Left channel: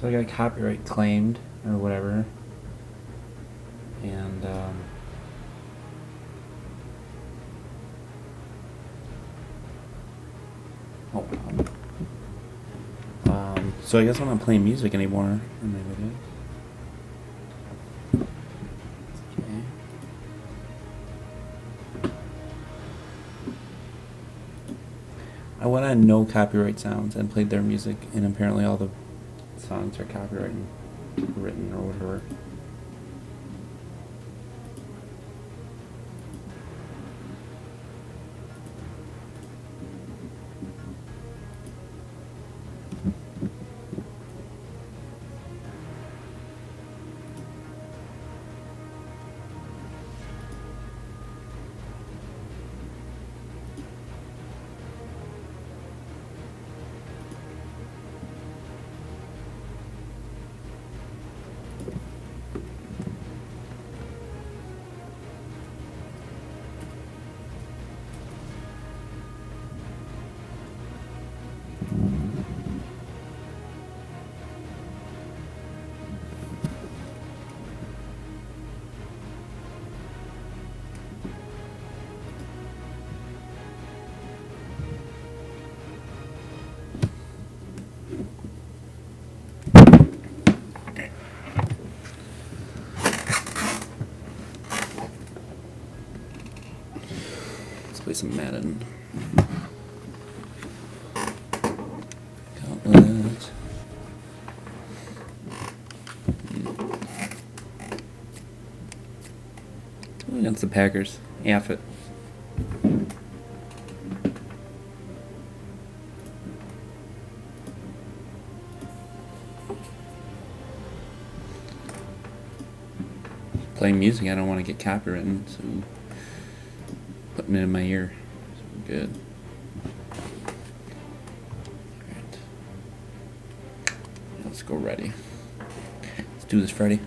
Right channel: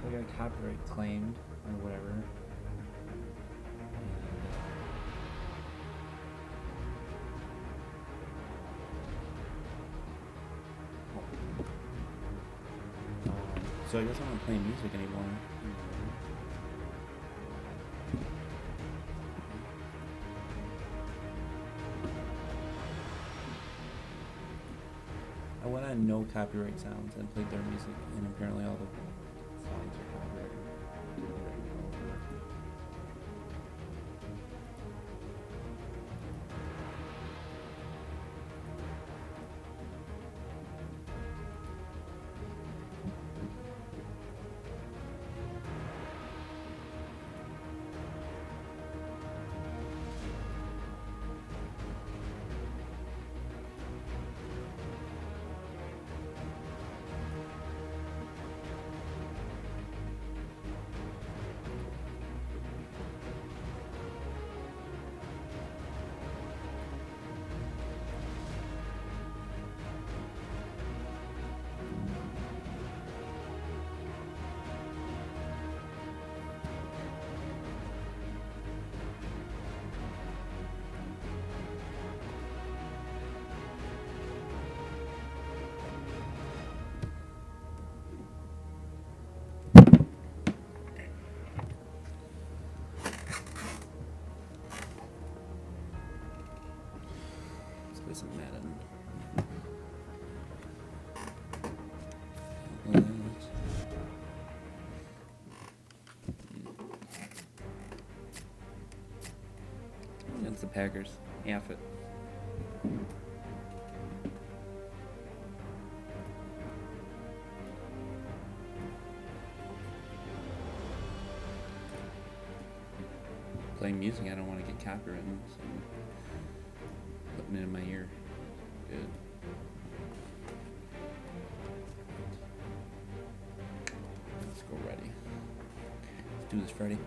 So I got copyright claimed or whatever, and oh, so I guess I'm not playing music anymore. I went on no copyright sounds and played their music, and apparently all the songs are copyright written or whatever. Let's play some Madden. Gauntlet. Against the Packers. F it. Playing music, I don't want to get copywritten, so putting it in my ear. Good. Alright. Let's go ready. Let's do this, Freddy.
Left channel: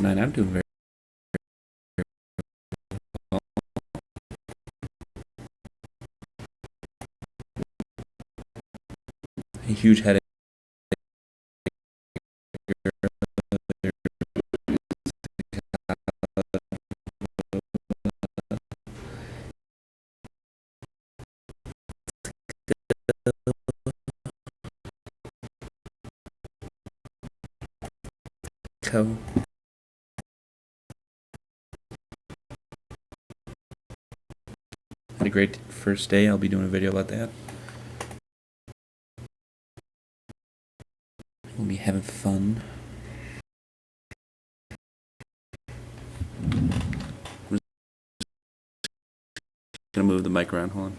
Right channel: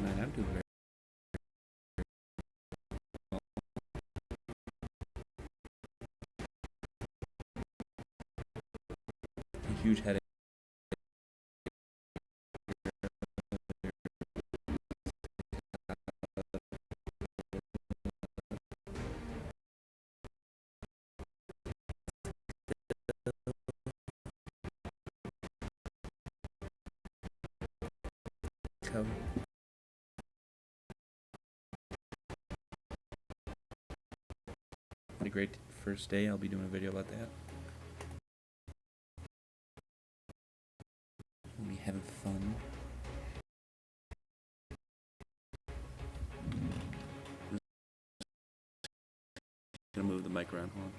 Man, I'm doing very well. A huge headache. So had a great first day. I'll be doing a video about that. We'll be having fun. I'm just gonna move the mic around. Hold on.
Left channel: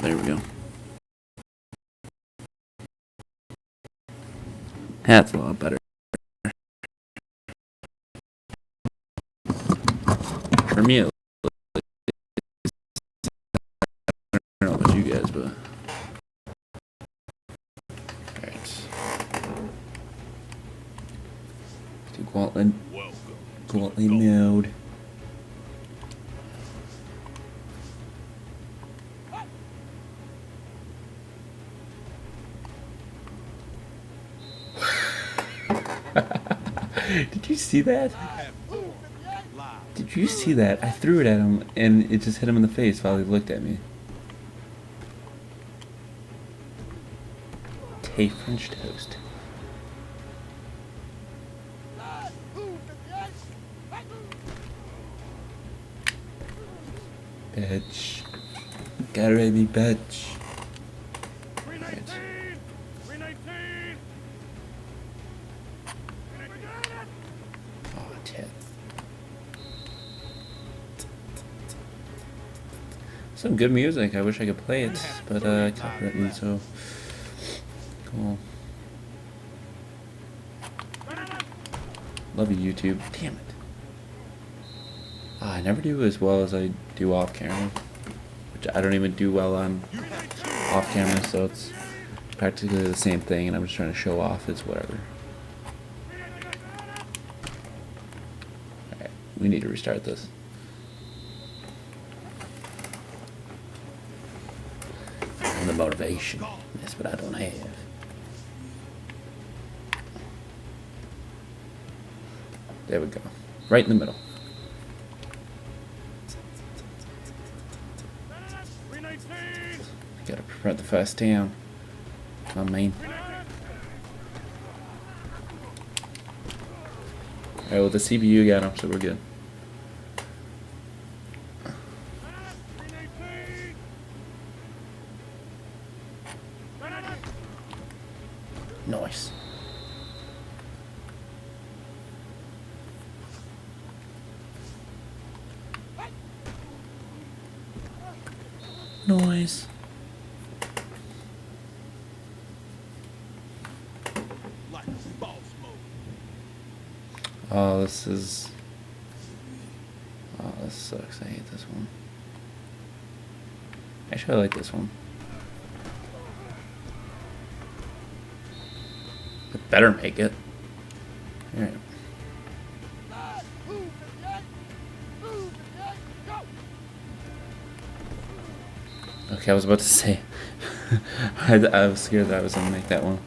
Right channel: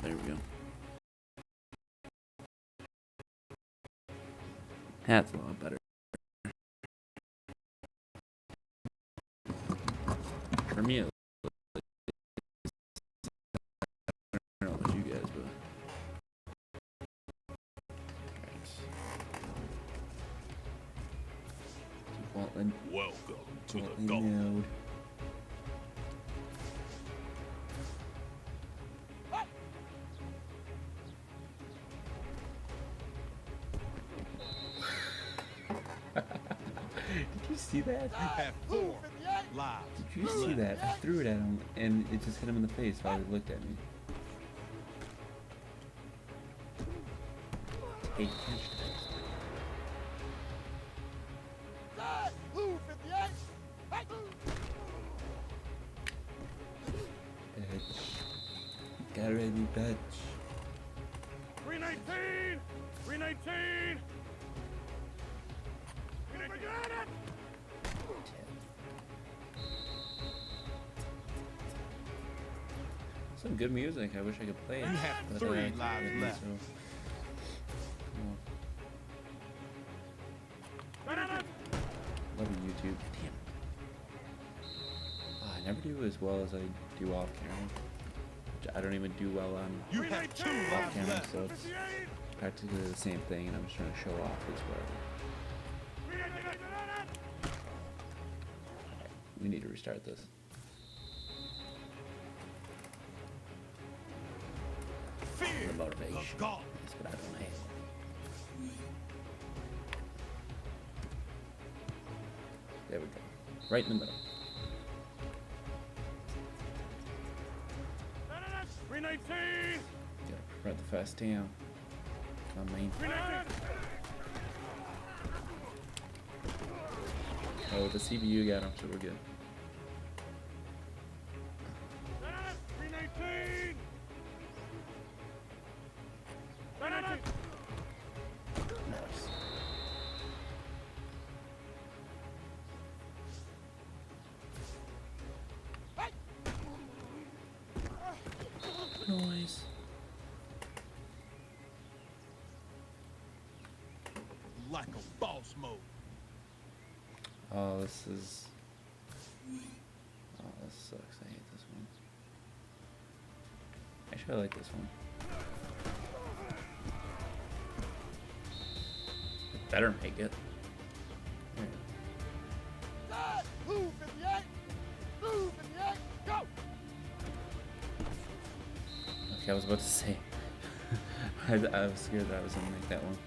There we go. That's a lot better. For me, I don't know about you guys, but alright. Do Gauntlet. Gauntlet mode. Did you see that? Did you see that? I threw it at him and it just hit him in the face while he looked at me. Hey, French toast. Saturday me bitch. 319! 319! Oh, 10. Some good music. I wish I could play it, but I can't. So cool. Love you, YouTube. Damn it. I never do as well as I do off camera, which I don't even do well on off camera, so it's practically the same thing, and I'm just trying to show off. It's whatever. Alright, we need to restart this. And the motivation. That's what I don't have. There we go. Right in the middle. 319! Gotta prevent the first down. Come on, main. Alright, well, the CPU got him, so we're good. 319! Nice. Noise. Like a boss mode. Oh, this is. Oh, this sucks. I hate this one. Actually, I like this one. It better make it. Alright. Okay, I was about to say. I was scared that I was gonna make that one.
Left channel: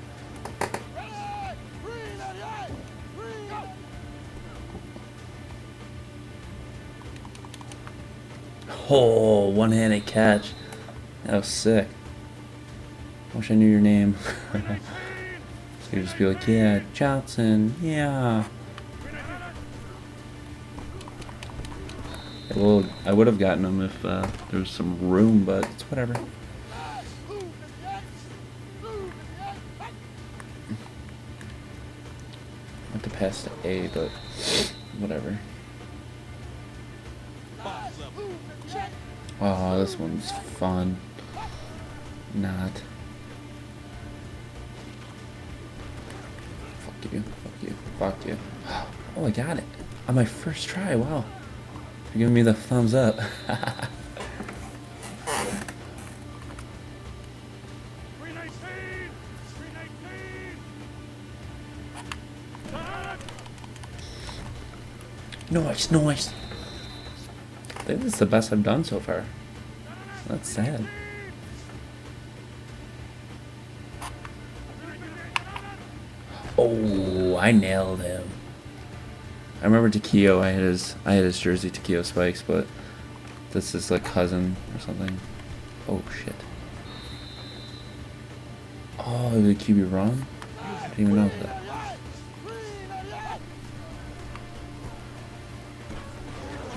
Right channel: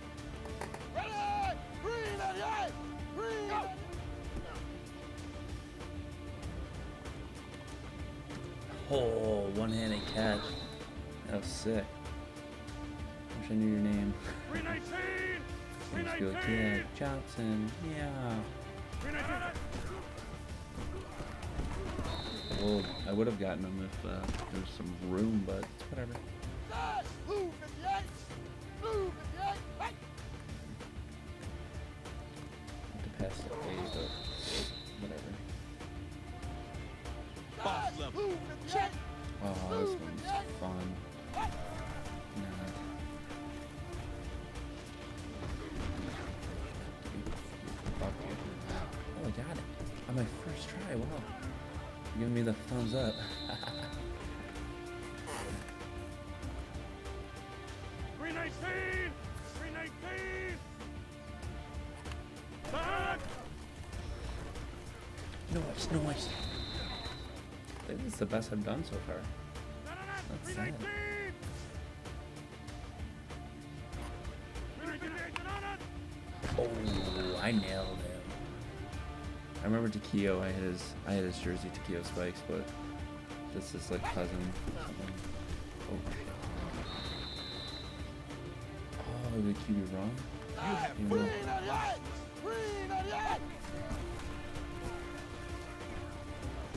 Oh, one-handed catch. That was sick. Wish I knew your name. You'd just be like, yeah, Johnson, yeah. Well, I would have gotten him if there was some room, but it's whatever. I have to pass to A, but whatever. Oh, this one's fun. Not. Fuck you, fuck you, fuck you. Oh, I got it. On my first try, wow. You're giving me the thumbs up. 319! 319! Nice, nice. I think this is the best I've done so far. That's sad. Oh, I nailed him. I remember Takeo. I had his jersey, Takeo Spikes, but this is like cousin or something. Oh shit. Oh, did the QB run? I didn't even know that.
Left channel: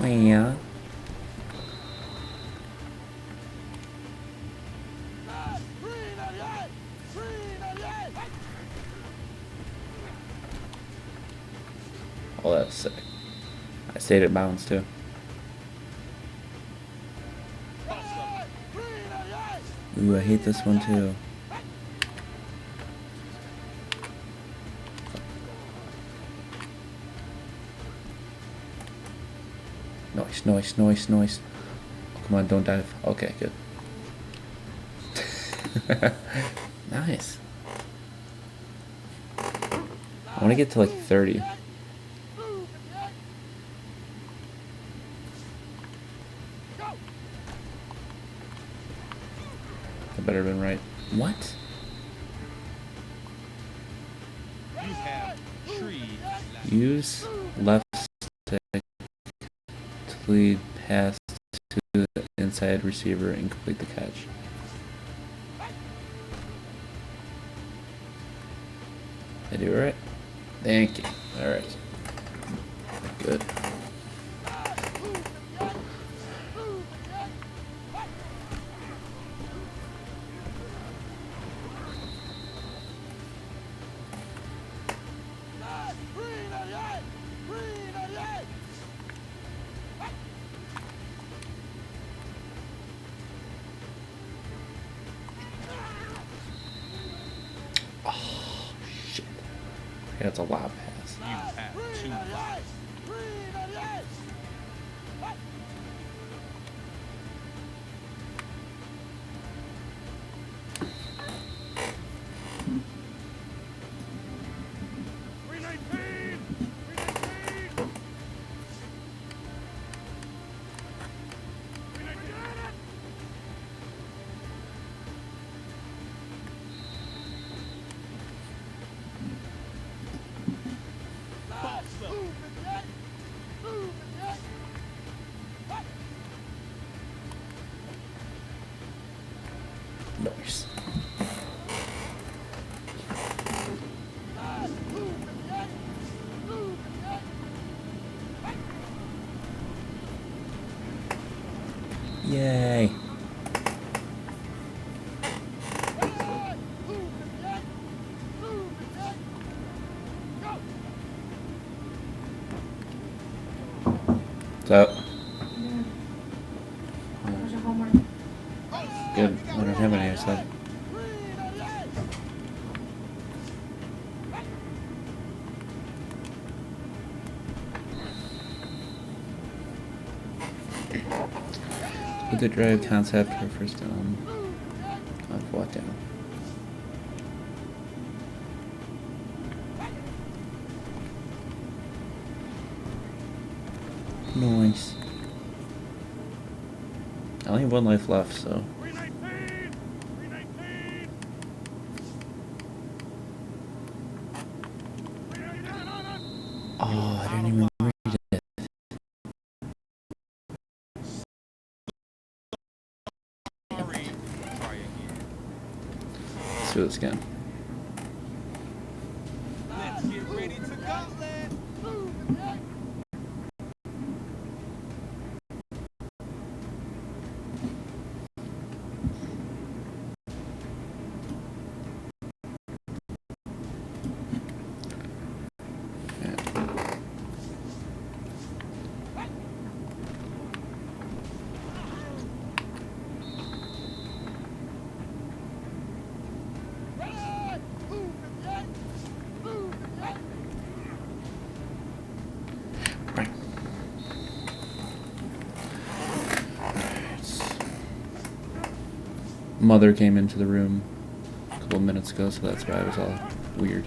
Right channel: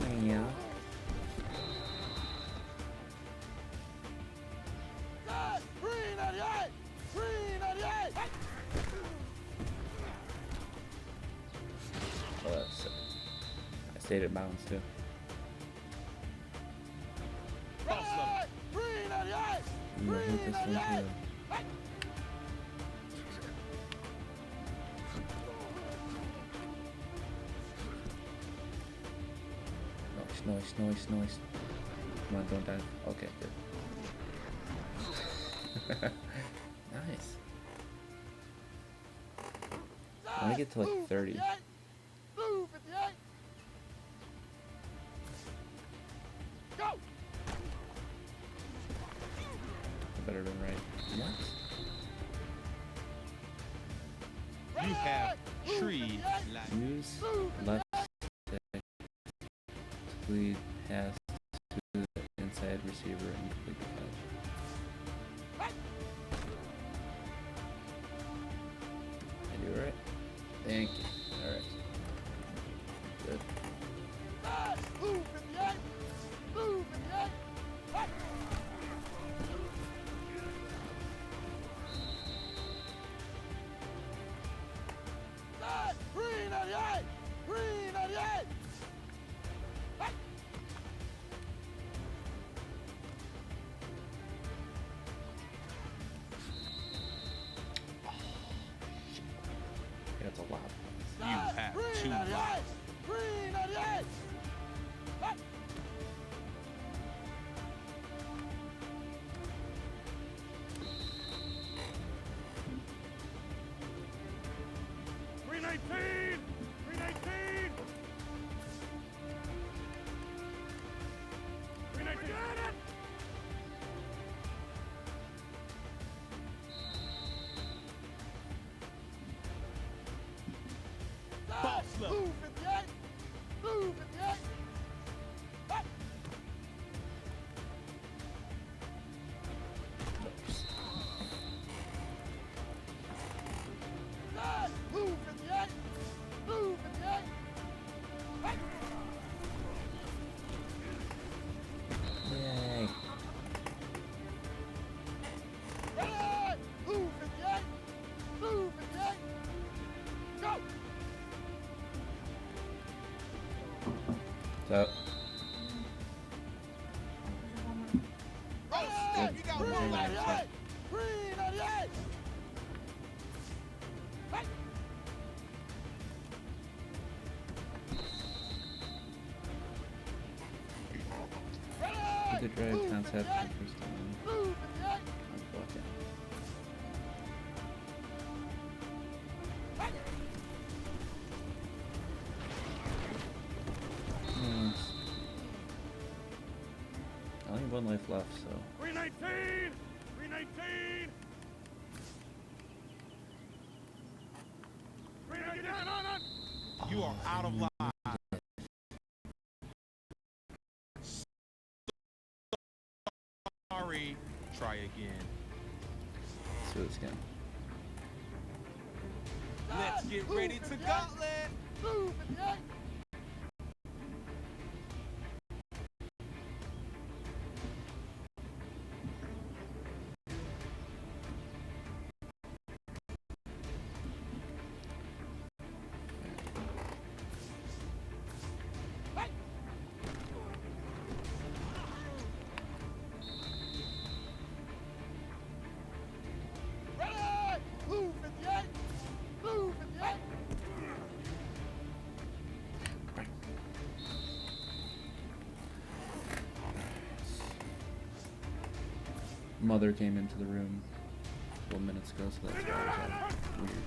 Yeah. Oh, that's sick. I stayed at bounds too. Ooh, I hate this one too. Noise, noise, noise, noise. Come on, don't dive. Okay, good. Nice. I want to get to like 30. I better have been right. What? You have tree. Use left stick to lead pass to the inside receiver and complete the catch. I do it right? Thank you. Alright. Good. That's a lot pass. You have 2 lives. Nice. Yay. So. Good. I don't have any outside. With the drive concept for first down. Of what down? Nice. I only have 1 life left, so. 319! 319! 319! Oh, You are I out of didn't even line. read it. Sorry. Try again. Let's do this again. Let's get ready to gauntlet. Right. Mother came into the room a couple of minutes ago, so that's why it was all weird.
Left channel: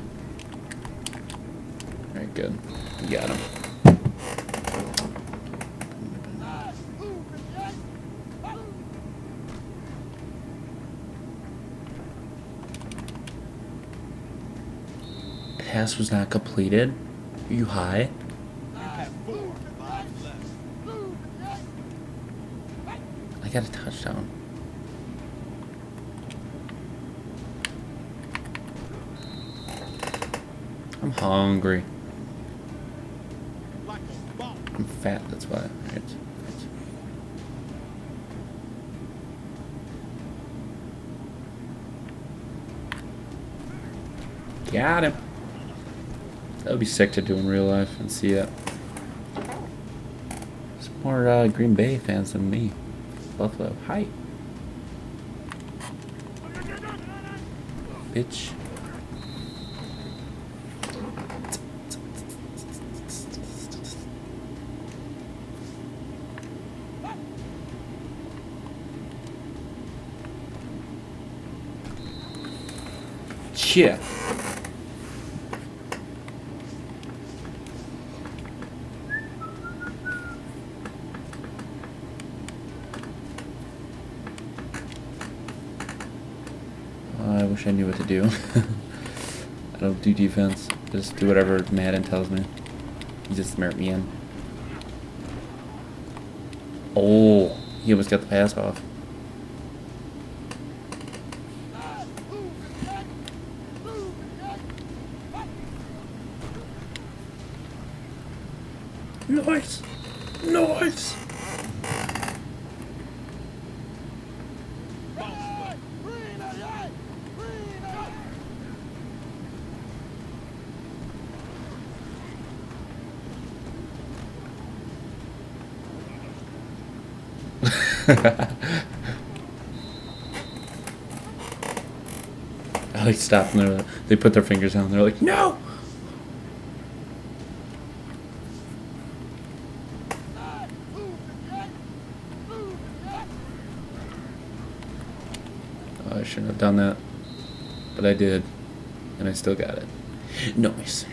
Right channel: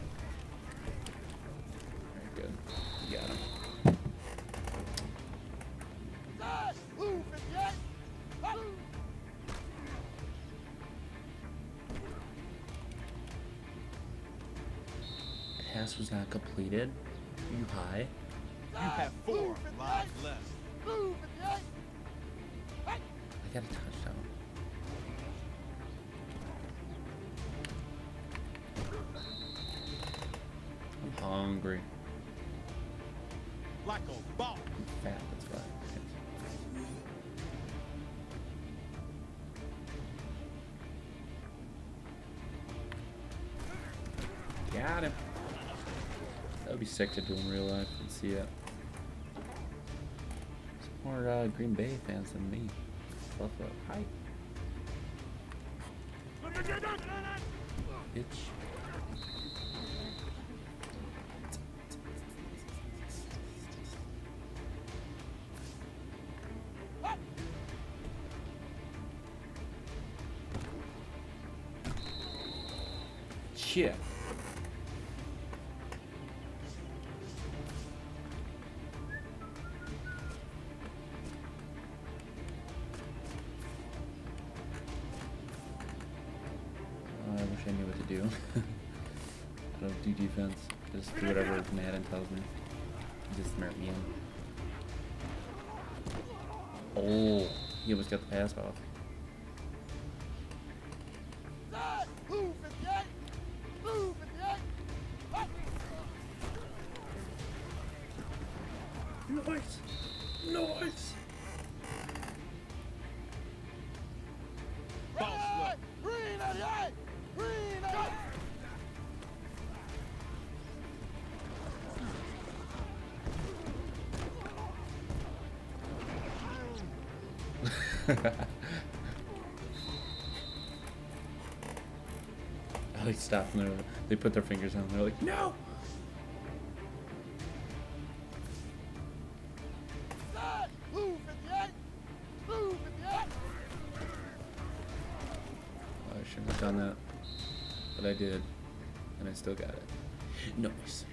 Alright, good. You got him. Pass was not completed. Are you high? You have 4 lives left. I got a touchdown. I'm hungry. Like a ball. I'm fat, that's why. Right. Got him. That would be sick to do in real life and see it. There's more Green Bay fans than me. Buffalo. Hi. Bitch. Yeah. I wish I knew what to do. I don't do defense. Just do whatever Madden tells me. Just smart me in. Oh, he almost got the pass off. Nice! Nice! I like stopped and they put their fingers down. They're like, no! shouldn't have done that, but I did, and I still got it. Nice.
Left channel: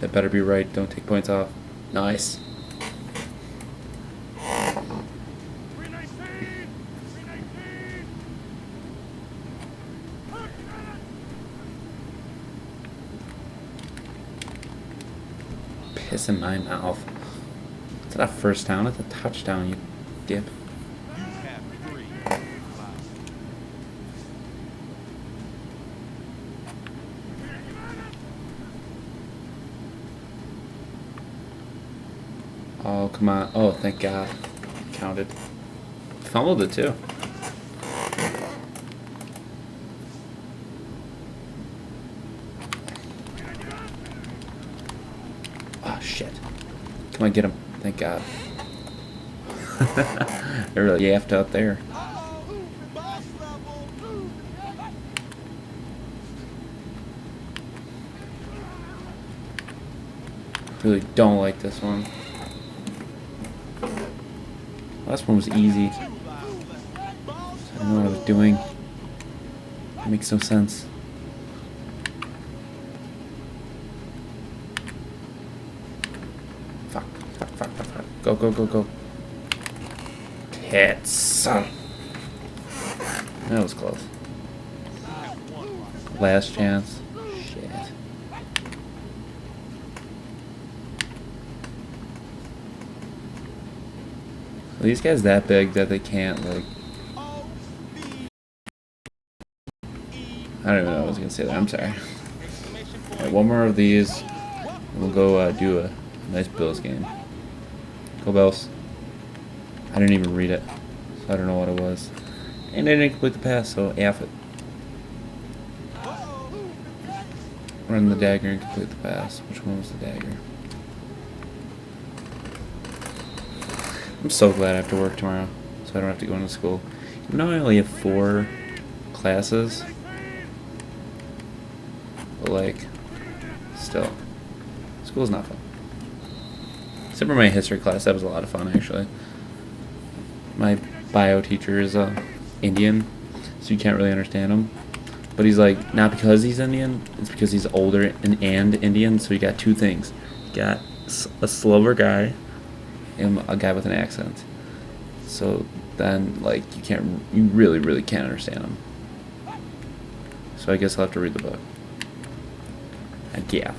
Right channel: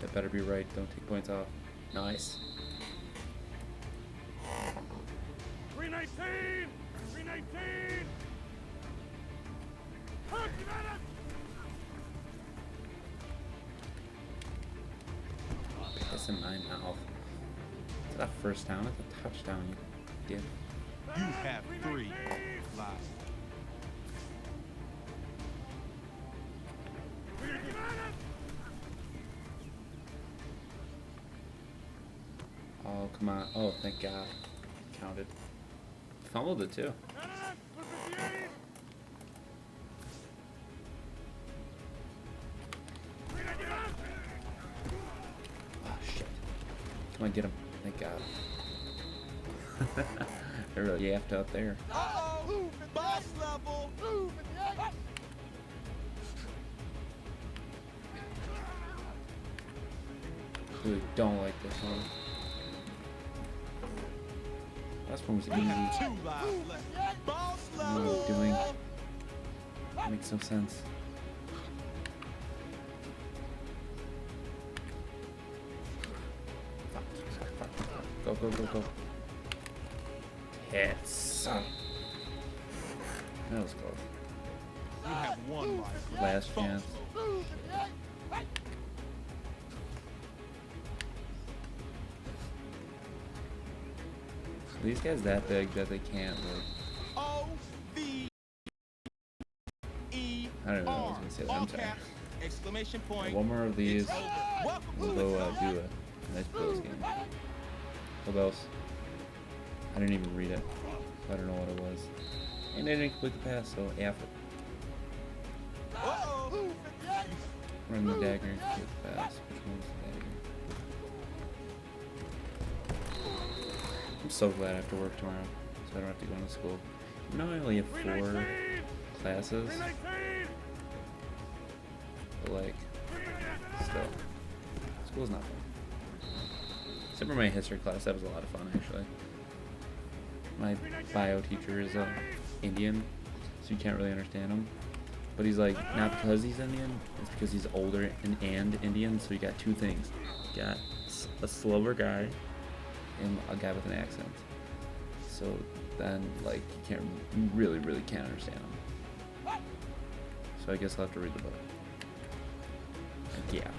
That better be right. Don't take points off. Nice. 319! 319! Piss in my mouth. It's not a first down. It's a touchdown, you dip. You have 3 lives. Oh, come on. Oh, thank God. Counted. Fumbled it, too. Oh, shit. Come on, get him. Thank God. They're really yapped out there. Uh-oh! Boss level! Really don't like this one. Last one was easy. 2 lives left. Boss I don't know what I was doing. It makes no sense. Fuck, fuck, fuck, fuck, fuck. Go, go, go, go. Tits. That was close. You have 1 life. Last chance. Shit. So these guys that big that they can't like. I don't even know what I was gonna say that. I'm sorry. Exclamation Right, point. one more of these. We'll go do a nice Bills game. Go Bills. I didn't even read it, so I don't know what it was. And I didn't complete the pass, so F it. Run the dagger and complete the pass. Which one was the dagger? I'm so glad I have to work tomorrow, so I don't have to go into school. Even though I only have 4 classes, but like, still, school's not fun. Except for my history class, that was a lot of fun actually. My bio teacher is Indian, so you can't really understand him. But he's like, not because he's Indian, it's because he's older and Indian, so you got 2 things. You got a slower guy and a guy with an accent. So then, like, you really can't understand him. So I guess I'll have to read the book. And yeah.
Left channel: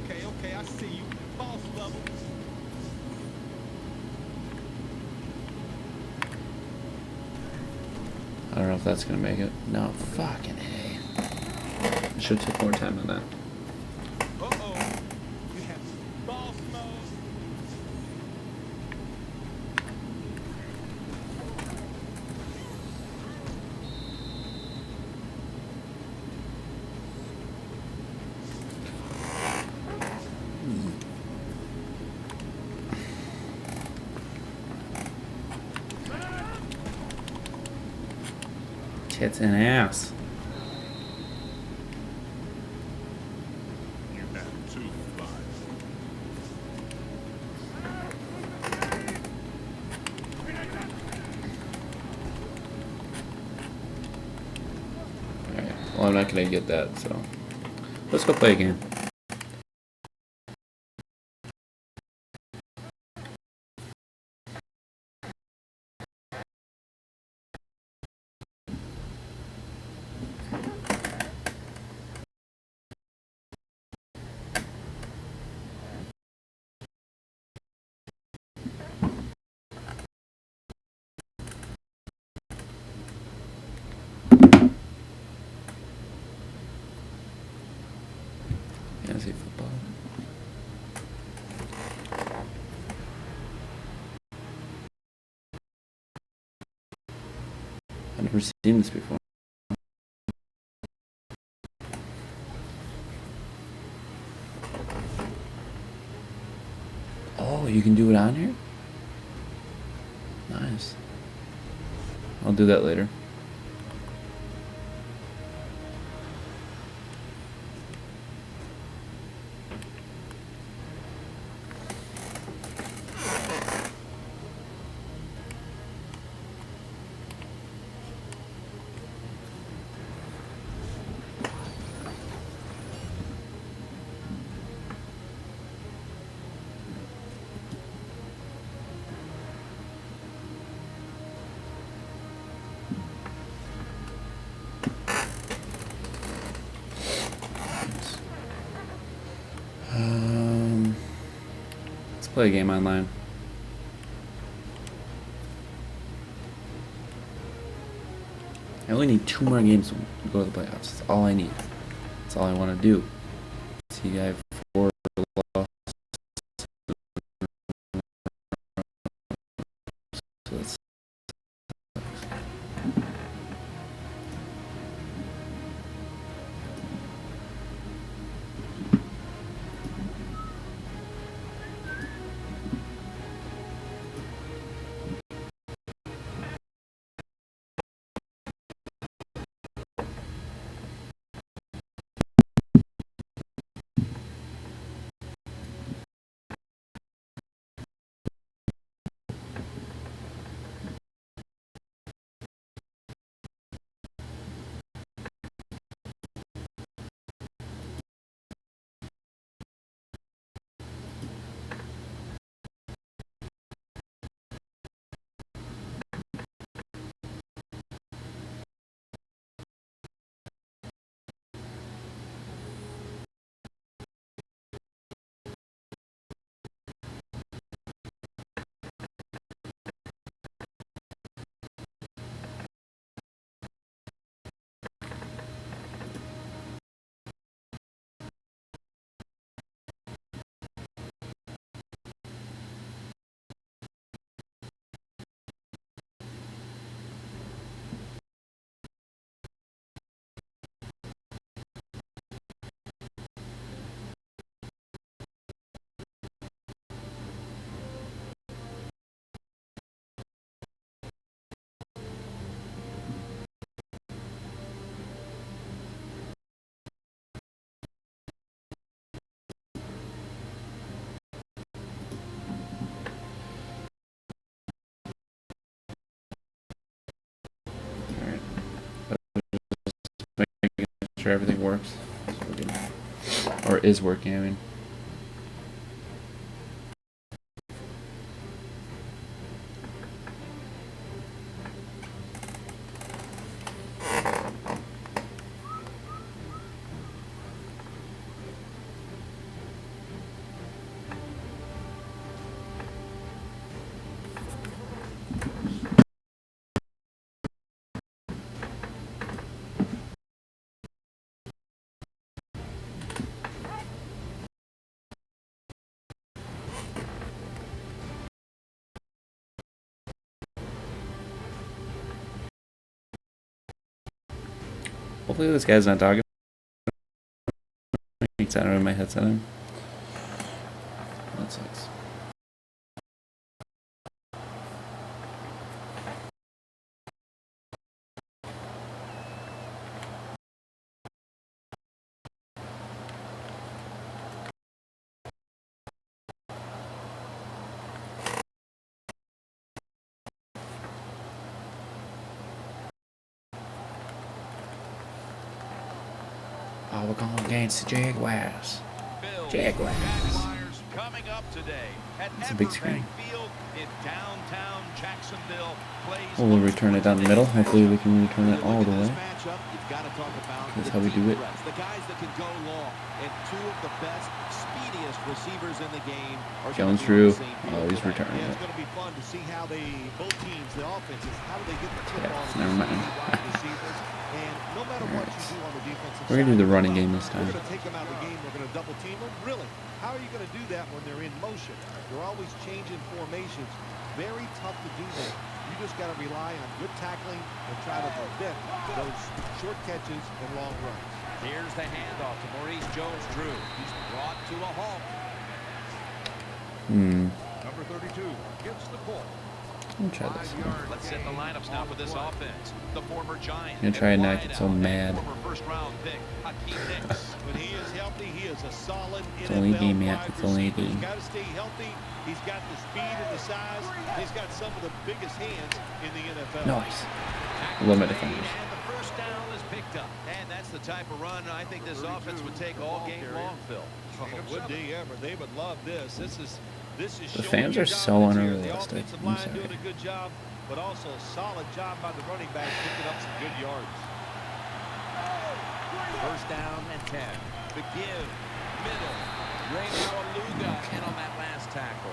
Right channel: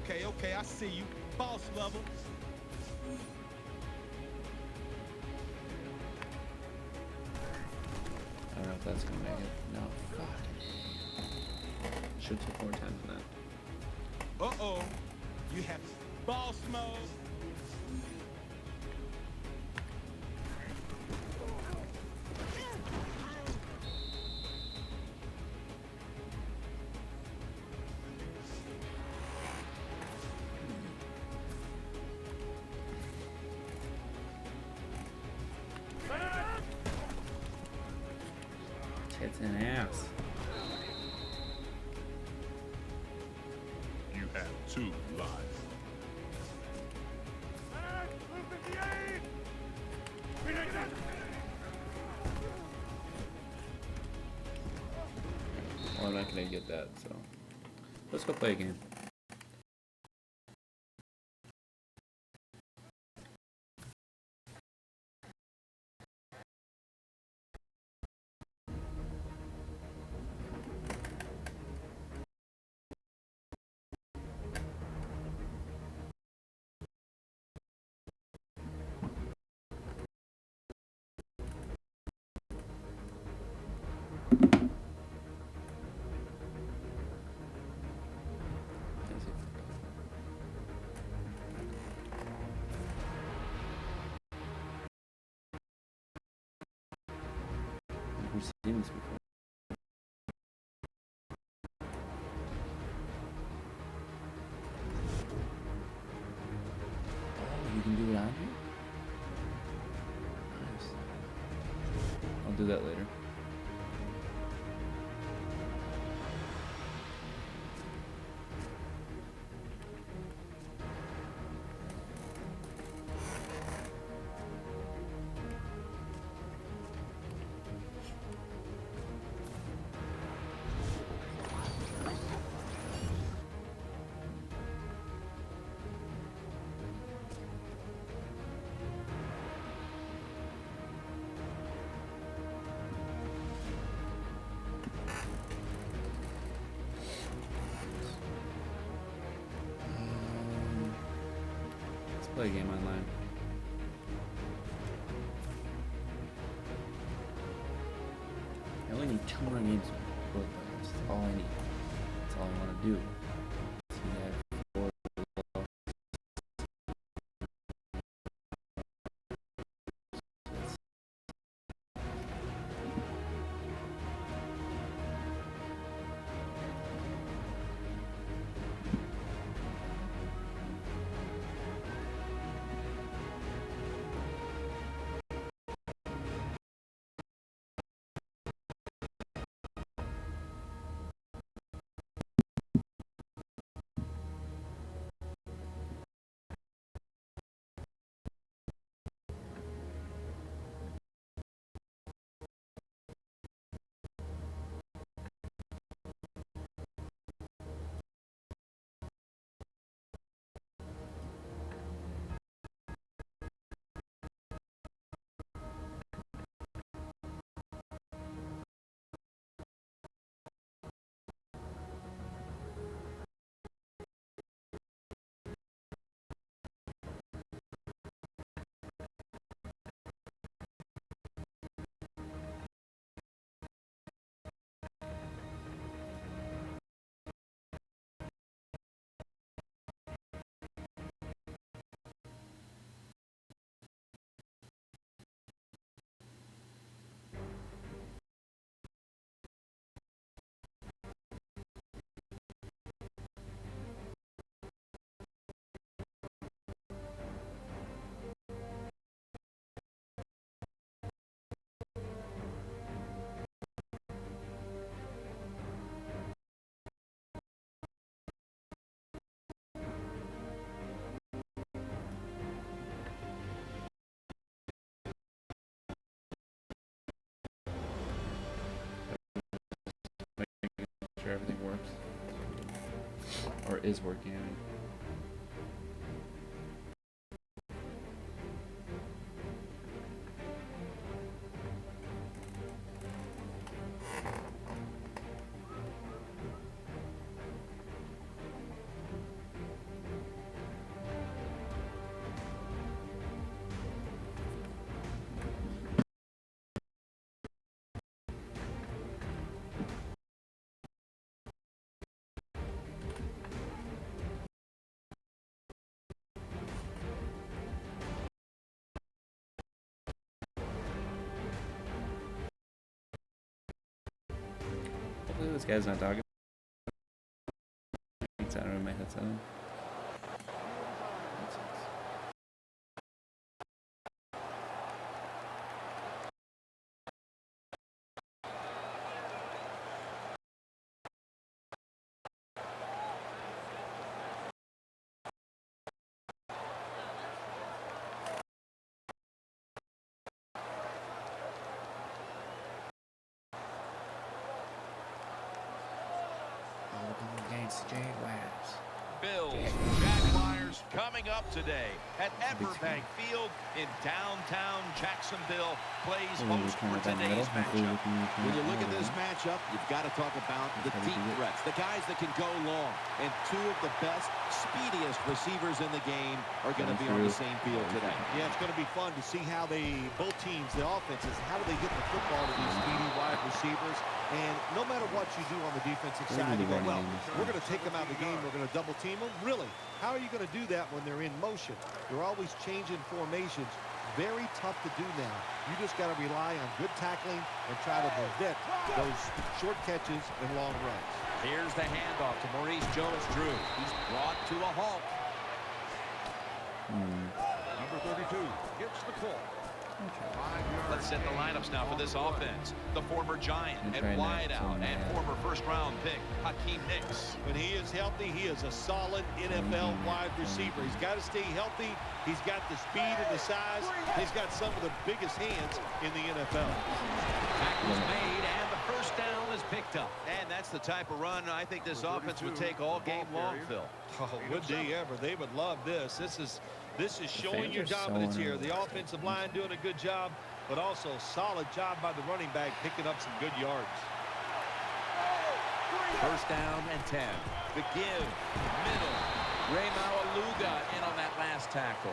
Okay, I see you. Boss level. I don't know if that's gonna make it. No, fucking A. I should have took more time on that. Uh-oh. You have boss mode. Tits and ass. You have 2 lives. Alright, well I'm not gonna get that, so let's go play a game. Fantasy football. I've never seen this before. Oh, you can do it on here? Nice. I'll do that later. play a game online. I only need 2 more games to go to the playoffs. That's all I need. That's all I want to do. See, I have 4 losses. Making sure everything works. Or is working, I mean. Hopefully this guy's not talking. I don't have my headset on. That sucks. Oh, we're going against the Jaguars. Bills, Jaguars. Jaguars coming up today at It's a big Everbank screen. Field in downtown Jacksonville. Plays We'll host return for it down the today's middle. Hopefully we matchup. can return When it you all look the at this way. matchup, you've got to talk about That's the how we deep do it. threats, the guys that can go long, and 2 of the best, speediest receivers in the game are going to Jones be on Drew, the same field always today. return Yeah, it. it's going to be fun to see how both teams, the offenses, how do they get the football to these speedy wide receivers. And no matter what you do on the defensive We're side, gonna do you the go, running well, game this we're time. going to take them out of the game. We're going to double team them. Really, how are you going to do that when they're in motion? They're always changing formations. Very tough to do now. You just got to rely on good tackling and try to prevent those short catches and long runs. Here's the handoff to Maurice Jones-Drew. He's brought to a halt. Let me try this. Let's set the lineups now for this offense. The former Giant I'm and gonna try not to get so wideout and mad. former first-round pick Hakeem Nicks. When he is healthy, he is a solid only NFL game, wide Matt. It's only receiver. He's game. got to stay healthy. He's got the speed and the size. He's got some of the biggest hands in the NFL. Tackles Limit. made, and the first down is picked up. And that's the type of run I think this offense would take all game long, Phil. Oh, would they ever? They would love this. This is The showing fans your are so dominance here. The uninterested. offensive line doing a good job, but also a solid job by the running back picking up some good yards. First down and 10. The give, middle. Ray Maualuga in on that last tackle.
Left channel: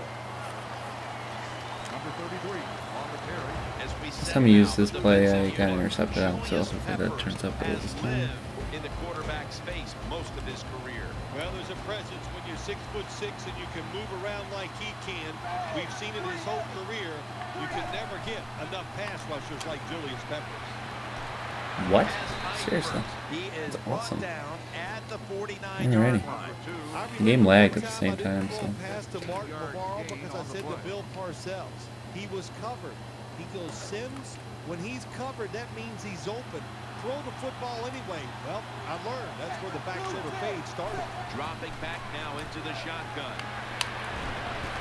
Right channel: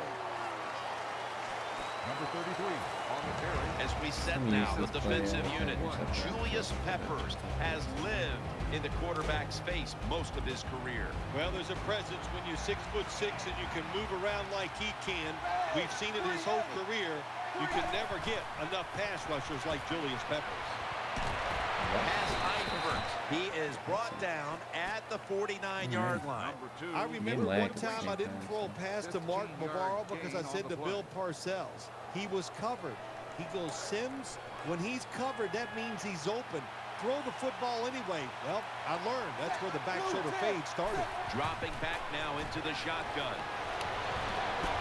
As we set Some now, use the this play, defensive I got unit, intercepted out, so Julius that Peppers turns out has good. lived in the quarterback's face most of his career. Well, there's a presence when you're 6'6" and you can move around like he can. We've seen it his whole career. You can never get enough pass rushers like Julius Peppers. What? Has height Seriously? first. He is brought awesome. down at the 49-yard Alrighty. line. I Game remember one lagged at the time same I didn't time, throw so. a pass to Mark Navarro because I said to Bill Parcells, he was covered. He goes, Sims, when he's covered, that means he's open. Throw the football anyway. Well, I learned. That's where the back shoulder fade started. Dropping back now into the shotgun.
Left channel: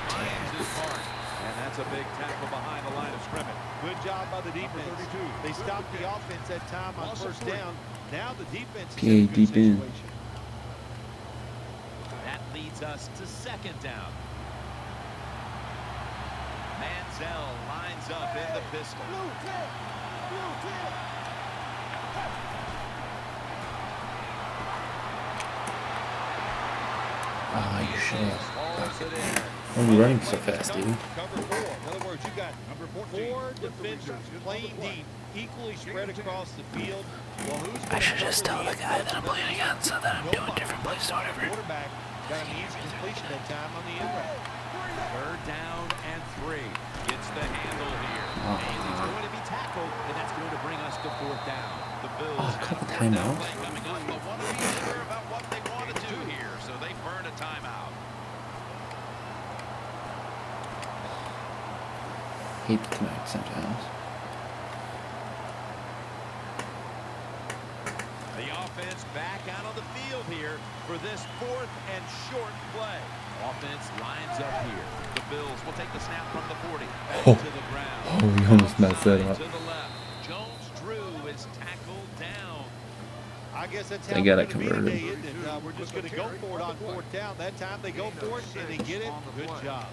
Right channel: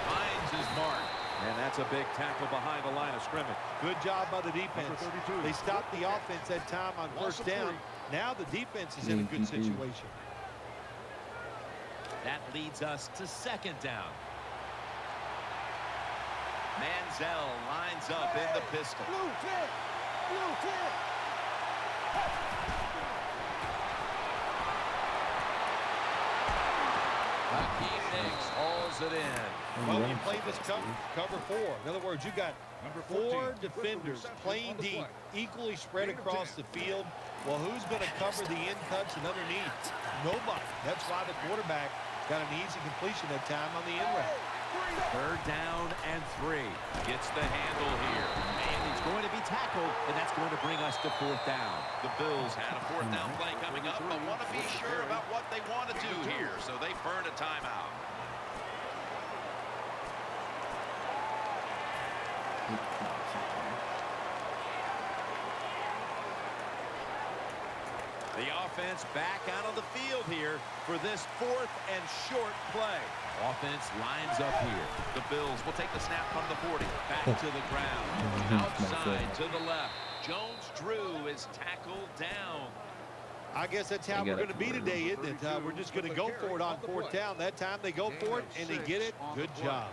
Finds his mark. And that's a big tackle behind the line of scrimmage. Good job by the defense. They stopped the offense that time on first down. Now the defense is in a good situation. That leads us to second down. Manziel lines up in the pistol. Hicks hauls it in. I'm Well, running they so play this fast, dude. cover four. In other words, you got 4 defenders playing deep, equally spread across the field. Well, who's going to cover the in touch and underneath? Nobody. That's why the quarterback got an easy completion that time on the in route. Third down and 3. Gets the handle here. And he's going to be tackled, and that's going to bring us to fourth down. The Bills had a fourth down play coming up, but want to be sure about what they want to do here, so they burn a timeout. Hate to connect sometimes. The offense back out on the field here for this 4th and short play. Offense lines up here. The Bills will take the snap from the 40. Back to the ground. Oh, we almost messed that Outside up. to the left. Jones-Drew is tackled down. I guess that's how They we're gotta going to be convert today, isn't it? We're just going to go for it on fourth down. That time they go for it, and they get it. Good job.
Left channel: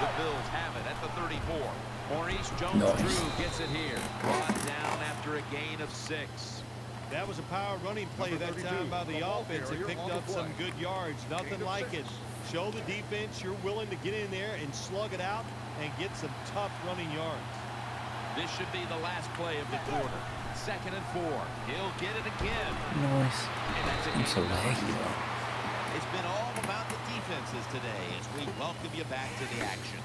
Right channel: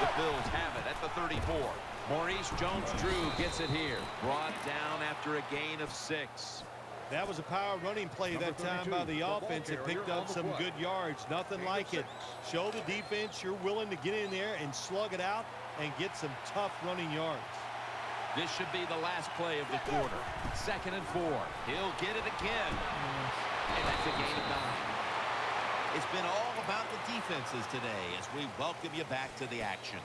The Bills have it at the 34. Maurice Jones-Drew gets it here. Brought down after a gain of 6. That was a power running play that time by the offense. It picked up some good yards. Nothing like it. Show the defense you're willing to get in there and slug it out and get some tough running yards. This should be the last play of the quarter. 2nd and 4. He'll get it again. And that's a gain of 9. It's been all about the defenses today as we welcome you back to the action.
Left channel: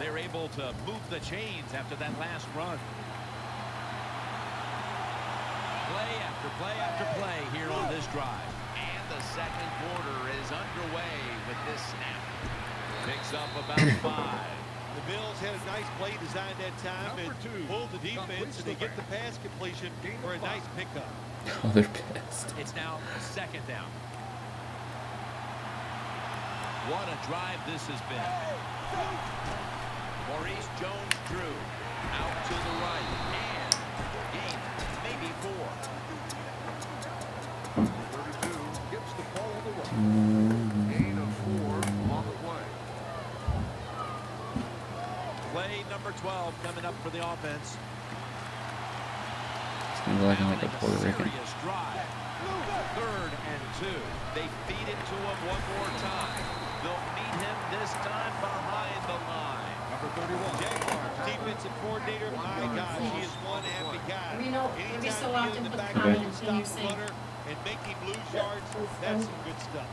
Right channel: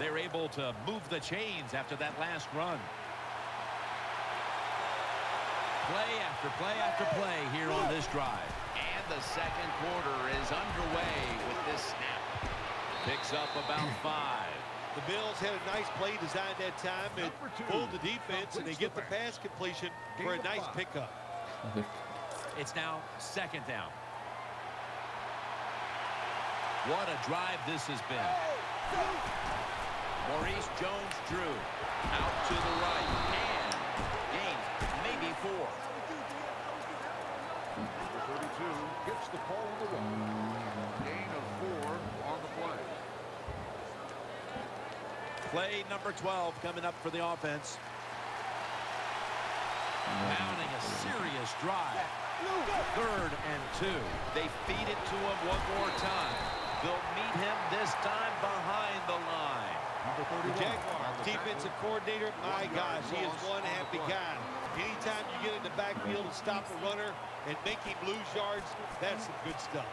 They're able to move the chains after that last run. Play after play after play here on this drive. And the second quarter is underway with this snap. Picks up about 5. The Bills had a nice play designed that time and pulled the defense, and they get the pass completion for a nice pickup. Oh, they're pissed. It's now 2nd down. What a drive this has been. Maurice Jones-Drew out to the right and gains maybe 4. Play number 12 coming up for the offense. Mounting a serious drive. 3rd and 2. They feed it to him one more time. They'll meet him this time behind the line. The Jaguars defensive coordinator, my gosh, he is one happy guy. Anytime you get in the backfield and stop the runner and make him lose yards, that's some good stuff.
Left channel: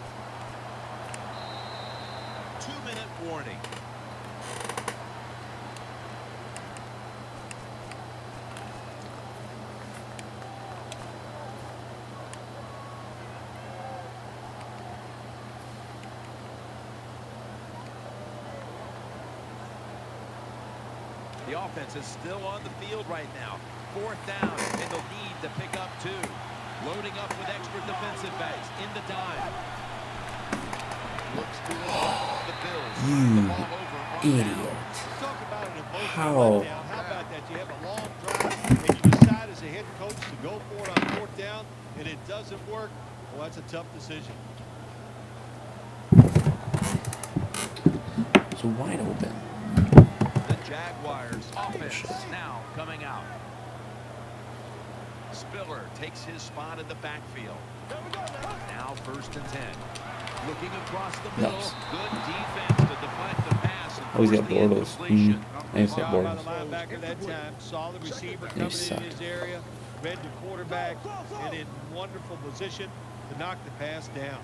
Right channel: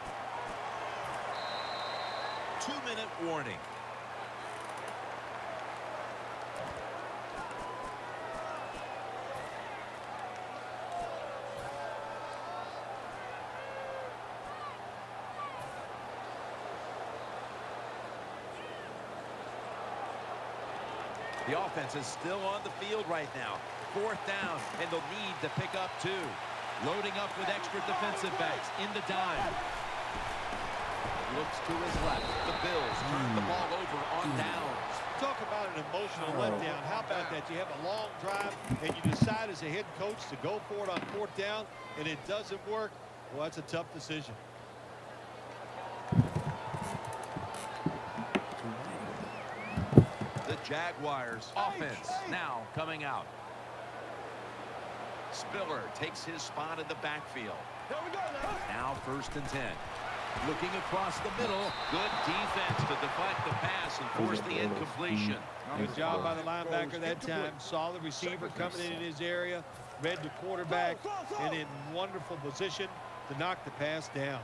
2-minute warning. The offense is still on the field right now. 4th down, and they'll need to pick up 2. Loading up with extra defensive backs in the dime. Looks to his left. The Bills turn the ball over on downs. Talk about an emotional letdown. How about that? You have a long drive, and you decide as a head coach to go for it on 4th down, and it doesn't work. Well, that's a tough decision. So wide open. Jaguars offense now coming out. Spiller takes his spot in the backfield. Now 1st and 10. Looking across the middle. Nice. Good defense to deflect the pass and Always force got the Bortles. incompletion. Good job by the linebacker that time. Saw the receiver coming in his area, read the quarterback, and in wonderful position to knock the pass down.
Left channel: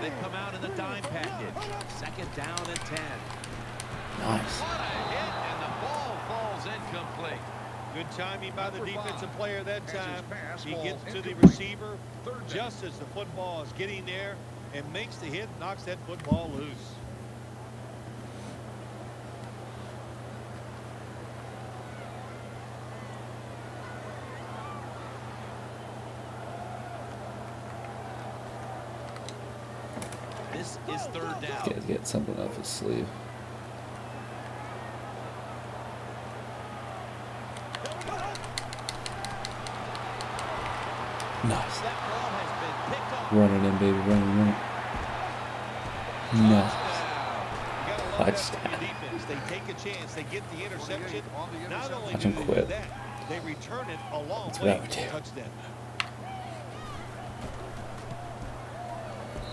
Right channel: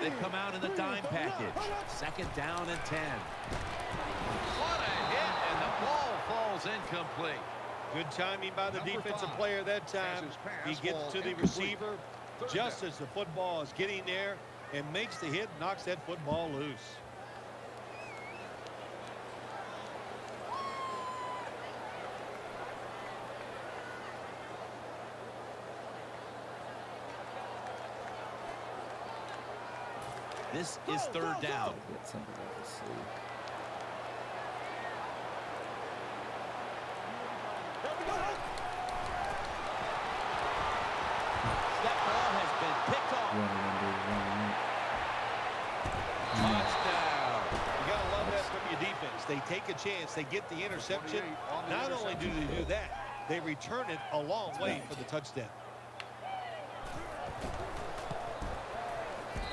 They come out in the dime package. 2nd down and 10. What a hit, and the ball falls incomplete. Good timing by the defensive player that time. He gets to the receiver just as the football is getting there and makes the hit, knocks that football loose. This is 3rd down. Get something off his sleeve. That ball has been picked off. Run it in, baby. Run. Nice. Touchdown. You gotta love that Touchdown. from your defense. They take a chance, they get the interception. Not only do they do that, they return it a long way for the touchdown.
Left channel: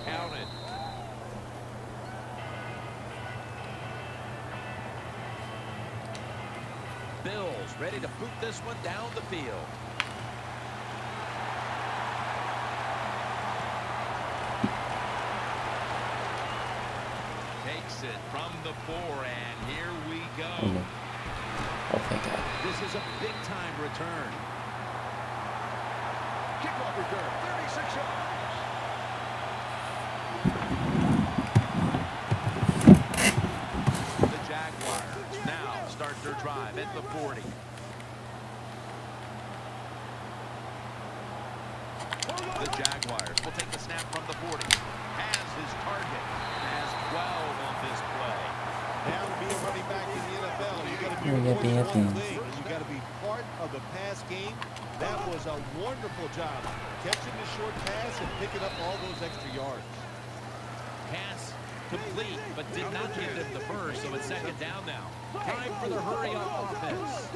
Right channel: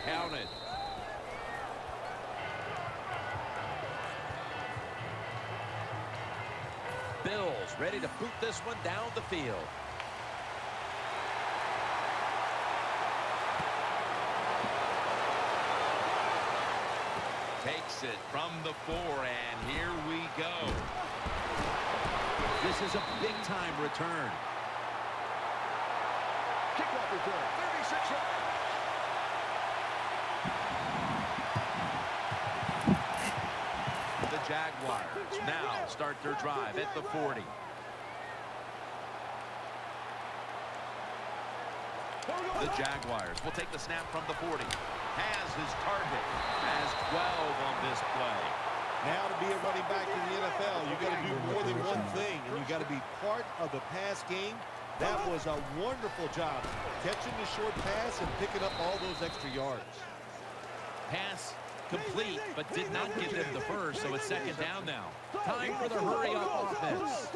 Counted. Bills ready to boot this one down the field. Takes it from the 4, and here we go. This is a big-time return. The Jaguars now start their drive at the 40. The Jaguars will take the snap from the 40. Has his target. Has 12 on this play. Now to be a running back in the NFL, you got to do more than one thing, and you got to be part of the pass game. That was a wonderful job, catching the short pass and picking up all those extra yards. Pass complete, but did not get them the first, so it's 2nd down now. Time for the hurry-up offense.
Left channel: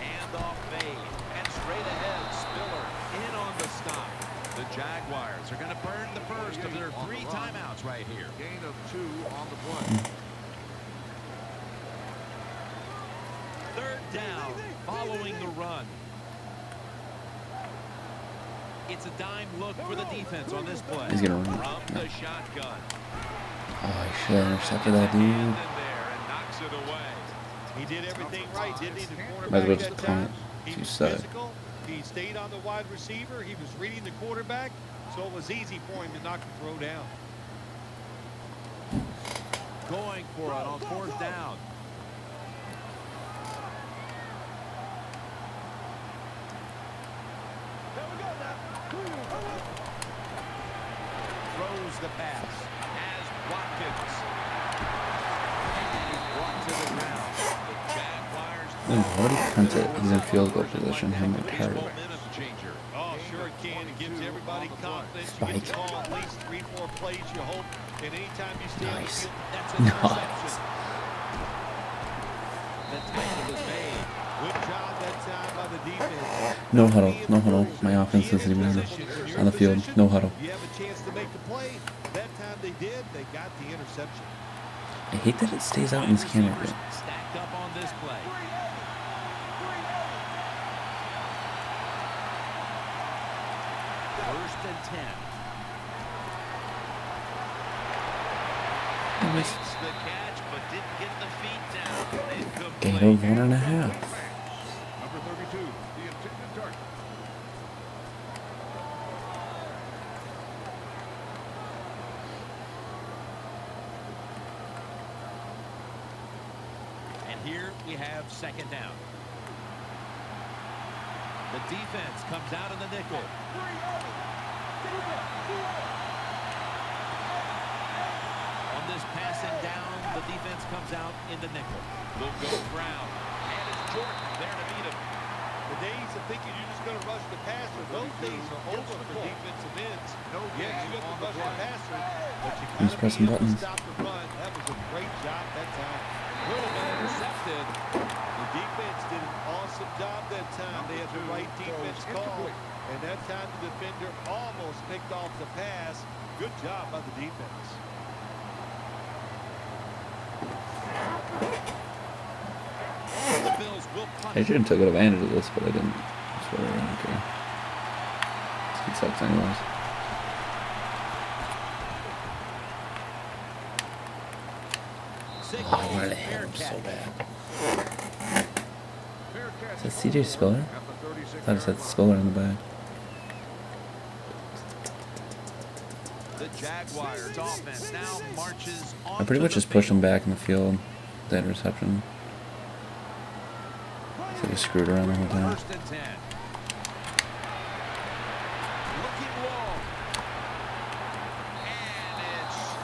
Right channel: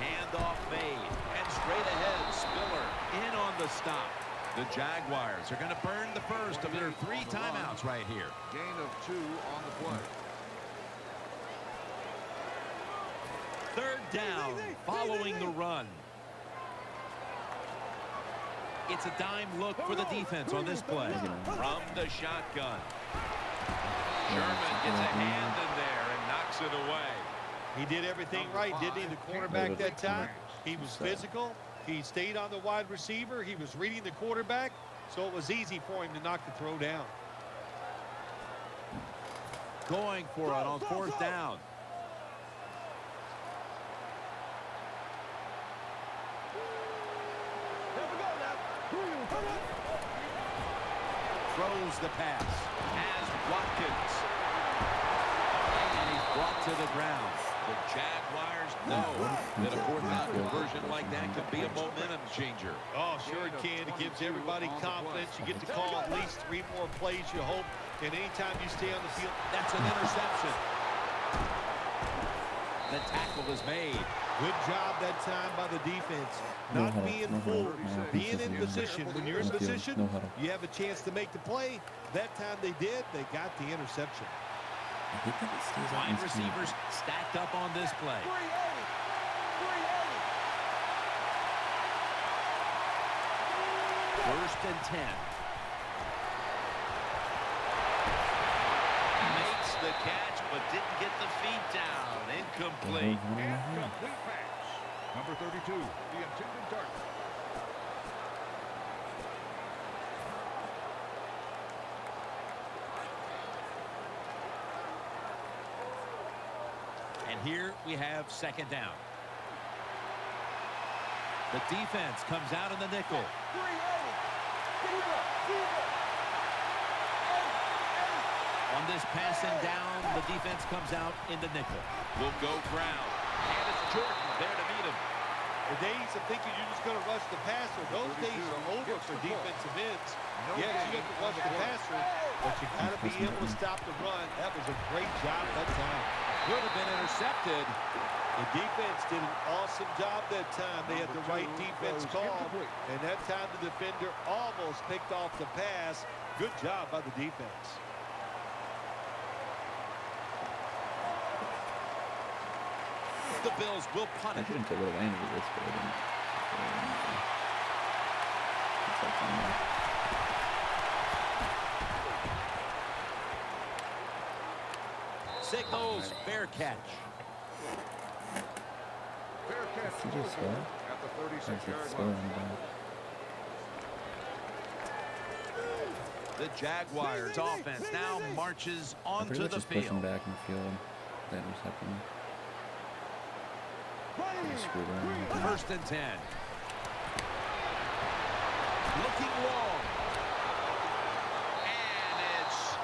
Handoff made, and straight ahead, Spiller in on the stop. The Jaguars are going to burn the first of their 3 timeouts right here. Third down, following the run. It's a dime look for the defense on this play. From the shotgun. Sherman gets a hand in there and knocks it away. He did everything right, didn't he? The cornerback that time. He was physical. He stayed on the wide receiver. He was reading the quarterback, so it was easy for him to knock the throw down. Going for it on 4th down. Throws the pass. Has Watkins. And he's brought to the ground. The Jaguars know that a 4th down conversion like that could be a momentum changer. Oh, sure it can. It gives everybody confidence. You get to call at least 3 more plays, you hope. And anytime you stay on the field, that's an interception. The tackle is made. Good job that time by the defense. No Not huddle, being no huddle. fooled. My offense Being is in in position. When you're on in the field, position, no huddle. you have a chance to make the play. That time they did. They got the interception. I hate that it stays out in Wide this camera. receivers stacked up on this play. First and 10. Makes the catch, but didn't get the feet down. Incomplete. Gain of 1.5. And here we have 2nd down. The defense comes out in the nickel. On this passing down, the defense comes out in the nickel. Will go ground. And it's Jordan there to meet him. The days of thinking you're just going to rush the passer, those days are over for defensive offensive ends. Yes, you got to rush the passer, but you got to be pressing able to buttons. stop the run. That was a great job that time. Could have been intercepted. The defense did an awesome job that time. They had the right defense call, and that time the defender almost picked off the pass. Good job by the defense. The Bills will punt I it. should have took advantage of this, but I didn't. That's what I wanted to. It sucks anyways. Signals fair catch. Is that CJ Spiller? I just had Spiller in the back. The Jaguars offense now marches I onto pretty much the just pushed him field. back in the field. That reception. I screwed around with that. First and 10. Looking long. And it's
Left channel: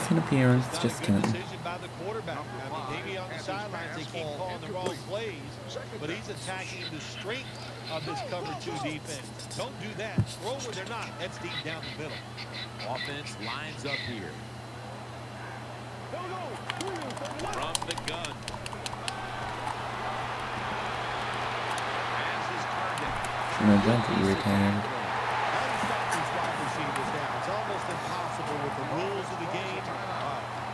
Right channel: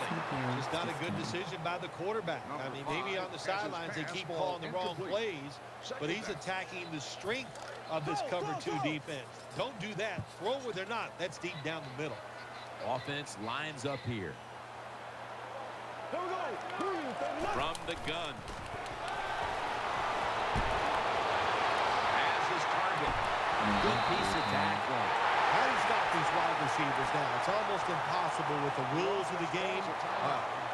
Pass interference. Not a Just good kidding. decision by the quarterback. I mean, maybe on the sidelines they keep calling the wrong plays, but he's attacking the strength of this cover 2 defense. Don't do that. Throw where they're not. That's deep down the middle. offense lines up here. From the gun. Has his target. Good piece of tackling. How do you stop these wide receivers now? It's almost impossible with the rules of the game.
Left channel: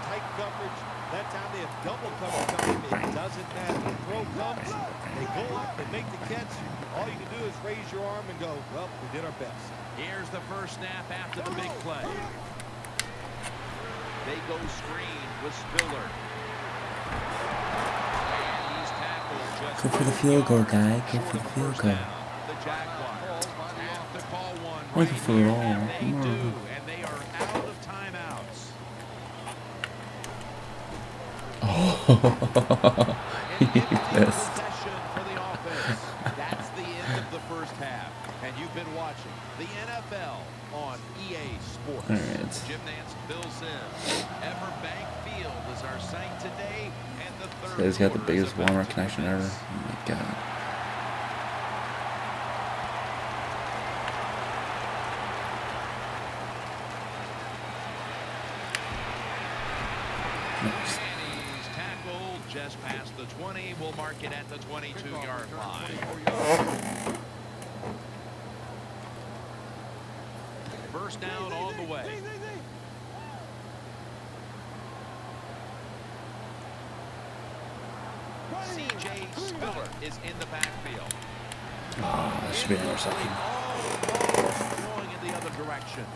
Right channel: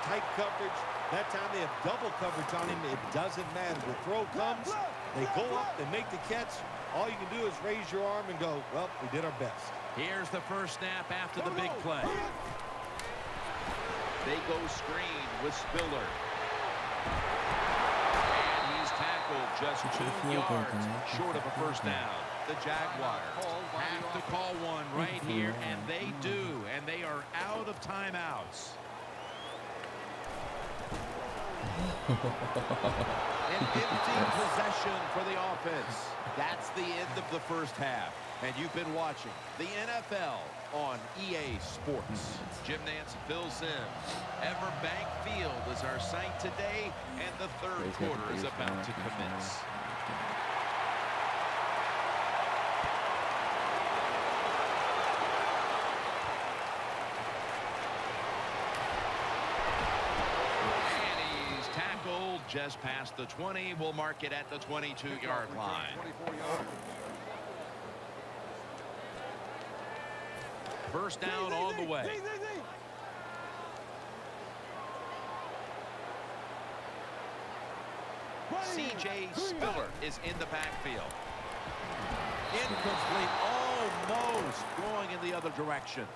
Tight coverage. That time they have double coverage on him. It doesn't matter. The throw comes. They go up. They make the catch. All you can do is raise your arm and go, well, we did our best. Here's the first snap after the big play. They go screen with Spiller. And he's tackled just Go for the 2 field goal, yards guy. Go short for of the a field first goal. down. The Jaguars have to call one Make right it for here, all. and they Come on. do. And they are out of timeouts. An empty possession for the offense. That's the end of the first half. And you've been watching the NFL on EA Sports. Alright. Jim Nance, Bill Sims. Everbank Field is our site today, and the third He's got the quarter is biggest camera about to connection ever. commence. Oh my god. And he's tackled just past the 20. We'll mark it at the 22-yard line. First down on the way. C.J. Spiller is in the backfield. Incomplete, almost going in the other direction.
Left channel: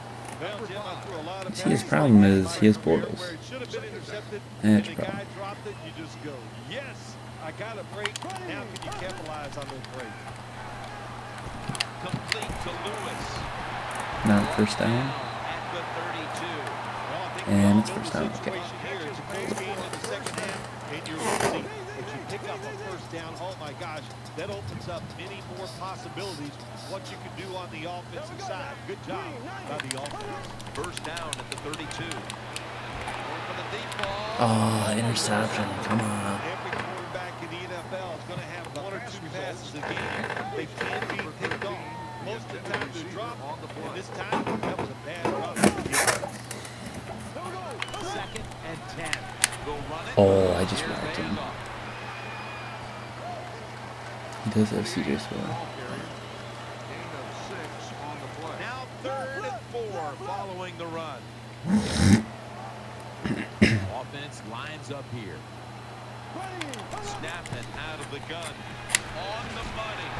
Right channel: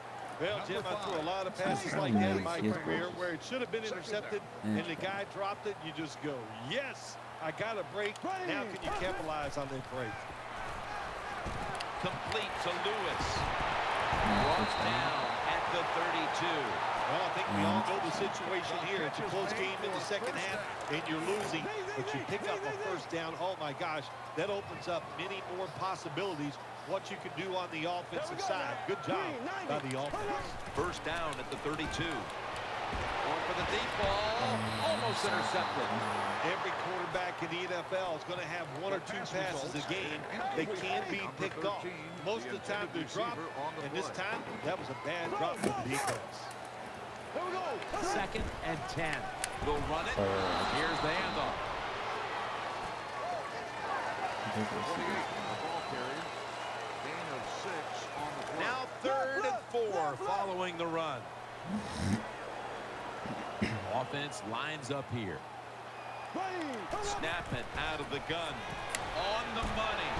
Well, Jim, I threw a lot of See, passes his like problem that in is my he has career balls. where it should have been intercepted, Yeah, and it's the a problem. guy dropped it, you just go, yes, I got a break. Now can you capitalize on that break? Complete to Lewis. Now Brought first down. down at the 32. Well, I think we And all it's know the first down. situation here. It's a close game in the second half, and you're losing, but you pick up a first down. Oh, my gosh, that opens up many more possibilities, what you can do on the offensive side. Good job by the offense. First down at the 32. Going for the deep ball. Oh, Almost interception. intercepted. Come on. Every quarterback in the NFL is going to have 1 or 2 passes a game. They can be picked off. Most of the time they're dropped, and this time that was a bad drop for the defense. Second and 10. They'll run it. Oh, I just Here's the walked in. handoff. He does have CJ Spiller. Now 3rd and 4 following the run. Offense lines up here. Snapping out of the gun. On the money.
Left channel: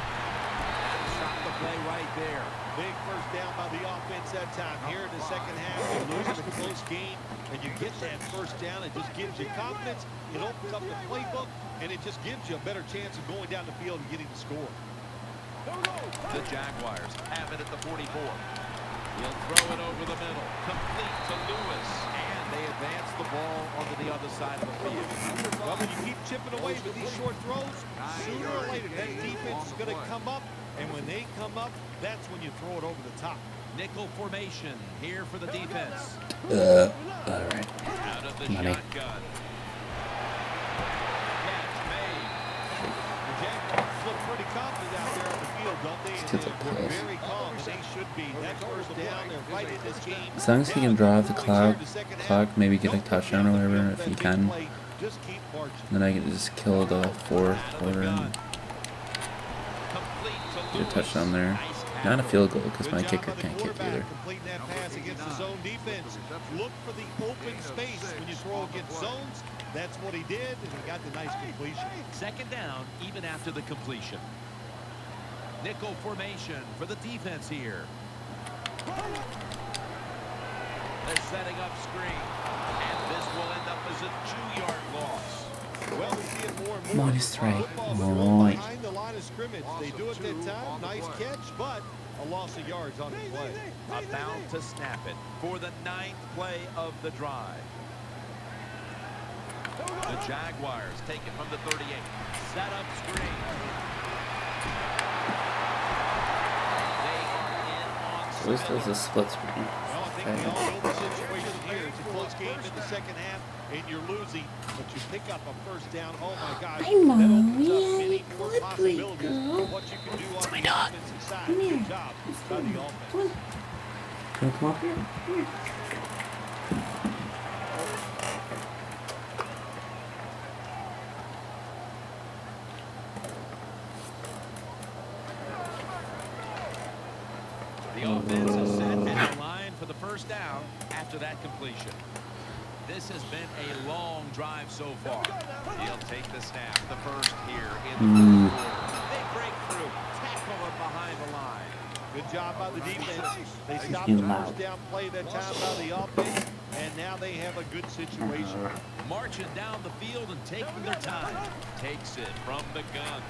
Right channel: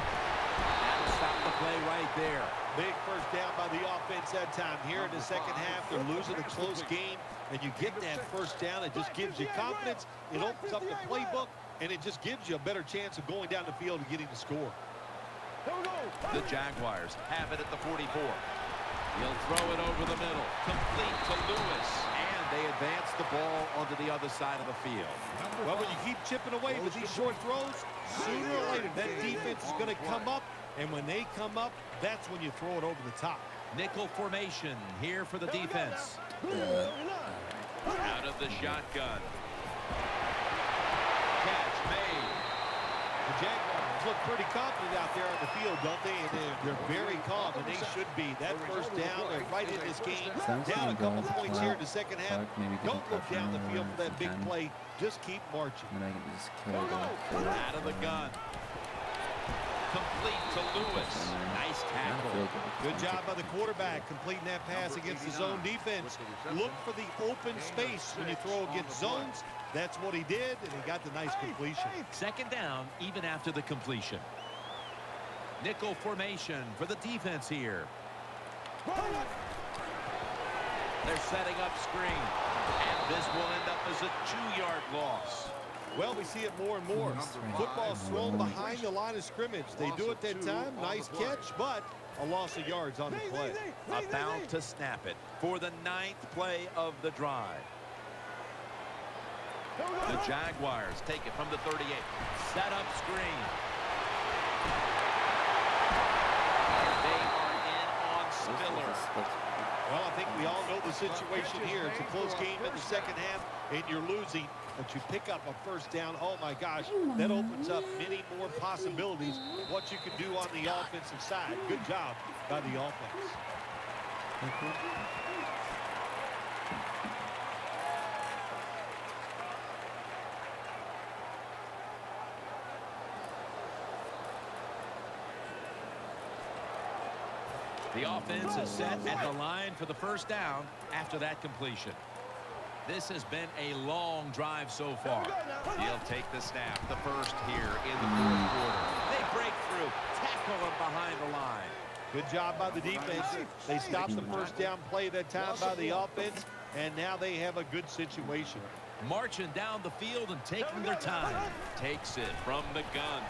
That'll stop the play right there. Big first down by the offense that time. Here in the second half, they're losing a close game, and you get that first down. It just gives you confidence. It opens up the playbook, and it just gives you a better chance of going down the field and getting the score. The Jaguars have it at the 44. He'll throw it over the middle. Complete to Lewis. And they advance the ball onto the other side of the field. Well, when you keep chipping away with these short throws, sooner or later that defense is going to come up, and when they come up, that's when you throw it over the top. Nickel formation here for the defense. Alright. Out of the shotgun. Catch made. The The Jaguars look pretty confident out there on the field, don't they? And they're very calm, and they should be. That first down, they're right in this game. As long as he can draw out the clock, maybe get a touchdown or whatever if he can. Just keep marching. Then I can just kill the fourth. Out of the gun. Complete to Lewis. Touchdown there. Nice tackle. Not a field goal because Good my job kicker by the can't kick quarterback either. completing that pass against the zone defense. Look for the open space when you throw against zones. That's what he did, and he got the nice completion. Second down, even after the completion. Nickel formation for the defense here. They're setting up screen. And this will end up as a 2-yard loss. Well, we see it more and more. Nice throw. Football thrown behind the line of scrimmage. They do it that time. Nice catch, but a loss of yards on the play. About to snap it for the 9th play of the drive. The Jaguars take it from the 38. Set up screen. And they are in on This was Spiller. a split screen. Well, I think we all know the situation here. It's a close game in the second half, and you're losing, but you pick up a first down. Oh, my gosh, that opens up many more possibilities of what you can do on the offensive side. Good job by the offense. The offense is set and the line for the first down after that completion. This has been a long drive so far. He'll take the snap, the first here in the fourth quarter. They break through, tackle him behind the line. Good job by the defense. They stopped the first down play that time by the offense, and now they have a good situation. Marching down the field and taking their time. Takes it from the gun.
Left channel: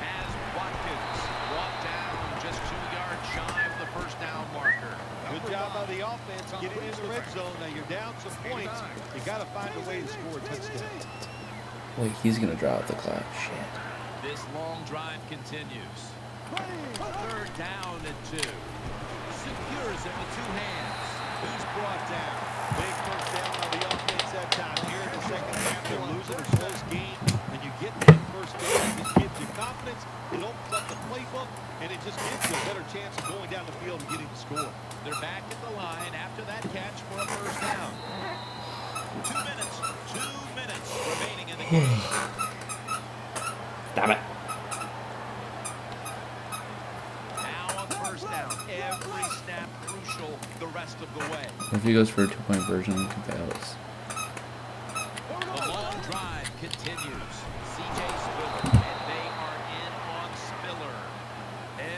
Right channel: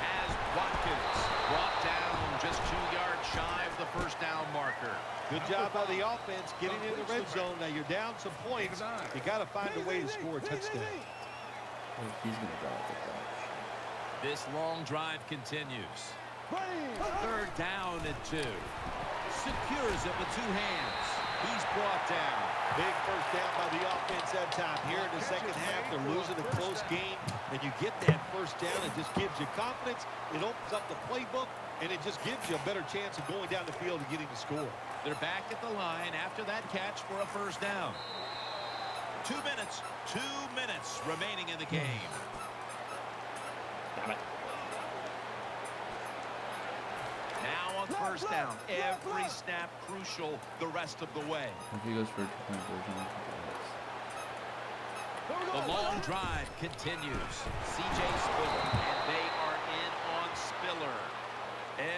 Has Watkins brought down just 2 yards shy of the first down marker. Good job by the offense getting in the red zone. Now you're down some points. You got to find a way to score a touchdown. Wait, he's going to draw out the clock. Shit. This long drive continues. Third down and 2. Secures it with 2 hands. He's brought down. Big first down by the offense that time. Here in the second half, they're losing a close game, and you get that first down. It just gives you confidence. It opens up the playbook, and it just gives you a better chance of going down the field and getting the score. They're back at the line after that catch for a first down. 2 minutes. 2 minutes remaining in the game. Damn it. Now on first down. Every snap crucial the rest of the way. If he goes for a 2-point version, he can get us. The long drive continues. C.J. Spiller, and they are in on Spiller.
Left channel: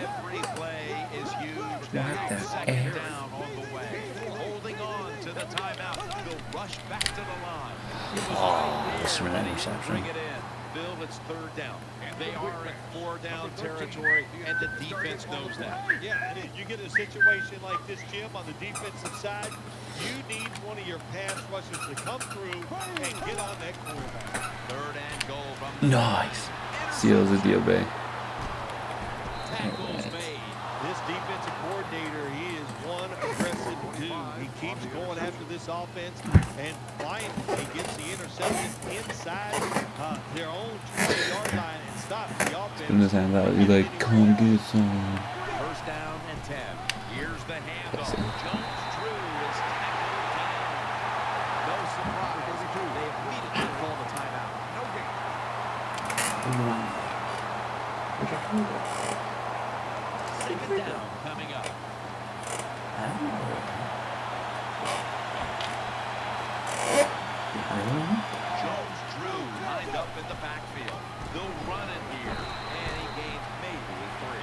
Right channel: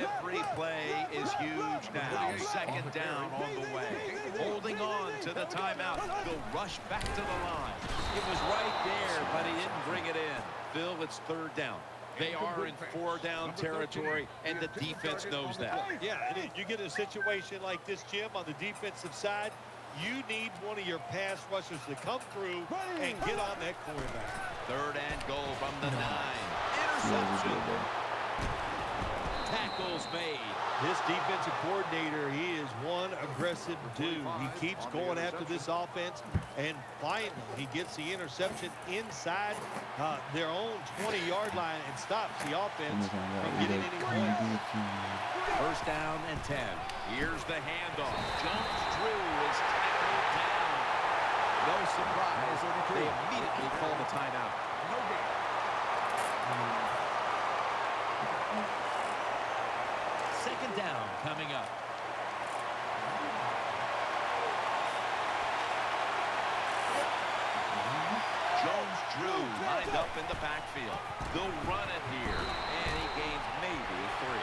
Every play is huge now. Second down on the way. Holding on to the timeout. They'll rush back to the line. It was right there, but he didn't bring it in. Bill, it's third down. They are in 4-down territory, and the defense knows that. Yeah, and you get a situation like this, Jim, on the defensive side, you need one of your pass rushers to come through and get on that quarterback. Third and goal from the Nice. 9. Seals would be a Tackles made. This defensive coordinator, he is one aggressive dude. He keeps going after this offense, and finally he gets the interception inside their own 20-yard line and stops the offense. In his hands out, he's like, come do something. First down and 10. Here's the handoff. Jones-Drew is tackled down. No surprise. They immediately call the timeout. Second down coming up. Jones-Drew lined up in the backfield. They'll run it here, and he gains maybe 3.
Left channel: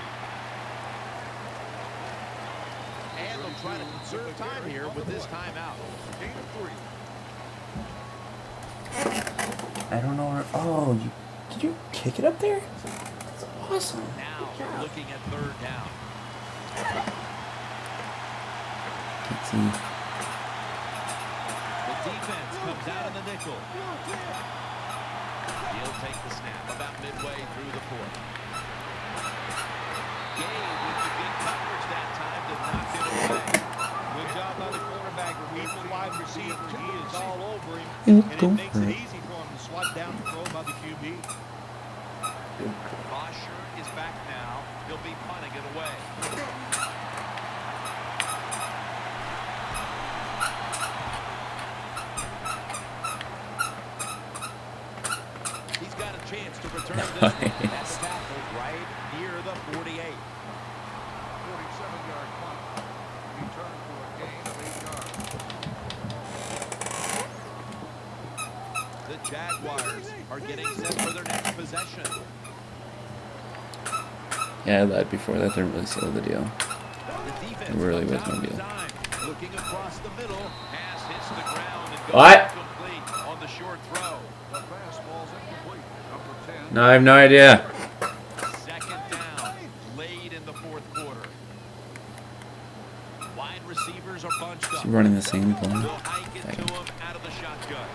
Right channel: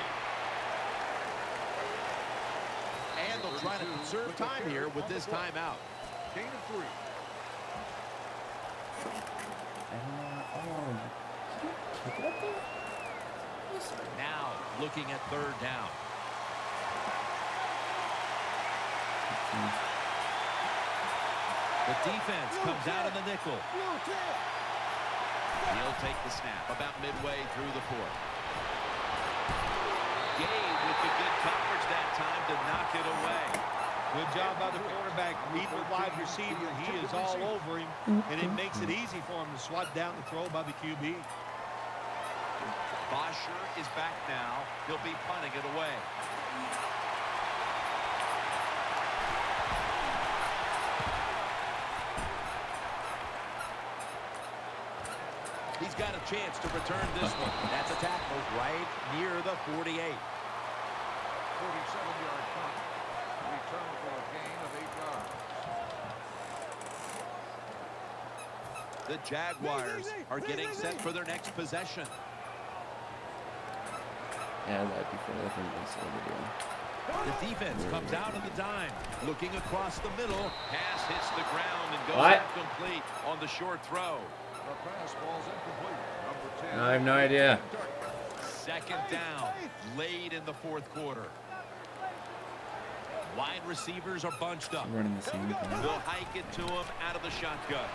And they'll try to conserve time here with this timeout. I don't know where. Oh, did you kick it up there? That's awesome. Now looking at third down. Let's see. The defense comes out in the nickel. He'll take the snap about midway through the fourth. Gabe with the good coverage that time to knock it away. Good job by the cornerback. Read the wide receiver. He is all over him, and it makes it easy for him to swat down the throw by the QB. Bosher is back now. He'll be punting it away. He's got a chance to return this one. That's a tackle right near the 48. The Jaguars are getting set for their next possession. Yeah, I lied before that. They're really sealed the deal. The defense Really comes out working of the good. dime. Looking across the middle. Pass hits the ground and goes What? incomplete on the short throw. No, I have no idea. Second down, late in the fourth quarter. Wide receivers are bunched up. Is he running the same They'll thing? hike it to him out of the shotgun.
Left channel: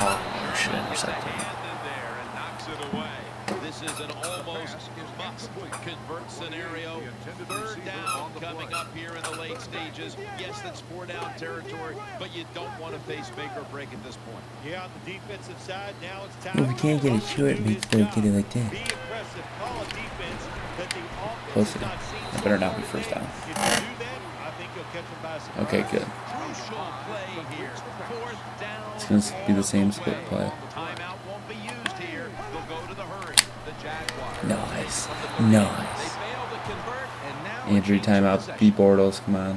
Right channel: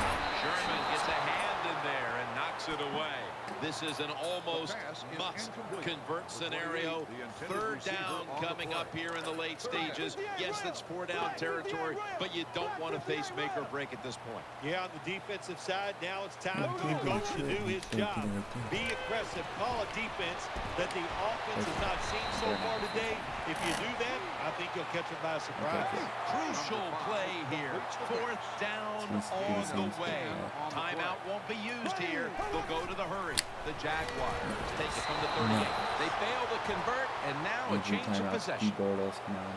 Sherman gets a hand in there and knocks it away. This is an almost must-convert scenario. Third down coming up here in the late stages. Yes, that's four-down territory, but you don't want to face make or break at this point. Yeah, on the defensive side, now it's time Yeah, for we the can't get coach to to it do and his play job. it like that. Be aggressive. Call a defense that the offense Close has enough. not seen so Better not far be first today. down. If you do that, I think you'll catch them by surprise. Okay, good. Crucial play here. Fourth down It's gonna be the on same the split way. play. Timeout won't be used here. They'll go to the hurry. The Jaguars take it Nice. from the 38. Nice. They fail to convert, and now a Injury change of timeout. possession. B Bortles, come on.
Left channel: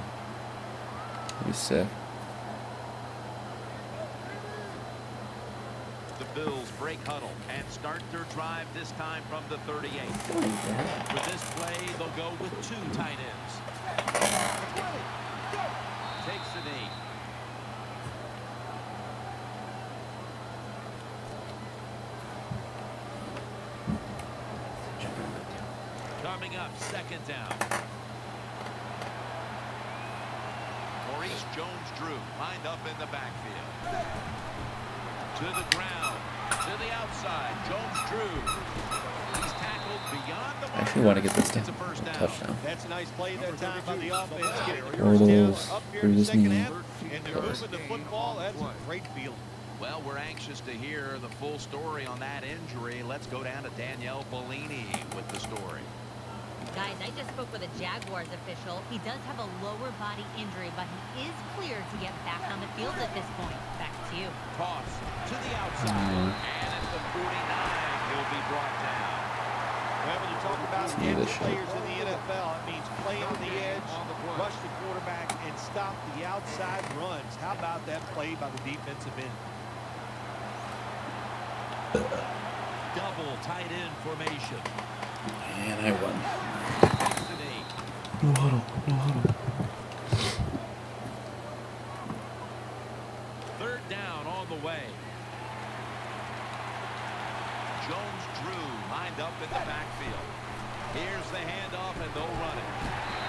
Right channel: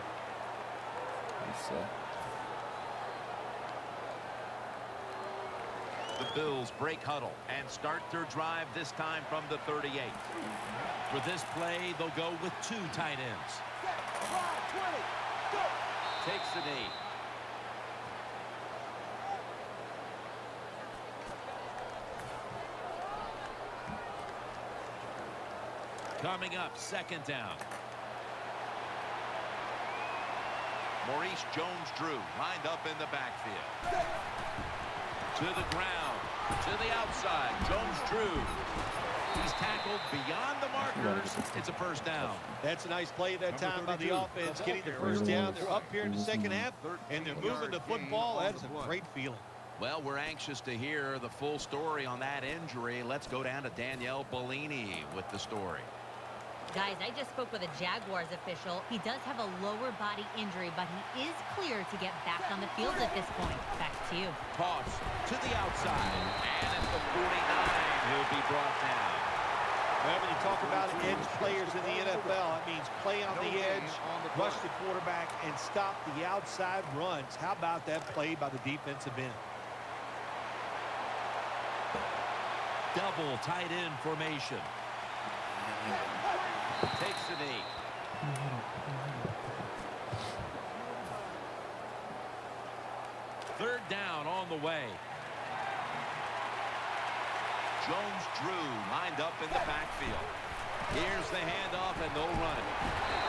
That'd be sick. The Bills break huddle and start their drive this time from the 38. For this play, they'll go with two tight ends. Takes the knee. Coming up, second down. Maurice Jones-Drew lined up in the backfield. To the ground, to the outside, Jones-Drew. He's tackled beyond the Actually want to markers. get this It's a first down. touchdown. That's a nice play that time by the offense, getting the first down. They're up here in the second half, and they're moving the football. That is a great feeling. Well, we're anxious to hear the full story on that injury. Let's go down to Danielle Bellini with the story. Guys, I just spoke with a Jaguars official. He does have a lower body injury, but he is cleared to get back on the field at this point. Back to you. Toss to the outside, and at the 49, he'll be brought down. Well, when you talk about edge players in the NFL, it means play on the edge, rush the quarterback, and stop the outside runs. How about that play by the defensive end? Double tight end formation. Man, I won. Takes the knee. No huddle. No huddle. Third down on the way. Jones-Drew lined up in the backfield. Here's the handoff, and they'll run it.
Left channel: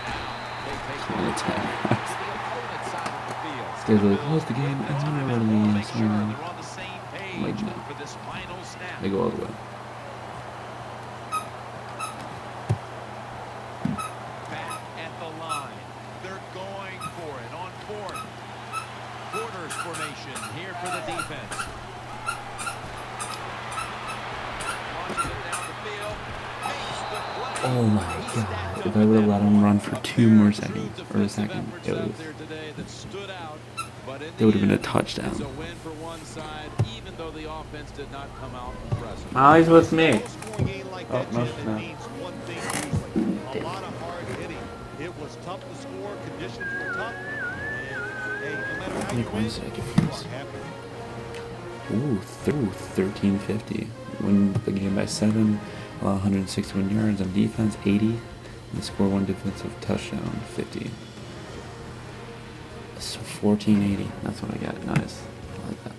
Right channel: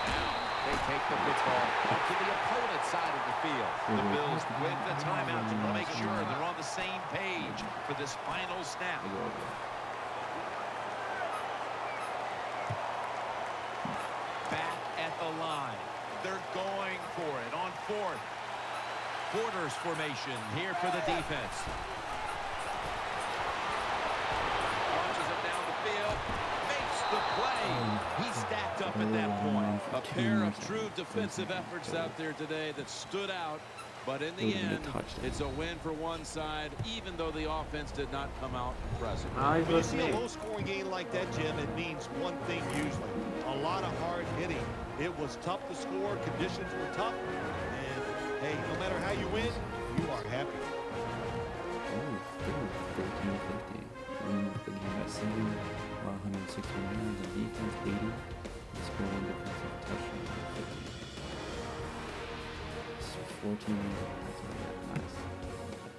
Now they take the football to the opponent's side of the field. Stay The with- Bills with the with game. the timeout. They want to make sure they're on the same page for this final snap. They go all the way. Back at the line. They're going for it on fourth. Quarters formation here for the defense. Launches it down the field. Makes the play. Oh my He God. stacked If up I at would've that let him point. run for A two pair more of true seconds, for a defensive second, efforts it out was- there today that stood out. But in It the would've been a end, touchdown. it's a win for one side, even though the offense did not come out impressive. Molly's with See a me. low-scoring game like that, Jim, it means one thing usually. A lot of hard hitting. It was tough to score. Conditions were tough. And, hey, no matter how you win, you are happy. Ooh, through 1350. Win the game by 7, 161 yards on defense, 80. They score one defensive touchdown, 50. It's 1480. That's what I got. Nice. I like that.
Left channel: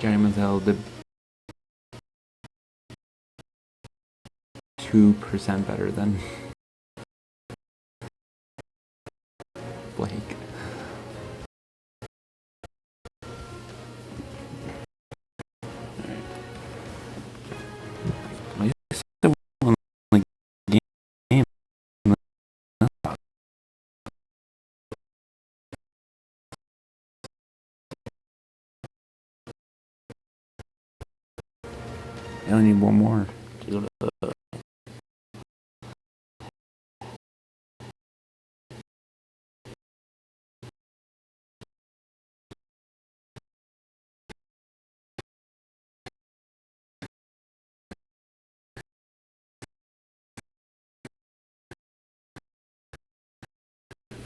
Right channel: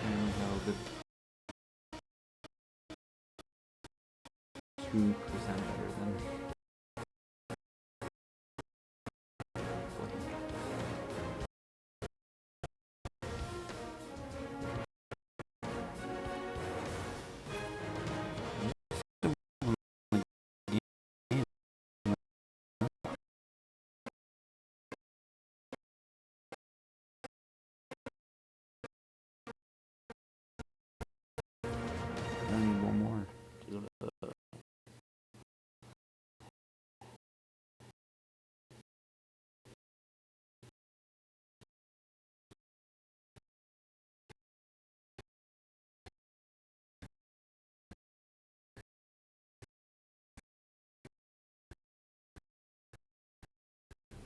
Gary Manziel did 2% better than Blake. You said one like game. I only need one more to go to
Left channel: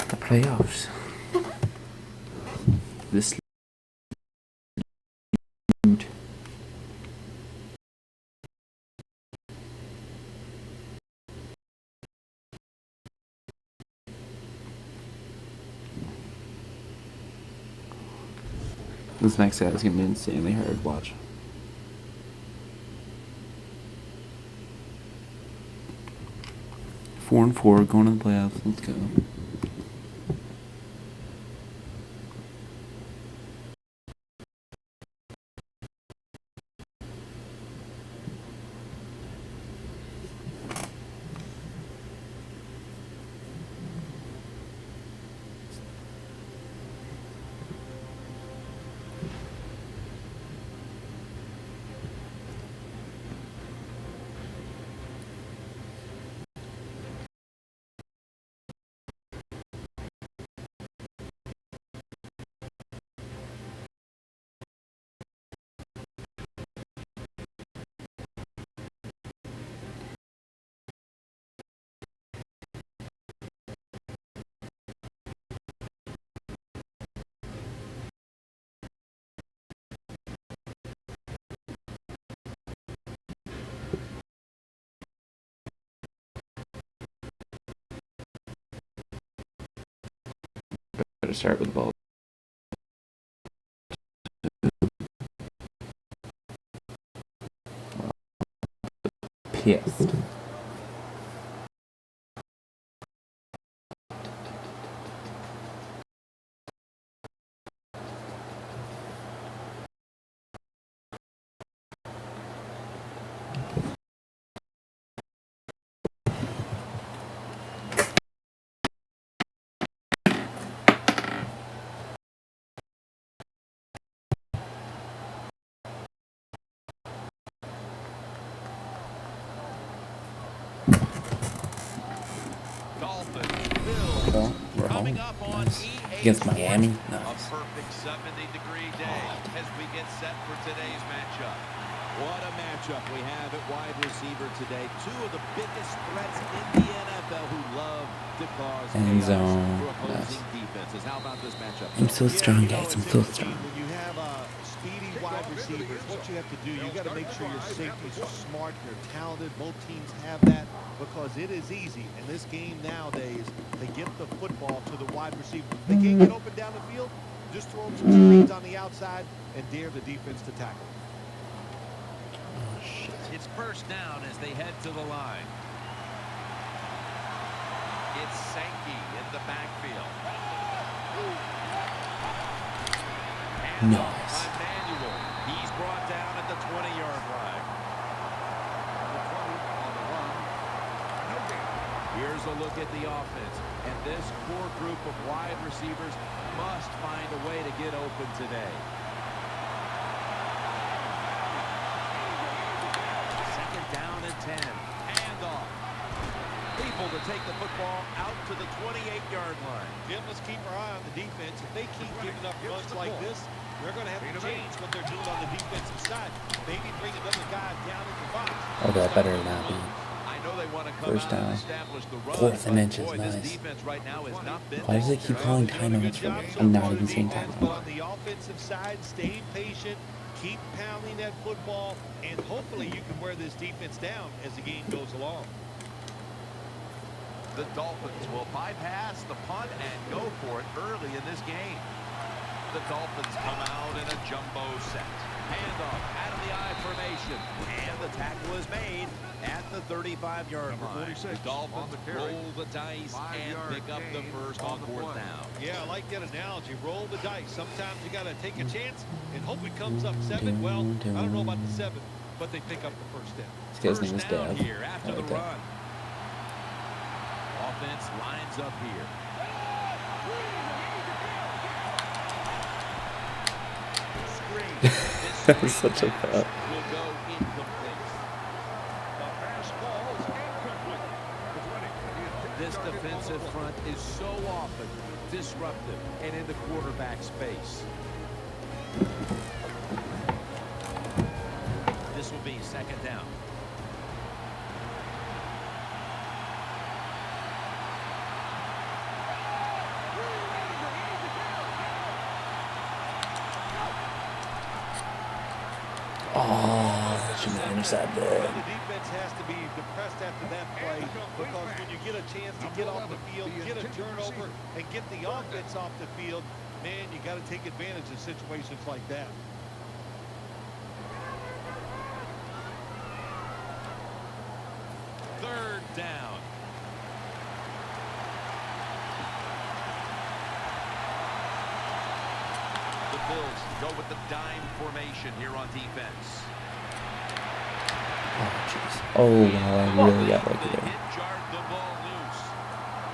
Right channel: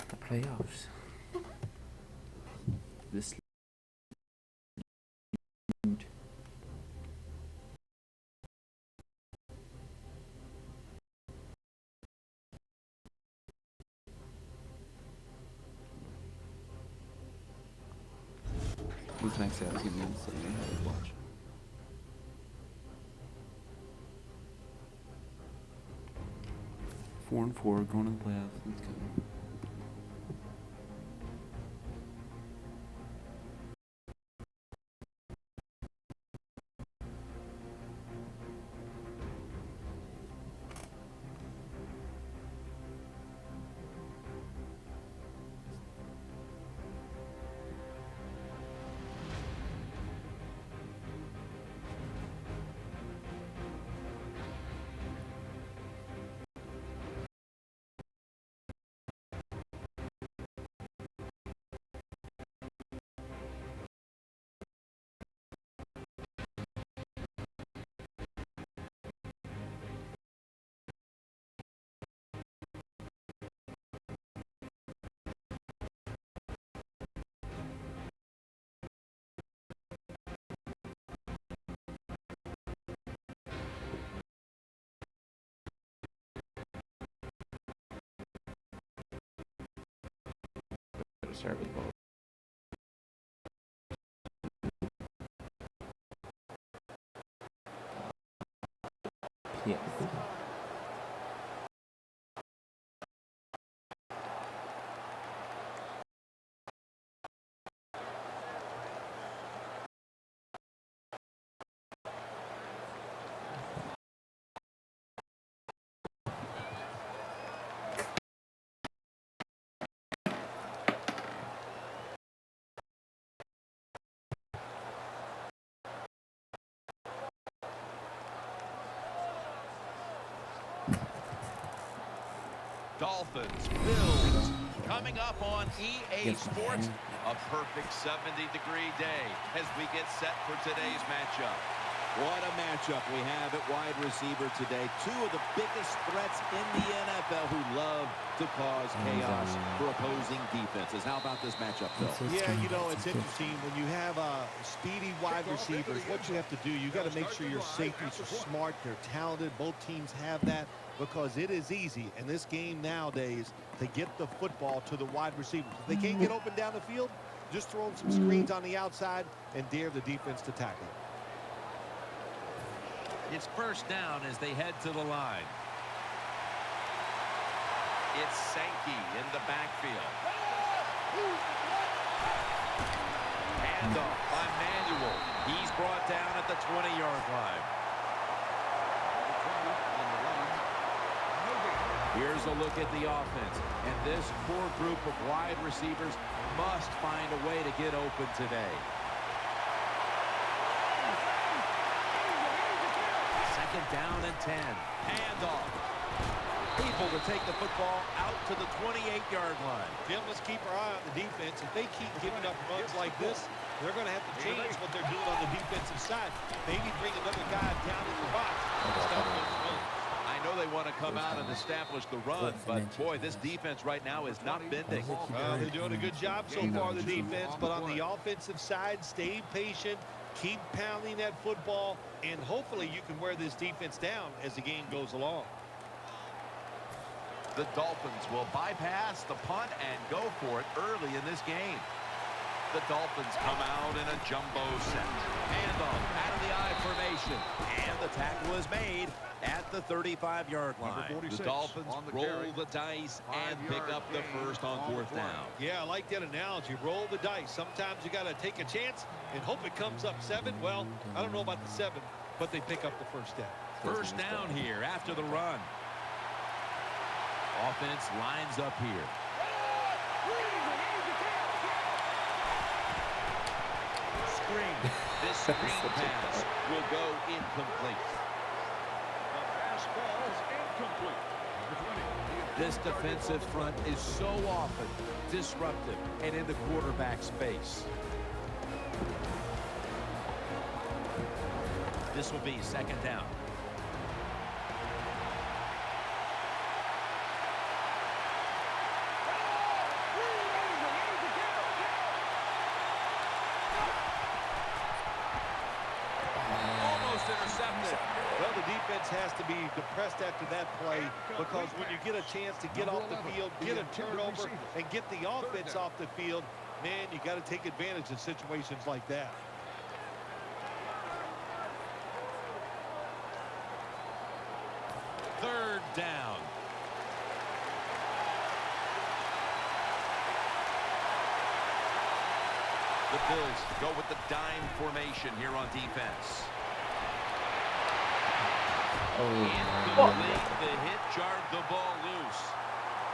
the playoffs. This dude. This next set is gonna be insanely hard to watch. Four and 4 going to the playoffs. Let's go. Better start with the ball. Pissed. Dolphins, Bills, coming up on EA Against Sports. Miami? A perfect 70-degree day as we get set for today's matchup. What a matchup we have at wide receiver today. Two of the biggest threats in the NFL who love to cause End chaos zone. for opposing defenses. How about this matchup, Bill? It's so Yeah, strange. you know, It's it's so interesting. When you have speedy wide receivers, what you have to do, you got to make sure your safeties are smart, they're talented. Both teams have that because it is easy in this game nowadays to get the football to the wide receivers. If they can't get open down the field, just throw them some screens on the outside and dare the defense to tackle it. It's first down as they head to the line. It's Sankey in the backfield. Handoff by Manuel. He's brought down at the 20-yard line. Here's a look at the offense. And this core group of wide receivers must find a way to get open today. Second down and 10. Handoff. Able to take the football out to the 28-yard line. Jim, let's keep our eye on the defense. If they keep giving up runs like this, they're going to have to change what they're doing on the defensive side. Maybe bring another guy down in the box. I got better than that. I know they want to come First out and down. establish the run, Fourth and but inches, boy, this nice. defense right now is not Why bending. does it keep They're going doing a good job so and far, not the using defense, but on the offensive side, stay patient, keep pounding that football, and hopefully you can wear this defense down as the game goes along. The Dolphins will bypass the punt and go for it early in this game. The Dolphins come out in a jumbo set. Handoff out of the I formation. And the tackle is made at the 35-yard line. The Dolphins roll the dice and pick up the first on 4th down. Yeah, I like that analogy. Roll the dice. Sometimes you got to take a chance and hope it comes up 7. Well, I don't know about the 7, but they pick up the first down. First down here after the run. Offense lines up here. Screen. This screen Such a pass thought. will go incomplete. This defensive front is so often disruptive and in the quarterback space. This will be 2nd down. Almost intercepted. Well, the defense has to be depressed after that play because when you get a chance to get off the field, get a turnover, and get the offense off the field, man, you got to take advantage of situations like that. Third down. The Bills go with the dime formation here on defense. Oh, I really Incomplete. got that The today. hit jarred the ball loose.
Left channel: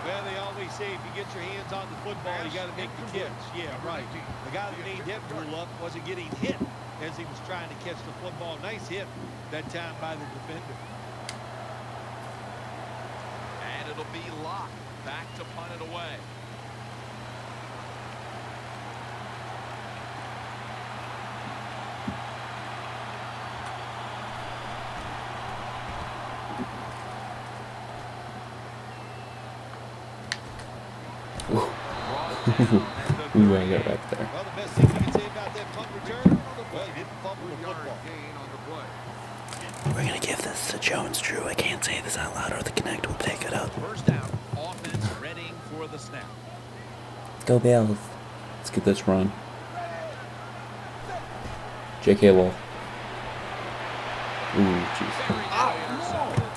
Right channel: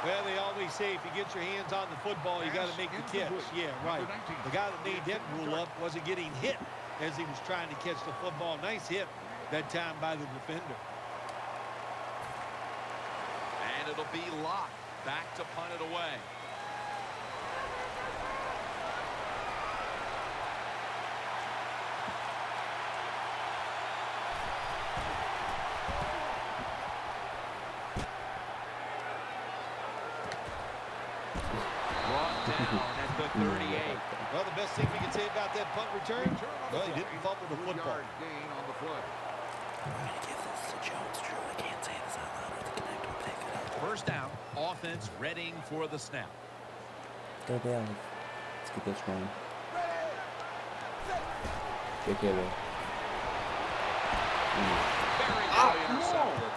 Well, they always say if you get your hands on the football, you got to make the catch. Yeah, right. The guy that made that rule up wasn't getting hit as he was trying to catch the football. Nice hit that time by the defender. And it'll be Locke back to punt it away. Brought down at the Ooh, I got 38. back there. Well, the best thing we can say about that punt return, well, he didn't fumble the football. We're gonna give this to Jones Drew. I can't say this out loud or the Connect will pick it up. First down, offense readying for the snap. Go Bills. Let's get this run. J.K. Wolf. Ooh, jeez. Very nearly intercepted.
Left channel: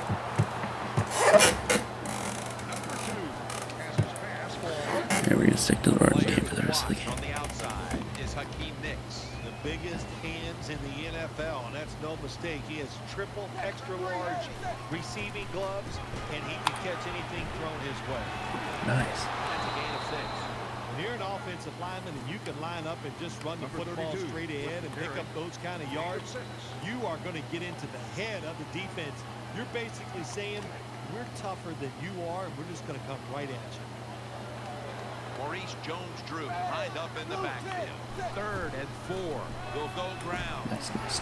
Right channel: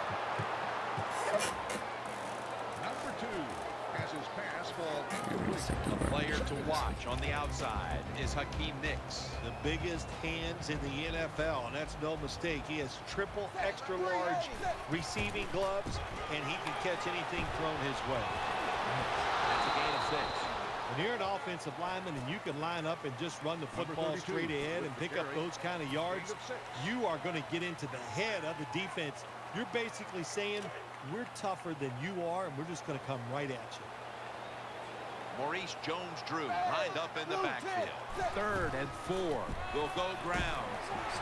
Here we're gonna stick to the run. Player to watch on the outside is Hakeem Nicks. The biggest hands in the NFL, and that's no mistake. He has triple extra large receiving gloves, and he can catch anything thrown his way. Nice. That's a gain of 6. When you're an offensive lineman and you can line up and just run the football straight ahead and pick up those kind of yards, you are going to get into the head of the defense. You're basically saying, we're tougher than you are, and we're just going to come right at you. Maurice Jones-Drew lined up in the backfield. 3rd and 4. They'll go ground.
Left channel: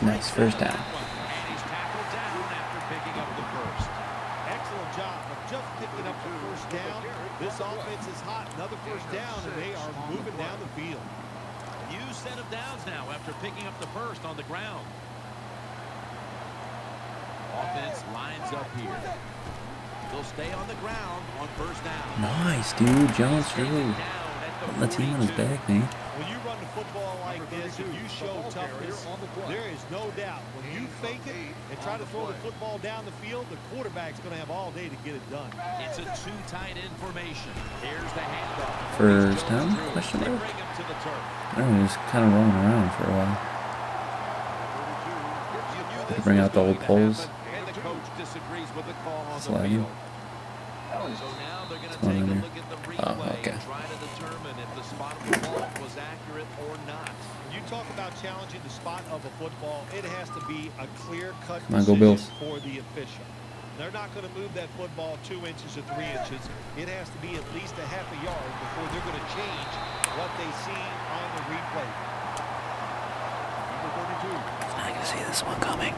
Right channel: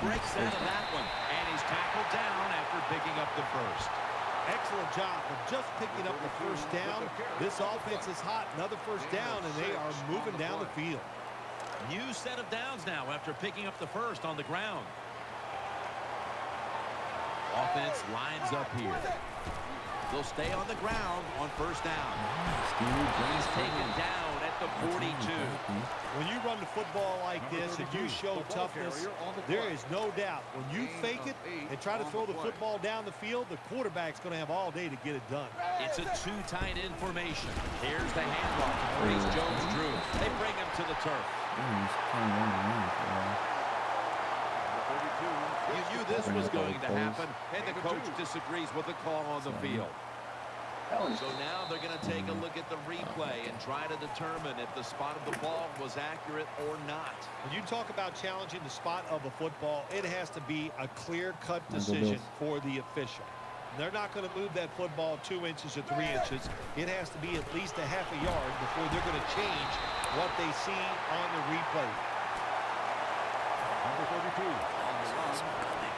Breaks out of that one, and he's tackled down after picking up the first. Excellent job of just picking up the first down. This offense is hot. Another first down, and they are moving down the field. New set of downs now after picking up the first on the ground. Offense lines up here. They'll stay on the ground on first down. Nice, dude. Jones He's taken Drew. down at the Let's him on his 42. back, man. When you run the football like this and you show toughness, there is no doubt. When you fake it and try to throw the football down the field, the quarterback's going to have all day to get it done. It's a 2 tight end formation. Here's the handoff to First Maurice down? Jones-Drew. They bring him to the turf. Oh, he's kind of rolling around for a while. You knew this Bring was out the going old to poles. happen, and the coach disagrees with the call on the Slide him. field. So now they're going to take a look at the replay okay. and try to determine if the spot of the ball was accurate or not. When you talk about challenging the spot of a football, it has to be a clear-cut Come on, go decision Bills. for the official. They're not going to move that football 2 inches or 3 inches. It has to be at least a half a yard before they're going to change what they see on the replay. I can see this one coming.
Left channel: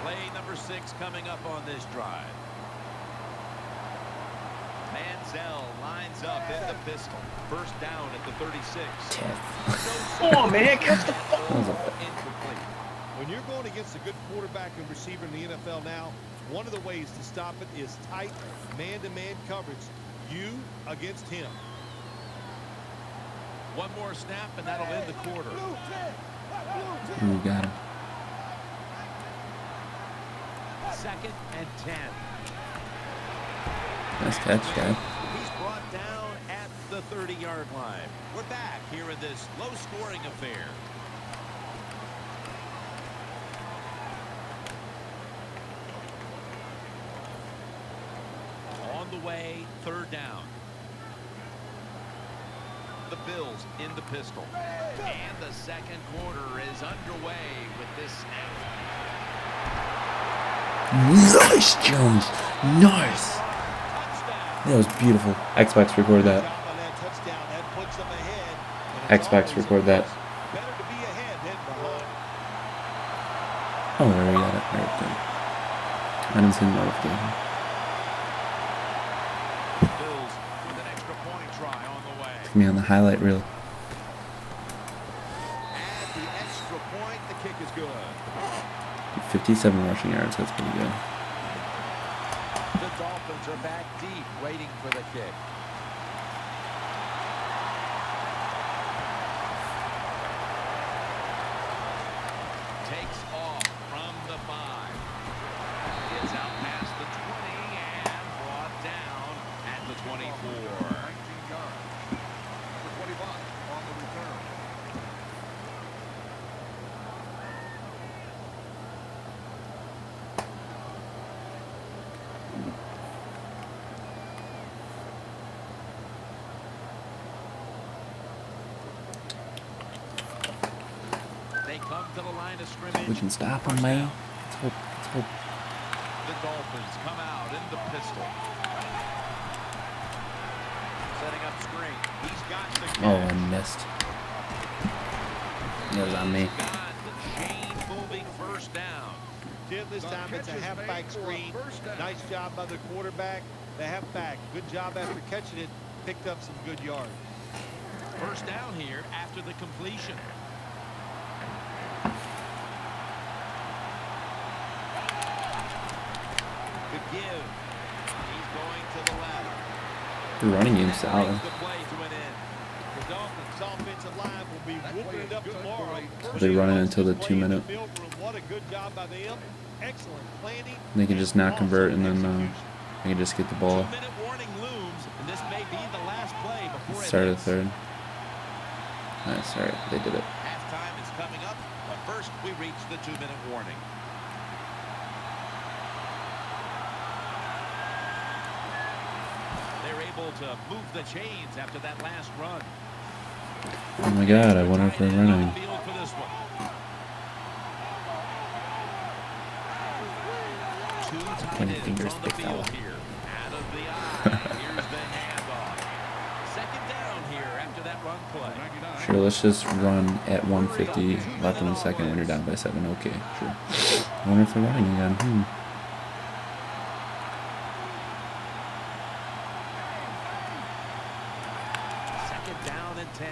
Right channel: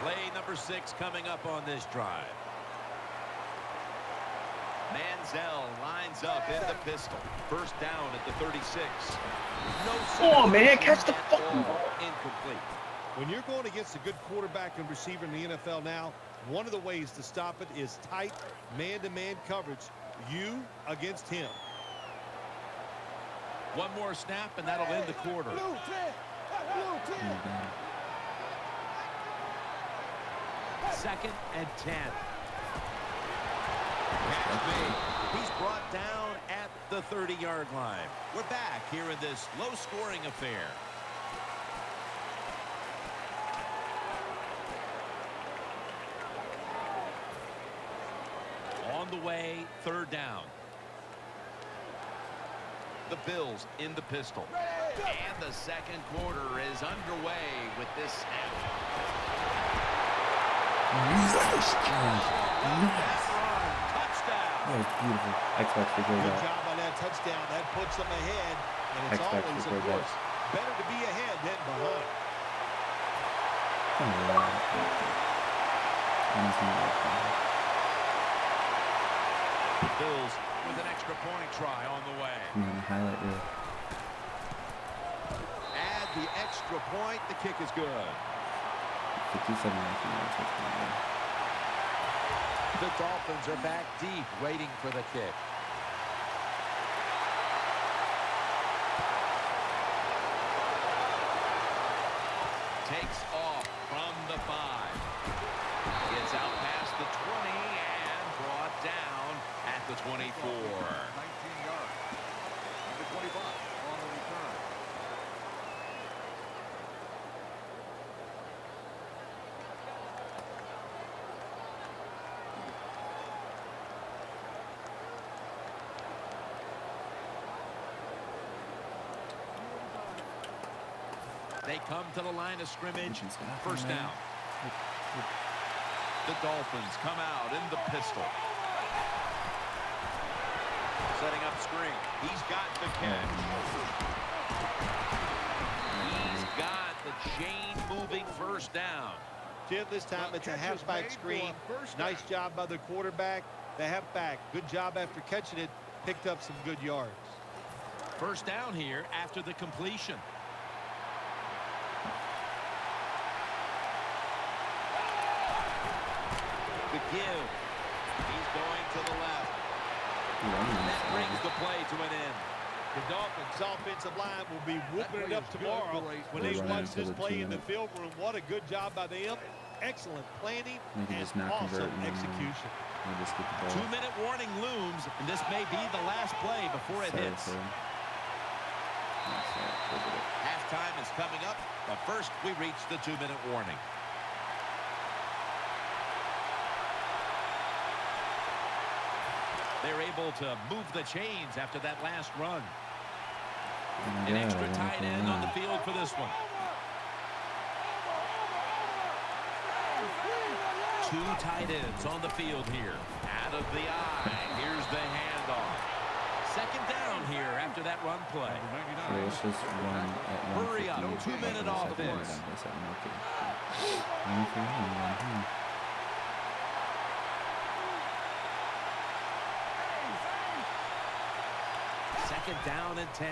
Play number 6 coming up on this drive. Manziel lines up in the pistol. First down at the 36. No Come on, man, catch the at all. Incomplete. When you're going against a good quarterback and receiver in the NFL now, one of the ways to stop it is tight man-to-man coverage. You against him. One more snap, and that'll end the quarter. You got him. 2nd and 10. Nice catch, though. He's brought down at the 30-yard line. We're back here in this low-scoring affair. On the way, 3rd down. The Bills in the pistol. And the 2nd quarter is underway with this snap. Nice, Jones. Nice. Touchdown. That was beautiful. Xbox recorded Good that. job on that touchdown. That puts them ahead. And it's Xbox always, of record that. course, better to be ahead than behind. Oh, yeah. Okay. I didn't see that. Bills with an extra point try on the way. Me on the highlight reel. Add the extra point. The kick is good. 57 rushing yards. That's pretty good. The Dolphins are back deep, waiting for the kick. Takes off from the 5. Gets out past the 20 and brought down at the 24. They come to the line of scrimmage. We can stop him, 1st man. down. Let's hope. The Dolphins come out in the pistol. Setting up screen. He's got the Oh, catch. I missed. That was on me. He's got the chain-moving 1st down. Jim, this time it's a halfback screen. Nice job by the quarterback. The halfback, good job after catching it. Picked up some good yards. 1st down here after the completion. The give. He's going to the left. The running game's That solid. brings the play to an end. The Dolphins' offensive line will be whooping it up tomorrow when They're they running watch until this the play in the 2-minute. field room. What a good job by them. Excellent planning. They can and just not convert awesome and then execution. they can just get the ball. 2-minute warning looms, and this may be the last play before it Start at hits. 3rd. Nice, all right, they did it. Halftime is coming up, but first we reach the 2-minute warning. They're able to move the chains after that last run. Oh my An god, I extra wonder if tight they're end on the running. field for this one. Two tight ends on the field here. Out of the eye. Here's the handoff. 2nd down here after that run play. Sure, let's just run at 150 Hurry up, left in the 2-minute second when we're offense. down by 7. Okay, sure. I wonder if they're running again. 2nd down and 10.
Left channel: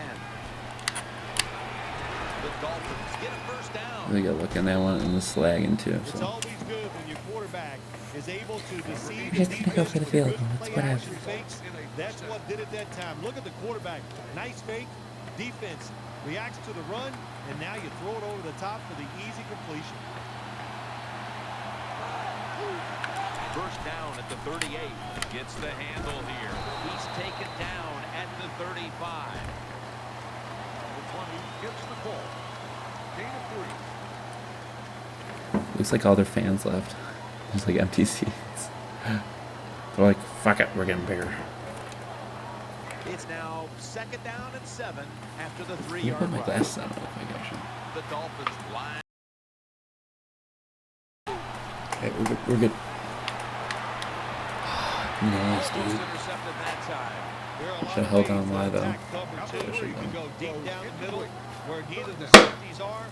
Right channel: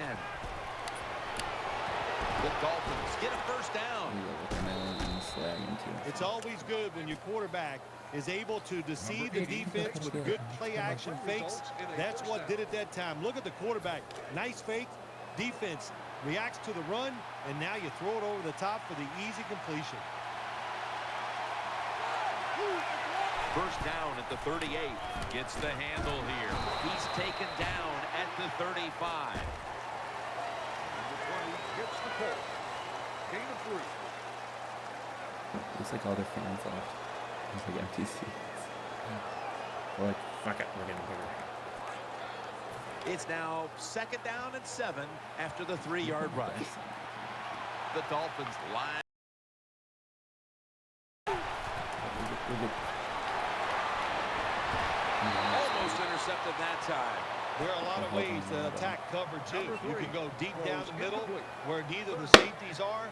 The Dolphins get a 1st down. They got looking at and the slagging too. It's So. always good when your quarterback is able to deceive the defense with good play-action fakes. That's what did it that time. Look at the quarterback. Nice fake. Defense reacts to the run, and now you throw it over the top for the easy completion. 1st down at the 38. Gets the handle here. He's taken down at the 35. Looks like all their fans left. It's like empty seats. They're like, fuck it, we're getting bigger. It's now 2nd down and 7 after the 3-yard My run. glasses on. Oh The Dolphins line. my gosh. Okay, we're good. Nice, Almost dude. intercepted that time. There are a lot So of held ways on to wide, attack cover, too. You can go deep down the middle where neither the safeties are,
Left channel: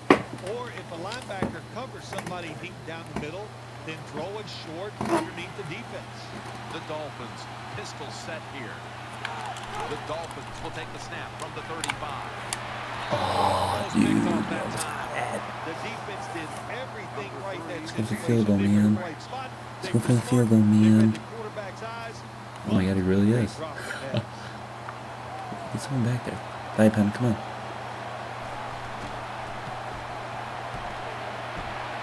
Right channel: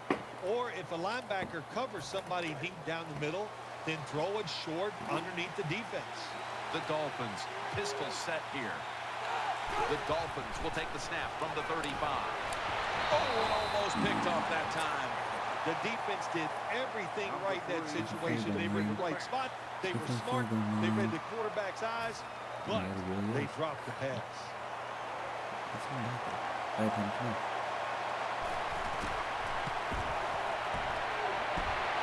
or if a linebacker covers somebody deep down the middle, then throw it short underneath the defense. The Dolphins pistol set here. The Dolphins will take the snap from the 35. Almost picked off that time. The defense did everything right in that It's a field situation. goal, They were in man. the right spot. They It's were a field smart. goal, They man. read the quarterback's eyes. Oh my but god, it really they is. dropped the pass. It's someone back there. Bye, Pen. Come on.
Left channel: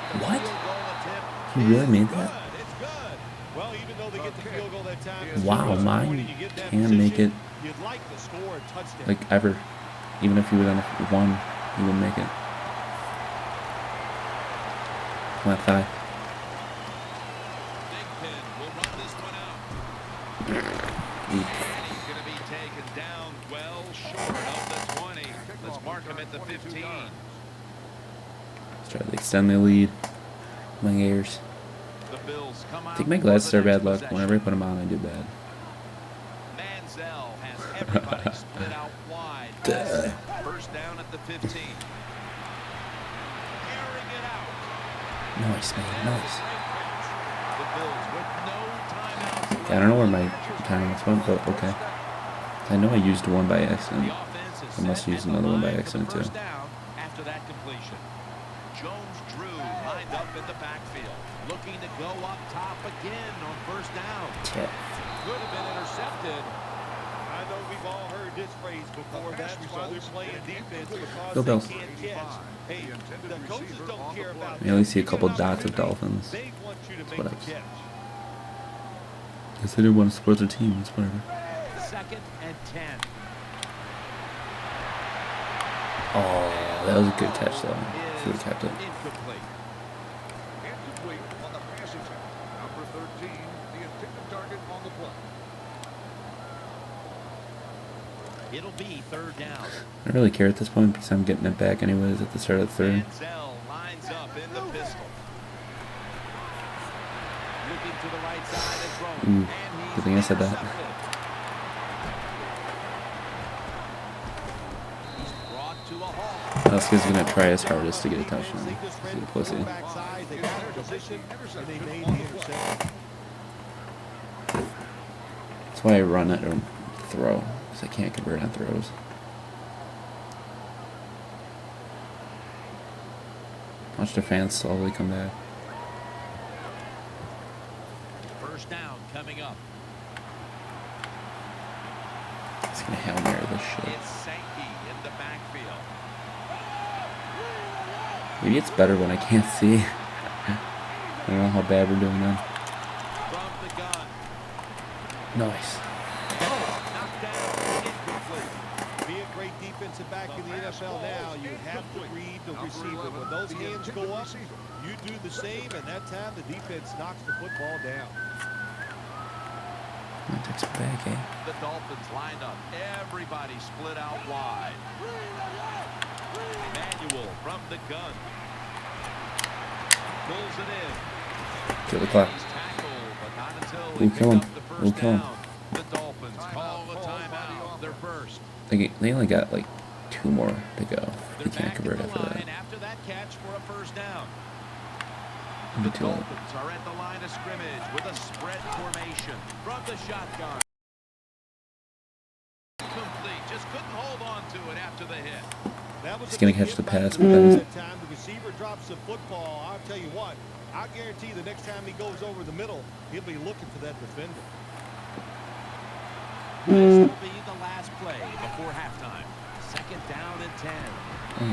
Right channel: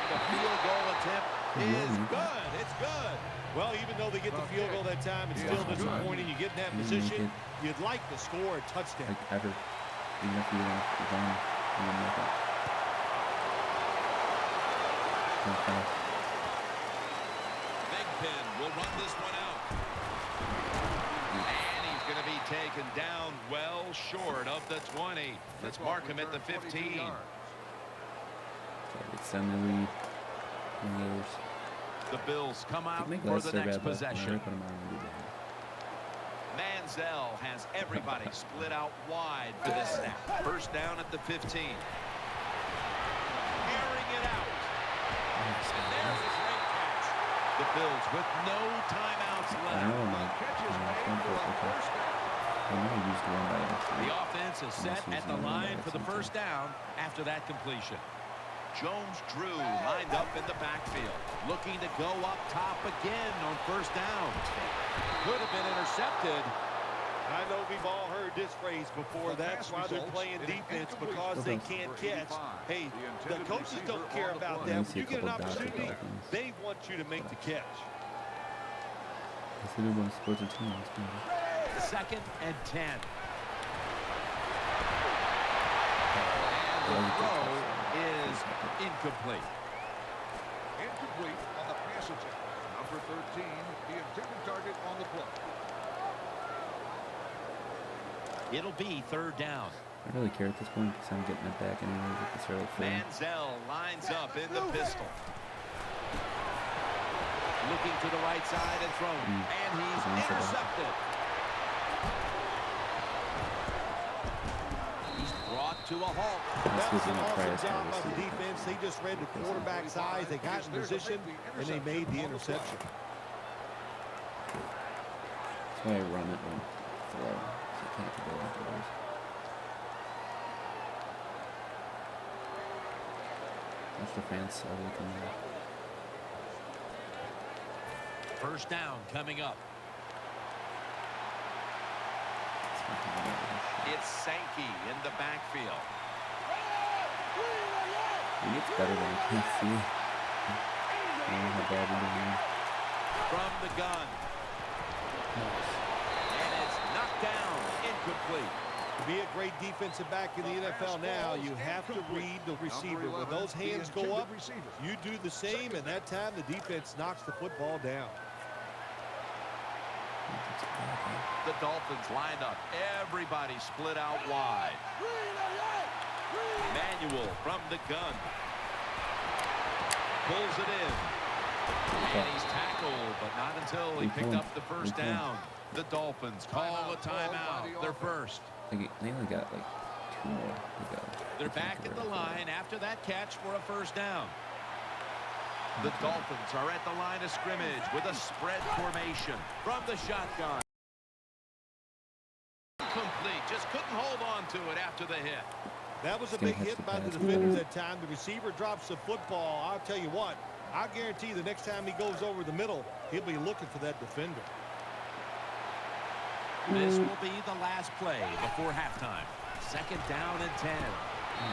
The field goal attempt He really is made good. that? It's good. Well, even though they get the field goal that time, it's Wow, still disappointing. mine You get in that can make position, it. you'd like to score a touchdown. Like ever. Even if he was on a 1, he would make it. Not 5. Big Pin will run this one out. And he's going to be taken down well short of the 20. Let's mark him at the 15. Let's try to extend their lead. My ears. The Bills come I out think my for glasses the are next bad luck. possession. Whenever I put them on, I do bad. Manziel has everybody split out wide for this snap. First down at the 15. Airing it out. Nice, And man. there's a Nice. great catch. The Bills with no timeouts left. I don't know where my timeouts went, but okay. I know I used one by accident. The offense is I must set use at the another one by line for the accident, too. first down after that completion. Jones-Drew lined up in the backfield, looking to go up top again on first down. Could have been intercepted. I know we've all heard this phrase before. That's why they're playing defense, because Go they Bills. can't catch. Hey, the coaches don't care about Yeah, them. we see a You get couple an dots of opportunity, Dolphins. They want you to make the Splits. catch. Guess I didn't want to support their team. It's better. 2nd and 10. Oh, that was a good Throw catch, though. Should is have kept it. incomplete. It'll be 3rd down. I don't really care at this point because I'm getting it back anyways at the start of the 3rd. Manziel lines up in the pistol. Looking to the right side and throwing. And he's Good thing I said that. intercepted. He's brought to a halt. This kid's going to try his Job hardest to by get a the defense. touchdown. They just read the Pretty closely. quarterback's eyes. They got in position, and they made the interception. That's why I run it or throw, because I can't convert on throws. Watch the fans slowly come back. First down coming up. It's going to Hail Mary this shit. It's Sankey in the backfield. Maybe it's better when I can't see. I don't know how bad we're doing now. From the gun. Nice. And it's knocked down. Incomplete. To be a great defensive back in the NFL now, you have to read the receiver. When those hands go up, you do the same, and that time the defense knocks the football down. That's big, eh? The Dolphins lined up. Everybody split out wide. Manuel from the gun. Pulls it in. Kill the And clock. he's tackled, but not until We he kill picked him. up the We first kill him. down. The Dolphins call a timeout. They're first. They only got like 2 more to go. They're They can't back in convert the after that. line after that catch for a first down. The Me too. Dolphins are at the line of scrimmage with a spread formation from the shotgun. Incomplete. Just couldn't hold on to it after the hit. That was He's a gonna big catch hit the by the pass, defenders but- that time. The receiver drops the football. I'll tell you what, I guarantee the next time he goes over the middle, he'll be looking for that defender. This will be the last play before halftime. 2nd down and 10.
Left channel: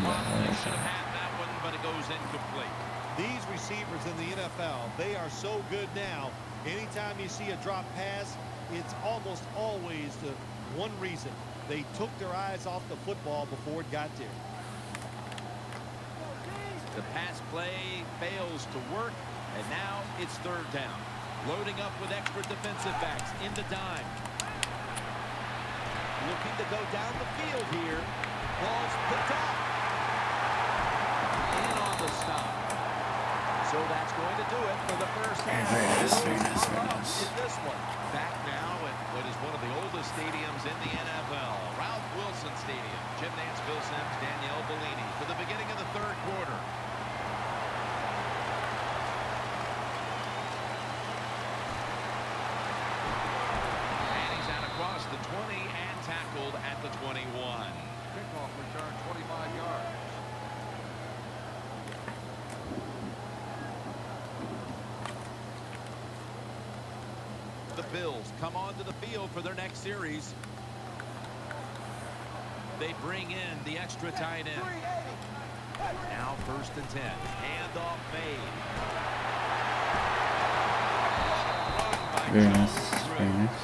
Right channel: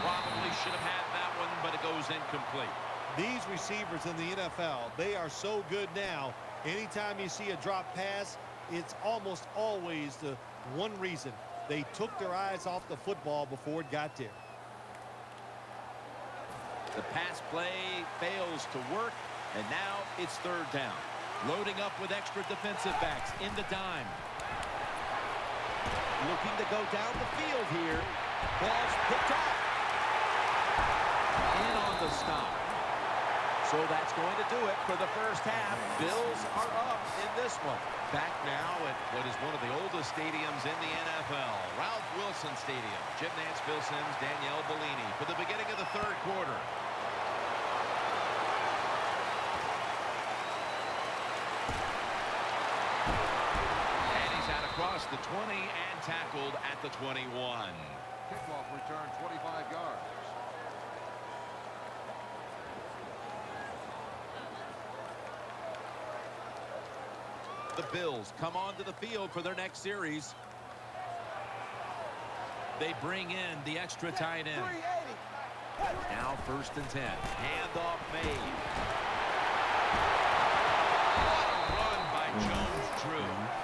Probably should have had that one, but it goes incomplete. These receivers in the NFL, they are so good now. Anytime you see a drop pass, it's almost always the one reason. They took their eyes off the football before it got there. The pass play fails to work, and now it's 3rd down. Loading up with extra defensive backs in the dime. Looking to go down the field here. Ball's picked off. In on the stop. So that's going to do it for the first half. Bills are up in this one. Back now at what is one of the oldest stadiums in the NFL, Ralph Wilson Stadium. Jim Nantz, Bill Sims, Danielle Bellini for the beginning of the 3rd quarter. And he's out across the 20 and tackled at the 21. The Bills come onto the field for their next series. They bring in the extra tight end. Now 1st and 10. Handoff made. What a run by Jones Drew.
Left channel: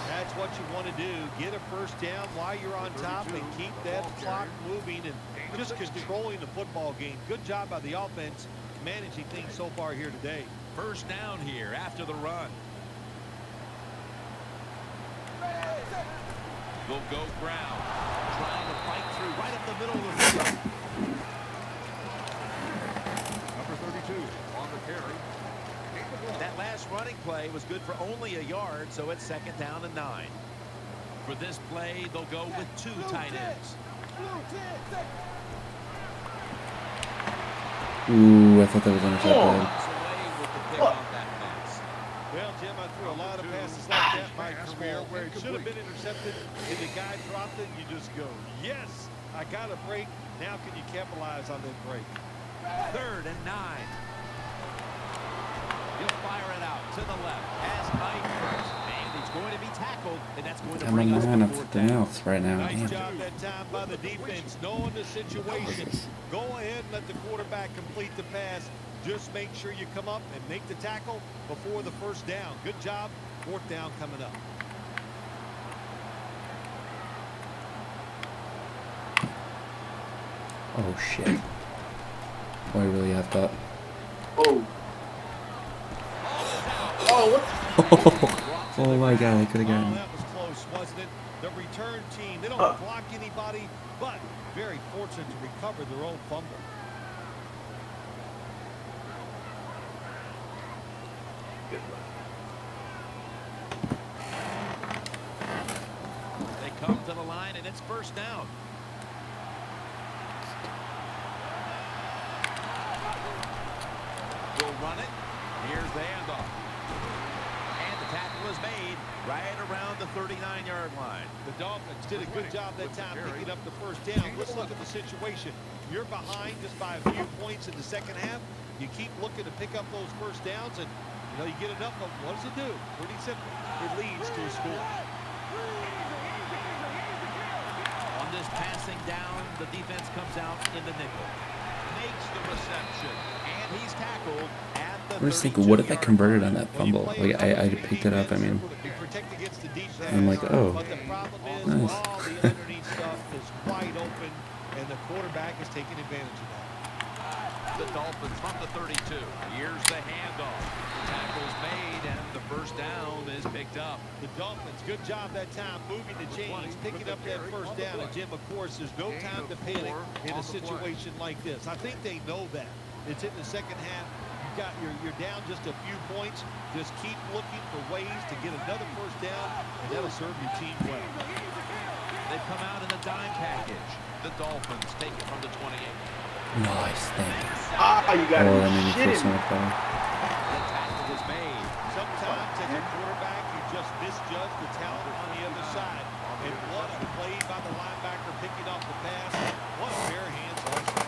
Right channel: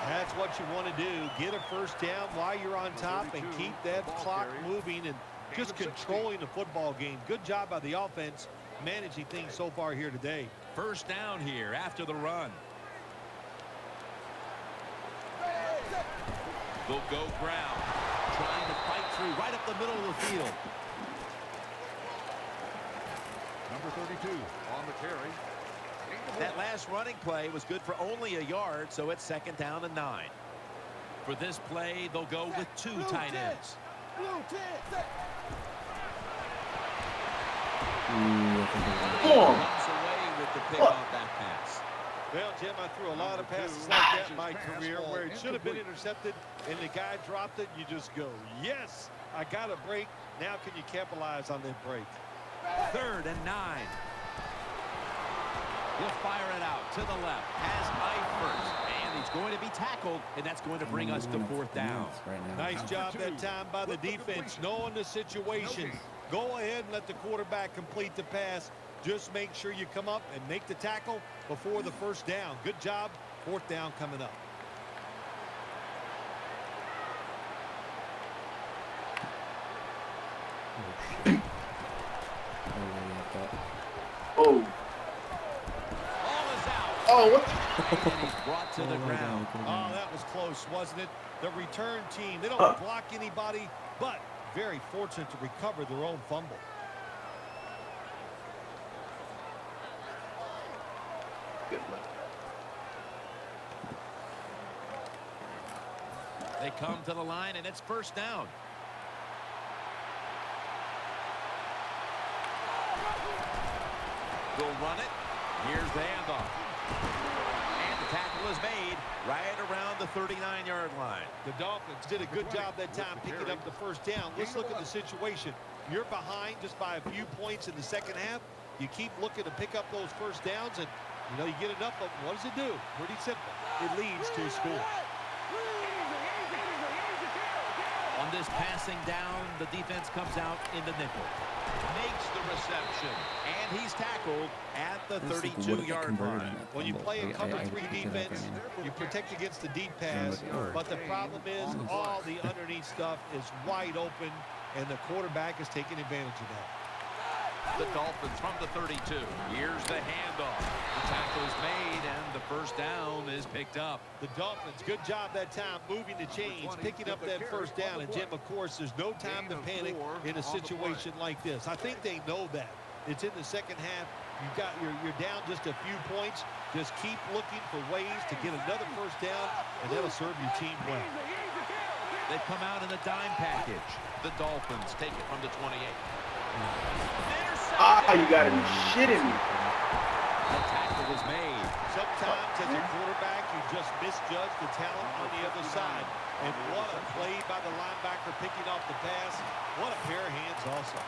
That's what you want to do. Get a first down while you're on top and keep that clock moving and just controlling the football game. Good job by the offense managing things so far here today. 1st down here after the run. They'll go ground. Trying to fight through right up the middle of the field. That last running play was good for only a yard, so it's 2nd down and 9. For this play, they'll go with 2 tight ends. Ooh, I thought that was going to go. Comes away with the pick on that pass. Well, Jim, I threw a lot of passes like that in my career where it should have been intercepted and the guy dropped it. You just go, yes, I got a break. Now can you capitalize on that break? 3rd and 9. He'll fire it out to the left. Has Knight first. And he's going to be tackled, and that's going to bring us to 4th down. Right now. Nice job that time by the defense, knowing the situation. Go ahead and let the quarterback complete the pass. Just make sure you come up and make the tackle before the 1st down. Good job. 4th down coming up. Oh, shit. Oh, I really have that. Oh. Ball is out. Oh, what the? Brought to Oh the my ground. god, I could have Oh, gotten it. that was close, wasn't it? The return team, they don't block anybody, but very fortunate to recover their own fumble. Good luck. They come to the line, and it's 1st down. They'll run it. Here's the handoff. And the tackle is made right around the 39-yard line. The Dolphins did a good job that time picking up the 1st down. Let's look at the situation. You're behind just by a few points in the 2nd half. You keep looking to pick up those 1st downs, and you know you get enough of them. What does it do? Pretty simple. It leads to a score. On this passing down, the defense comes out in the nickel. Makes the reception, and he's tackled at the 32-yard what if I converted on line. that When you fumble? play a Like, cover I 3 picked it up, I defense, mean. you protect against the deep I'm pass, like, oh, but the problem is nice. all the underneath stuff is wide open, and the quarterback is taking advantage of that. The Dolphins from the 32. Here's the handoff. The tackle's made, and the 1st down is picked up. The Dolphins, good job that time moving the chains, picking up that 1st down. And Jim, of course, there's no time to panic in a situation like this. I think they know that. It's in the 2nd half. You're down just a few points. Just keep looking for ways to get another 1st down, and that'll serve your team well. They come out in the dime package. The Dolphins take it from the 28. Ah, you gotta be Oh, I mean, shitting it's me. not bad. The tackle is made. Sometimes as a quarterback, you just misjudge the talent on the other side. And what a play by the linebacker picking off the pass. What a pair of hands also.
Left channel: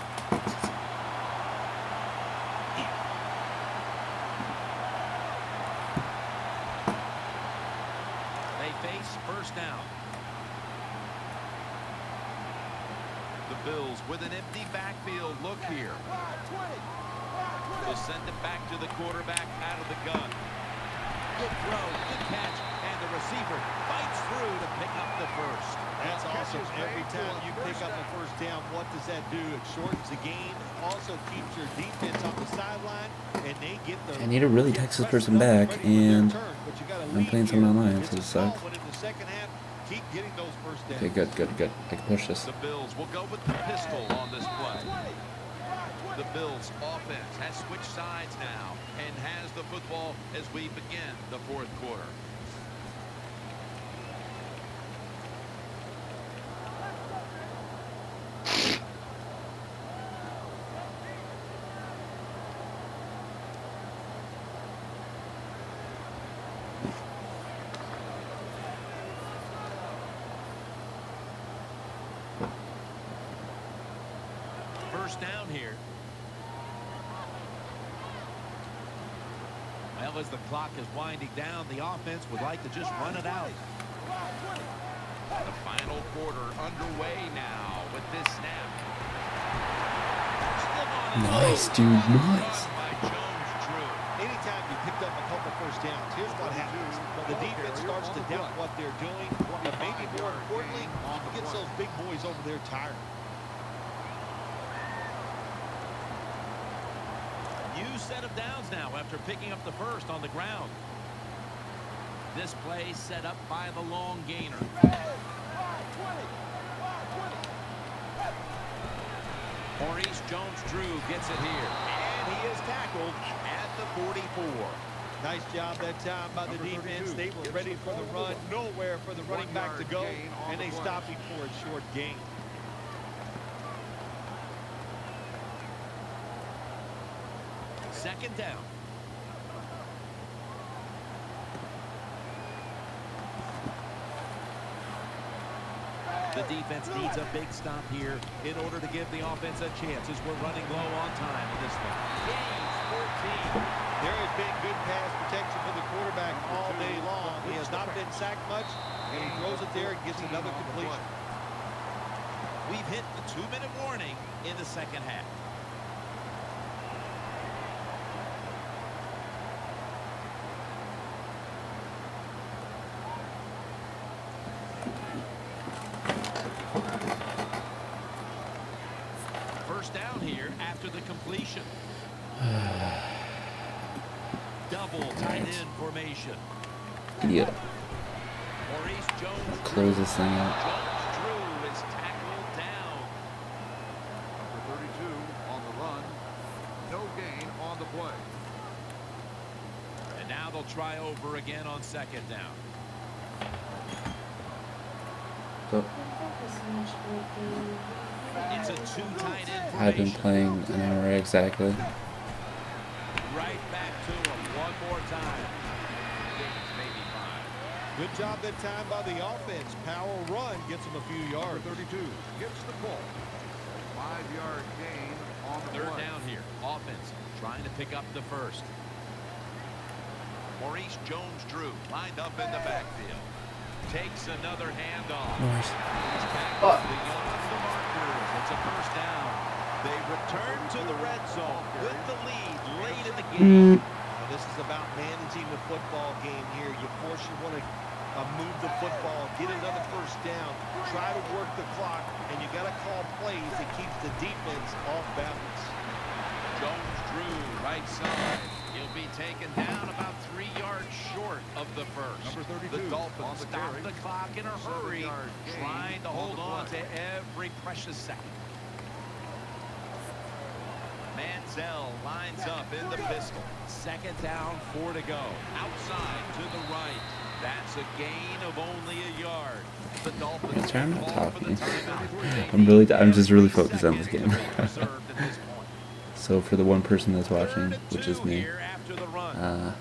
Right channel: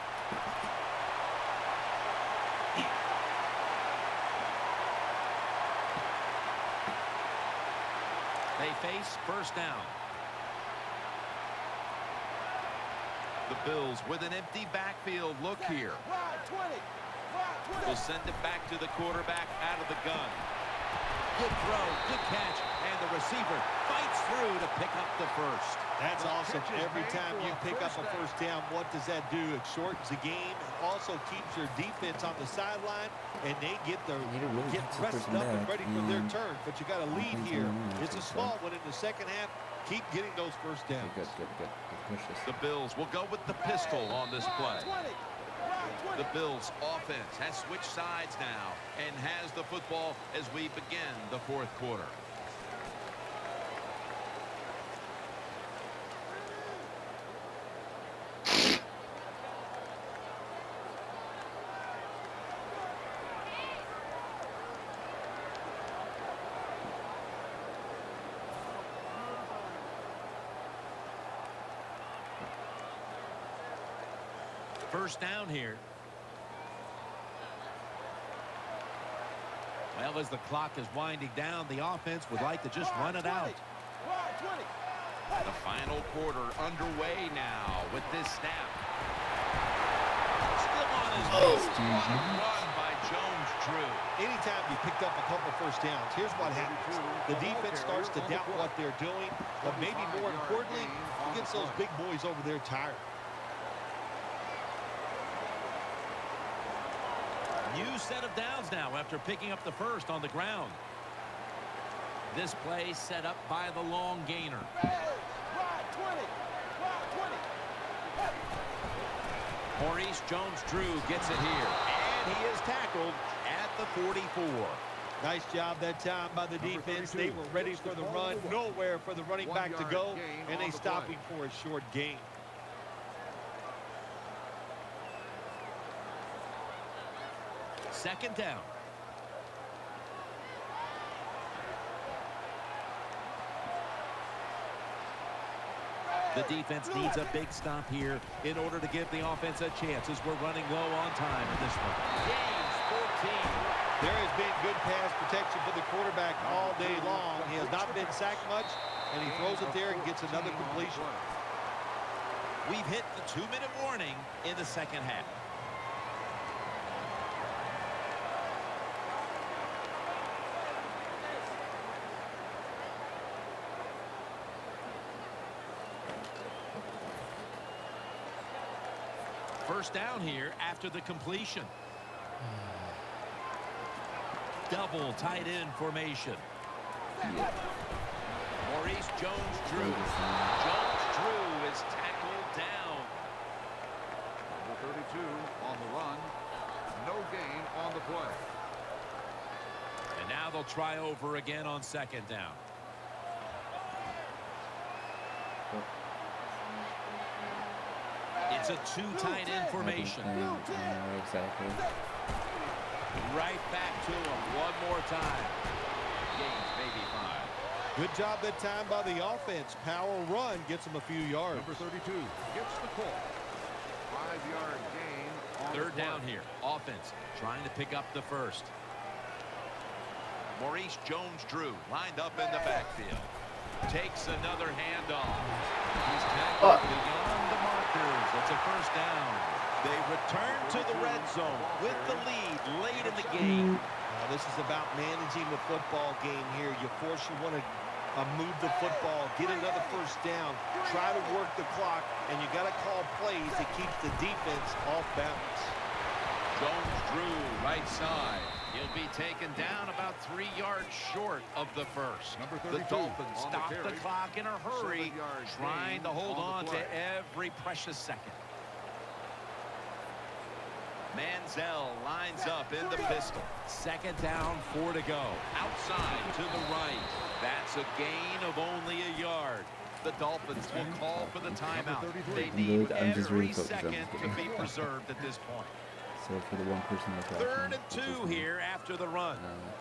They face 1st down. The Bills with an empty backfield look here. They'll send it back to the quarterback out of the gun. Good throw, good catch, and the receiver fights through to pick up the 1st. That's awesome. Every time you pick up a 1st down, what does that do? It shortens the game and also keeps your defense on the sideline, and they get the I need to really get text this rested person up and back, ready for their and turn. But you got to I'm lead playing here. some online, It's so a it small sucks. one in the 2nd half. Keep getting those 1st downs. Okay, good. I can push this. The Bills will go with the pistol on this play. The Bills offense has switched sides now and has the football as we begin the 4th quarter. First down here. Well, as the clock is winding down, the offense would like to just run it out. The final quarter underway now with this snap. Still on his Nice, feet. dude, What a nice. run by Jones-Drew. Anytime you picked up a couple first downs, here's what happens. The defense starts to doubt what they're doing, but maybe more importantly, it gets those big boys over there tired. New set of downs now after picking up the first on the ground. This play set up by the long gainer. Maurice Jones-Drew gets it here, and he is tackled at the 44. Nice job that time by the defense. They were ready for the run, nowhere for the running back to go, and they stopped him for a short gain. Second down. The defense needs a big stop here in order to give the offense a chance as we're running low on time in this one. Gains 14. There has been good pass protection for the quarterback all day long. He has not been sacked much, and he throws it there and gets another completion. We've hit the 2-minute warning in the second half. First down here after the completion. Double tight end formation. Yeah. Maurice Jones-Drew. Close this thing out. Jones-Drew is tackled down. And now they'll try over again on second down. Oh, It's a two tight end I've been formation. playing right exactly. Right back to him one more time. Gains maybe 5. Good job that time by the offense. Power run gets them a few yards. Third down here. Offense trying to pick up the first. Maurice Jones-Drew lined up in the backfield. Takes another handoff. He's tackled beyond the markers. It's a first down. They return to the red zone with the lead late in the game. This is about managing the football game here. Of course, you want to move the football, get another first down, try to work the clock, and you got to call plays that keeps the defense off balance. Jones-Drew right side. He'll be taken down about 3 yards short of the first. The Dolphins stop the clock in a hurry, trying to hold on to every precious second. Manziel lines up in the pistol. Second down, 4 to go. Outside to the right. That's a gain of only a yard. The Dolphins will call for the timeout. I'm just really focused on this To game. be preserved at this point. So for the one person that's watching, 3rd and which is 2 me, here after the run.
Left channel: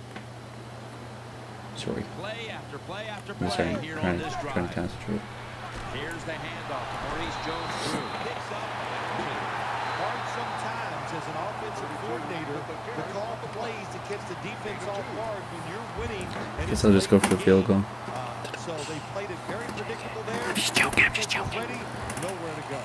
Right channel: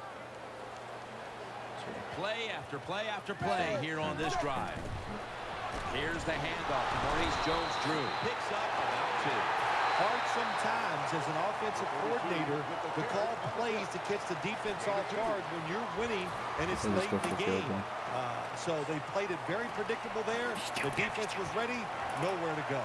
sorry. Play after play after I'm play sorry. here Trying- on this trying to drive. concentrate. Here's the handoff to Maurice Jones-Drew. Picks up about 2. Hard sometimes as an offensive coordinator to call plays to catch the defense off guard when you're winning and it's Guess I'll just late go in for the a field game. goal. So they played it very predictable there. The defense was ready, nowhere to go.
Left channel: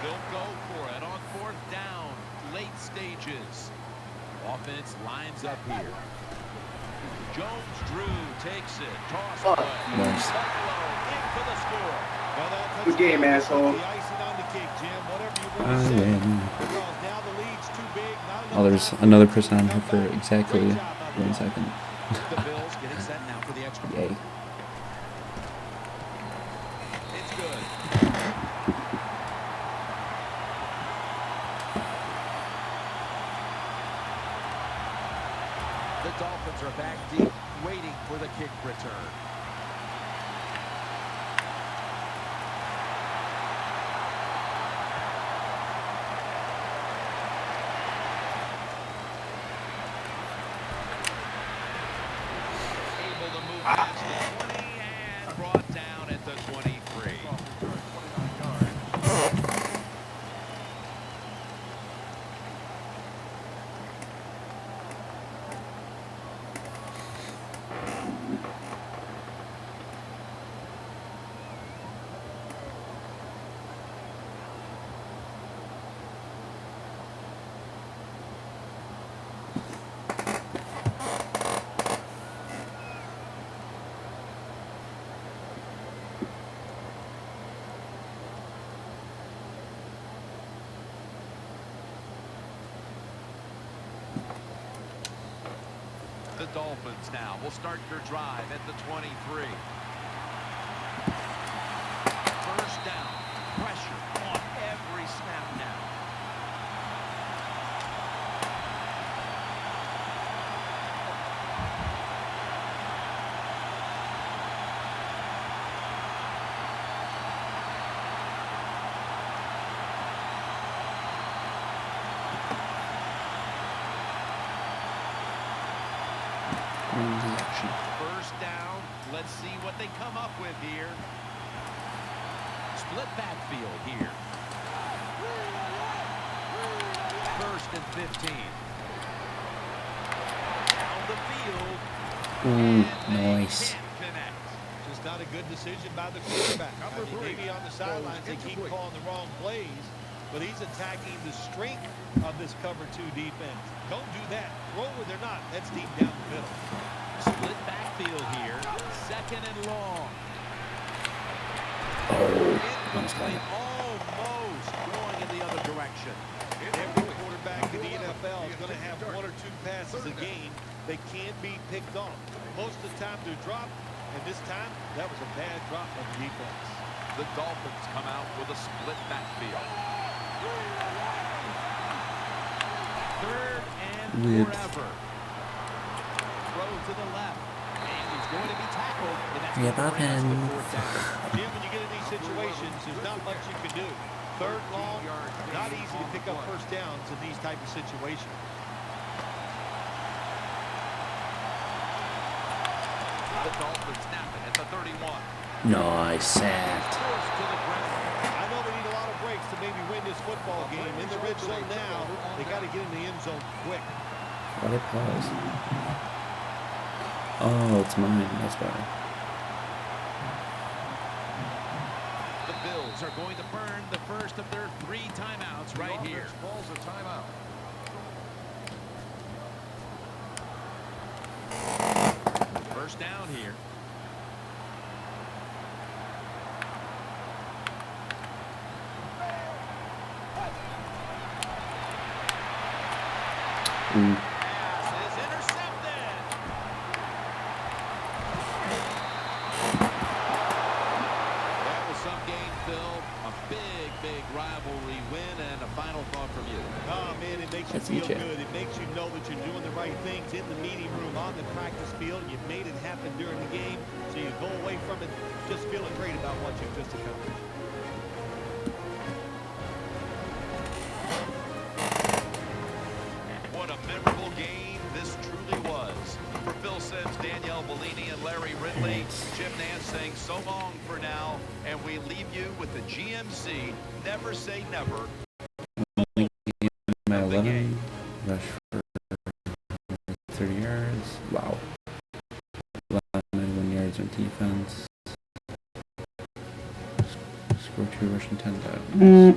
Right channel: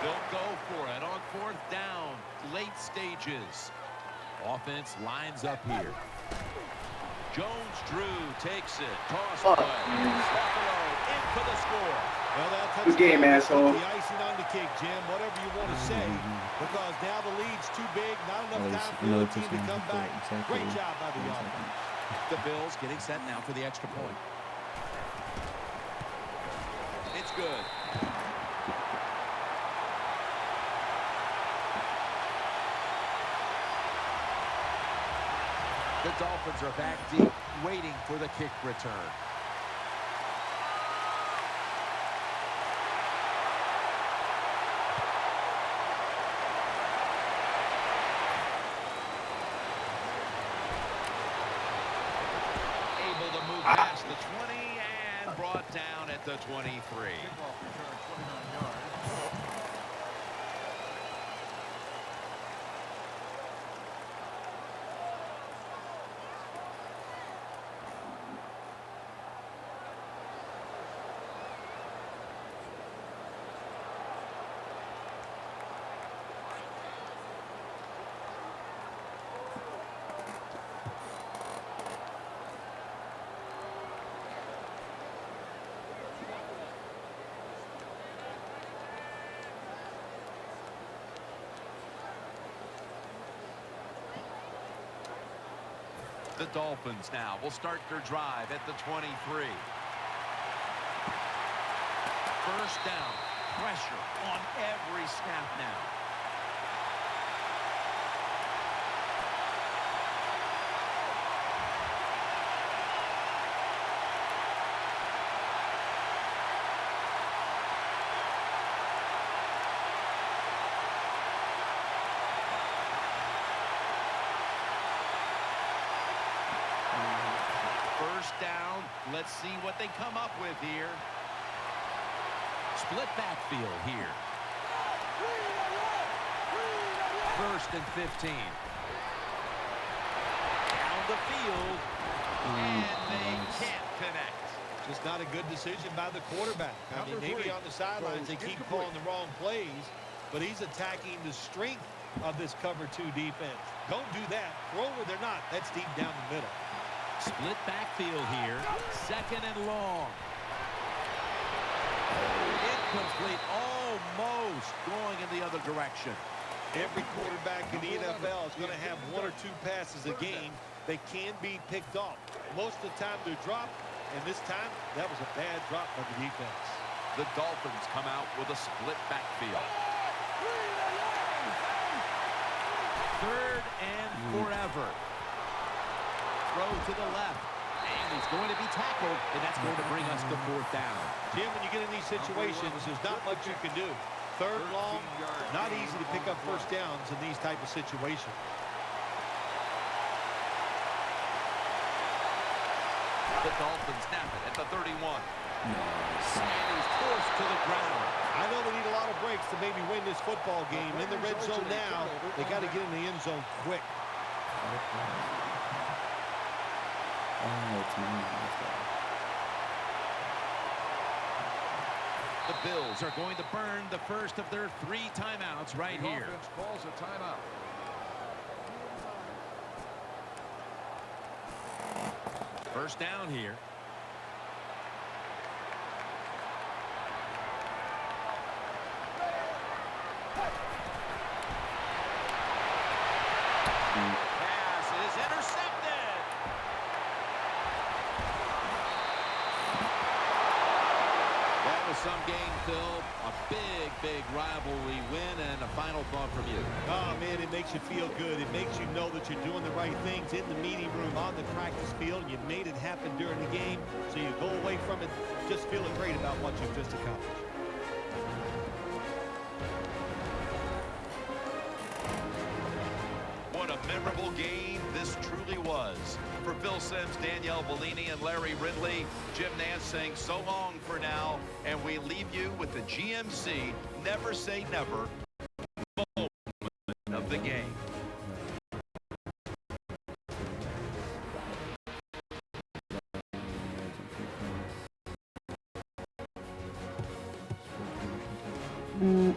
They'll go for it on 4th down, late stages. Offense lines up here. Jones-Drew takes it. Toss play. Buffalo in for the score. Well, that Good game, touchdown asshole. put the icing on the cake, Jim, whatever you want to say, because now the lead's too big, not enough Oh, there's time for another the team person to on come here for back. exactly Great job by the 1 offense. second. The Bills getting set now for the extra point. It's good. The Dolphins are back deep, waiting for the kick return. Able to move past the 20 and brought down at the 23. The Dolphins now will start their drive at the 23. First down. Pressure on every snap now. First down. Let's see what they come up with here. Split backfield here. First and 15. Down the field. And they can't connect. Just not a good decision by the quarterback. I mean, maybe on the sidelines they keep calling the wrong plays, but he's attacking the strength of this cover 2 defense. Don't do that. Throw where they're not. That's deep down the middle. Split backfield here. Second and long. Incomplete. Almost going in the other direction. Every quarterback in the NFL is going to have 1 or 2 passes a game that can't be picked off. Most of the time they're dropped, and this time that was a bad drop by the defense. The Dolphins come out with a split backfield. Third and forever. Throw to the left. And he's going to be tackled, and that's going to bring us to 4th down. Jim, when you get in these situations, there's not much you can do. 3rd long, not easy to pick up first downs in these type of situations. The Dolphins snap it at the 31. Nice. And he's forced to the ground. I know they need a lot of breaks to maybe win this football game. In the red zone now, they got to get in the end zone quick. What a pause. Oh, it's mine. That's better. The Bills are going to burn the first of their 3 timeouts right here. First down here. Pass is intercepted. That was some game, Phil. A big rivalry win, and a final thought from you. Oh, man, it makes you feel good. It makes you know that you're doing the right things in the meeting room, on the practice field. You made it happen during the game, so you go away from it just feeling great about what you've just accomplished. What a memorable game this truly was. For Phil Simms, Danielle Bellini, and Larry Ridley, Jim Nance saying so long for now, and we leave you with the GMC Never Say Never of the game. 30 yards. Wow. 91 yards of defense. Score 2 rushing 10 touchdowns.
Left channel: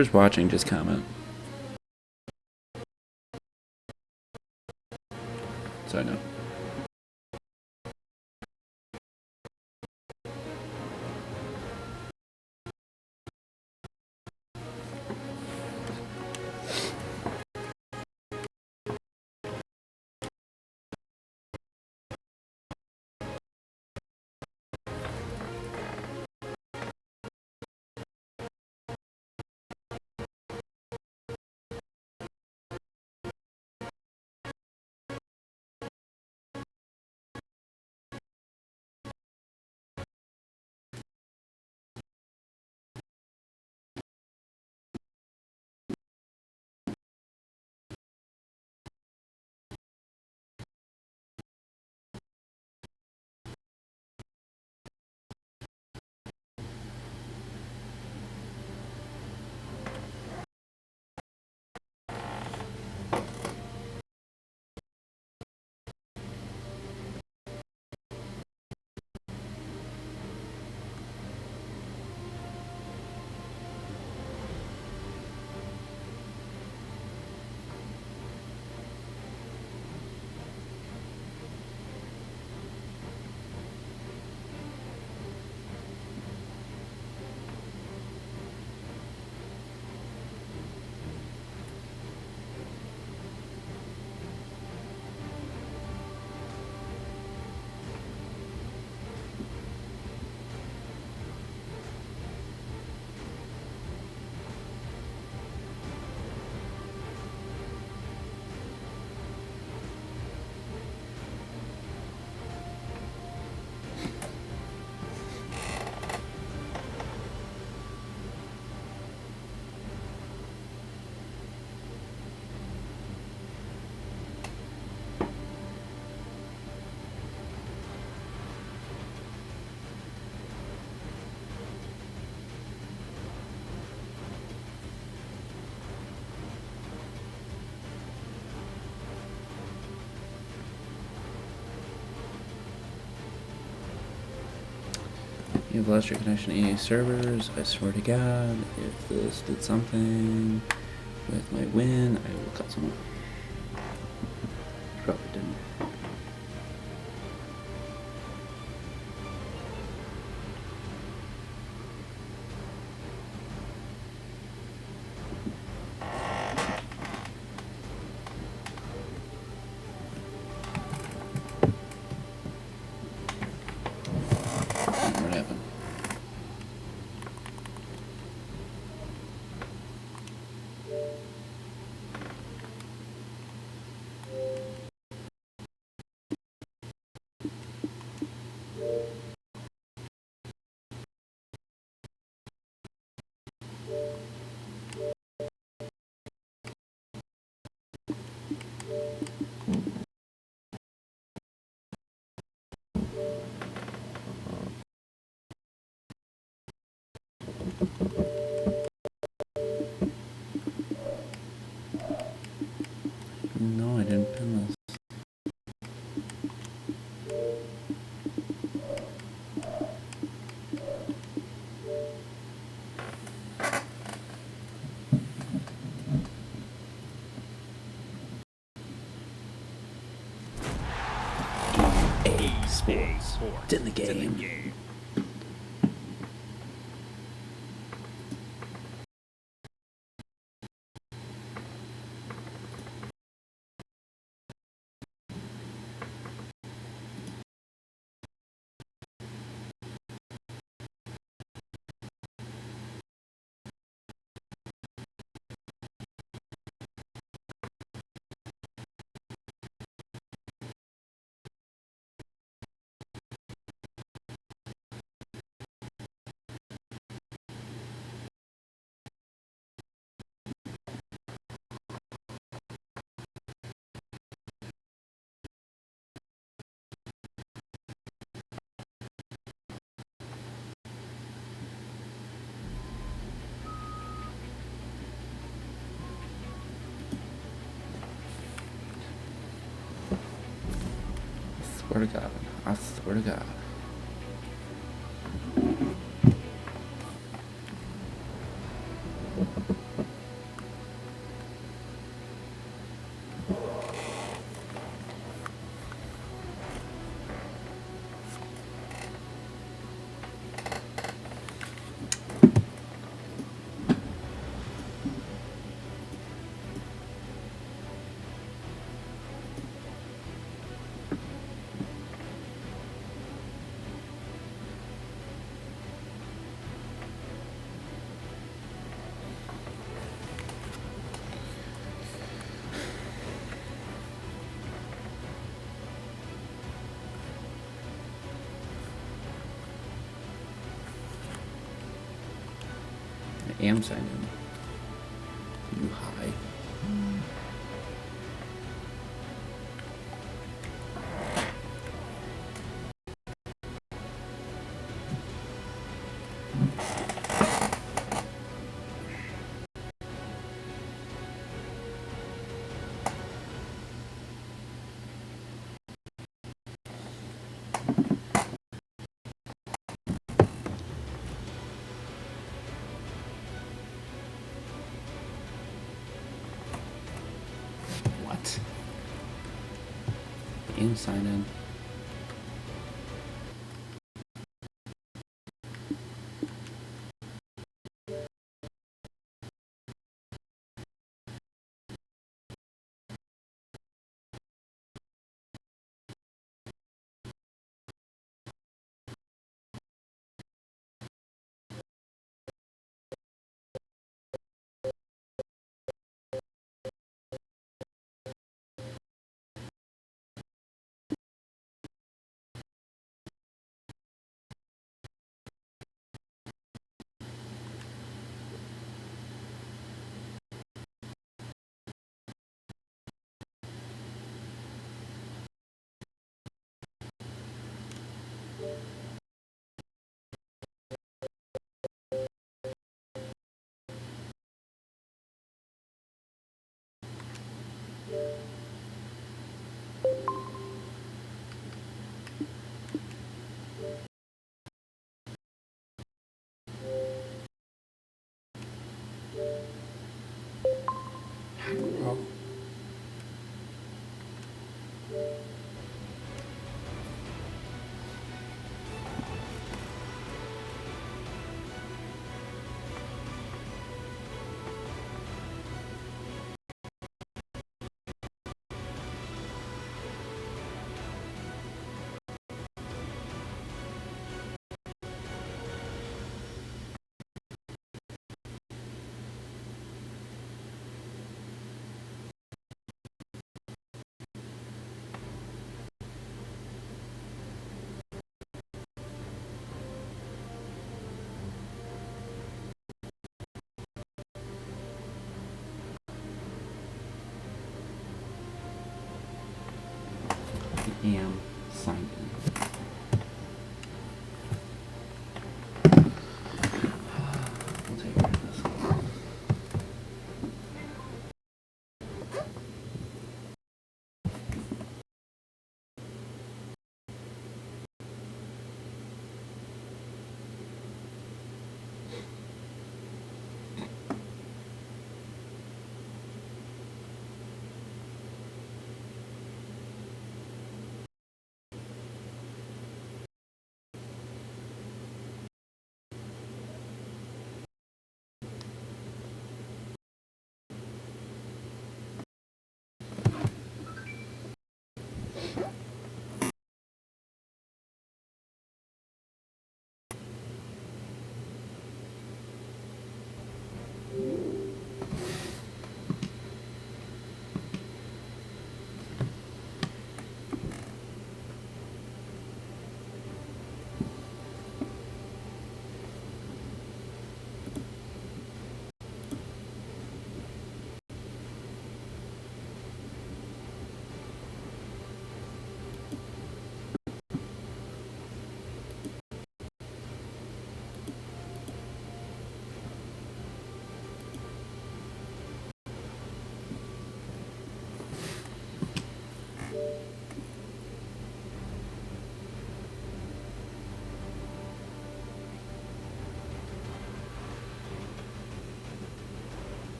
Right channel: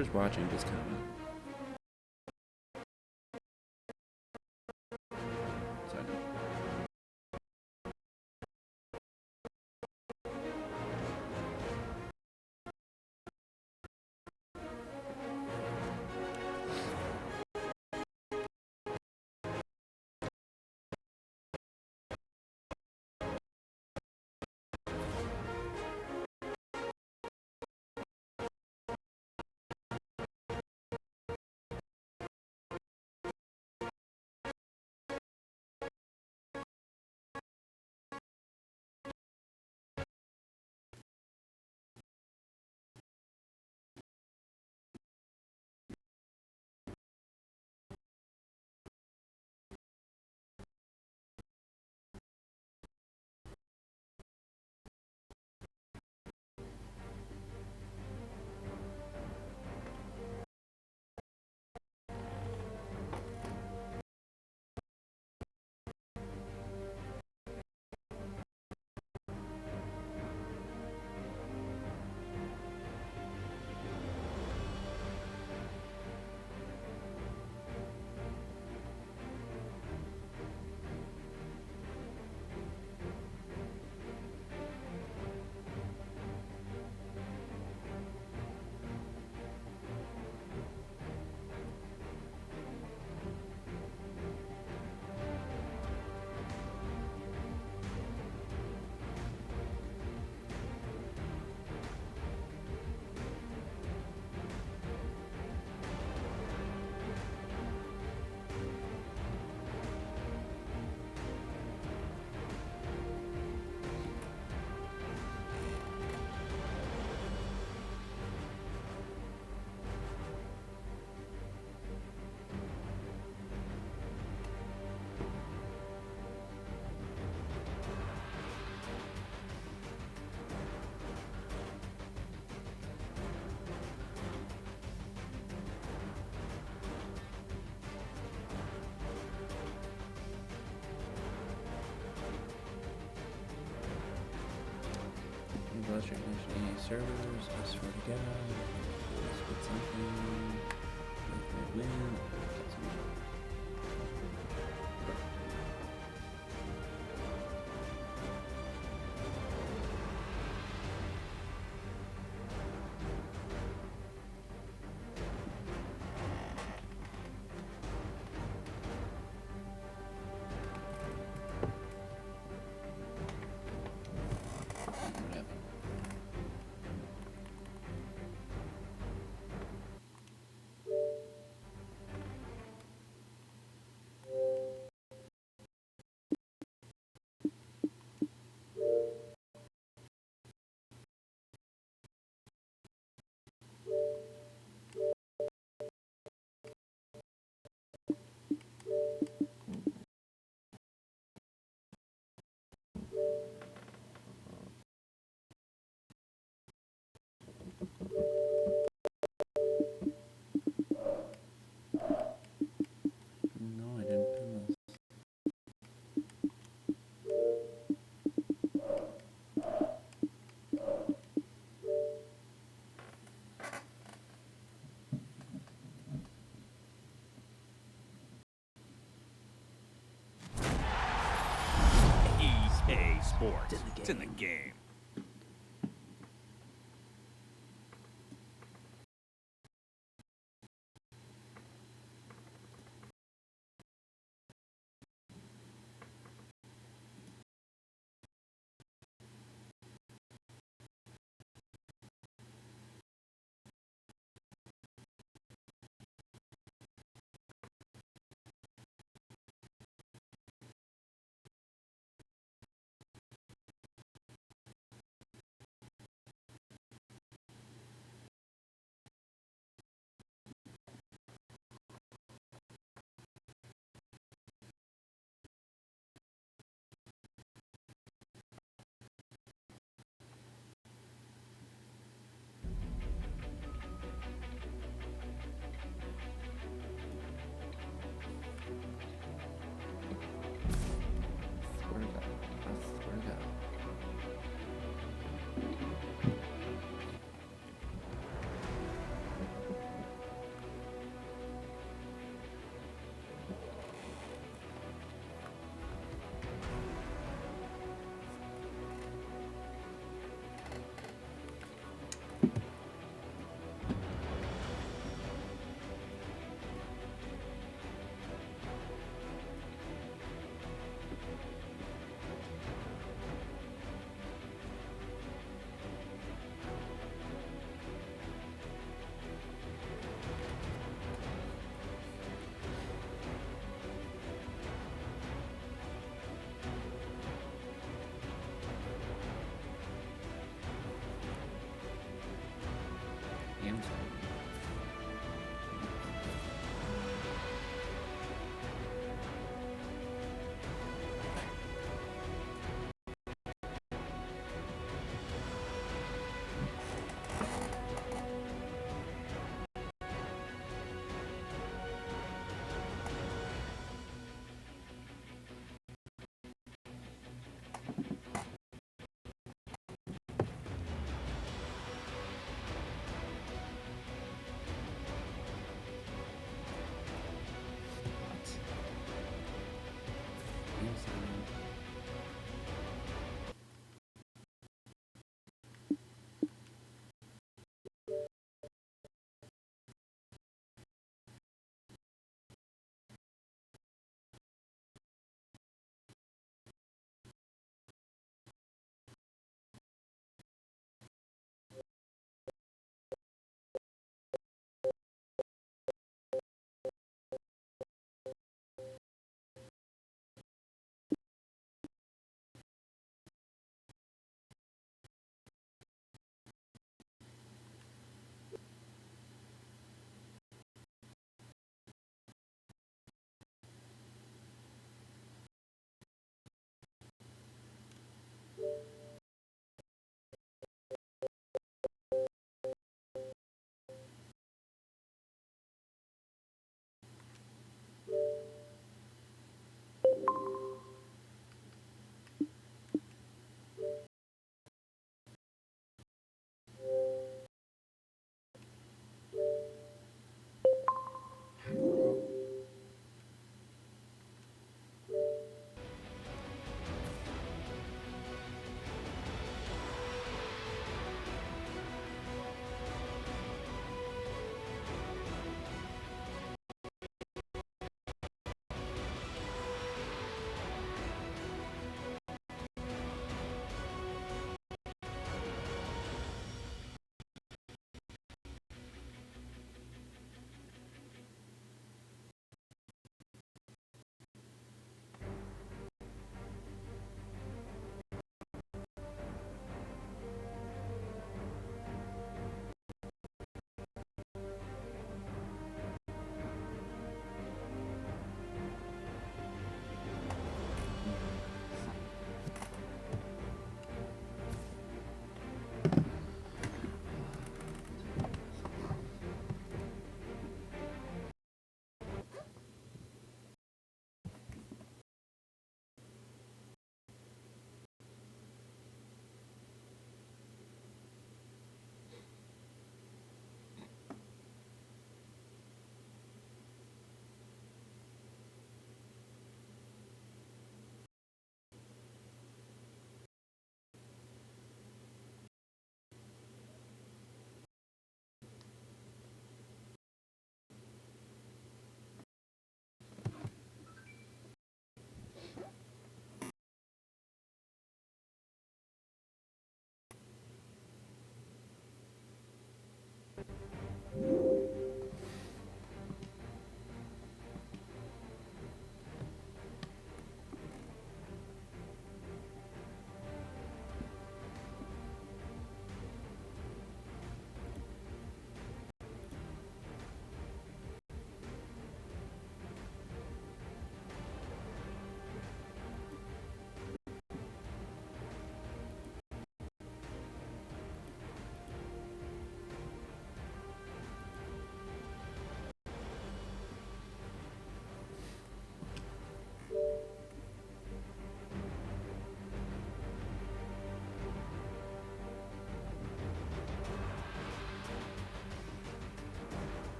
Whoever's watching, just comment. So I know. You've lost your connection to EA servers. I swear to God, if this did something with my win, I will cut someone. Probably didn't. What happened? No, I didn't pin this. EA Sports. It's in the It's in the game. game. Swear to God. I swear to God. I am signing. Hi. What? Am signing.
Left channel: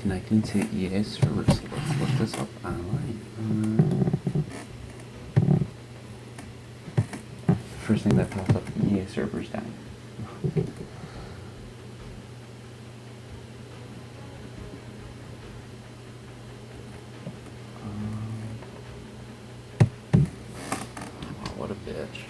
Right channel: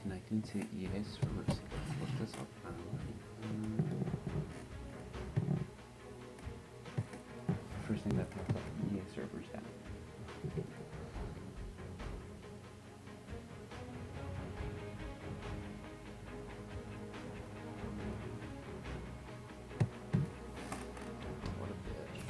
Connecting to EA servers. Let's look this up online. First thing that pops up, EA servers down. What a bitch.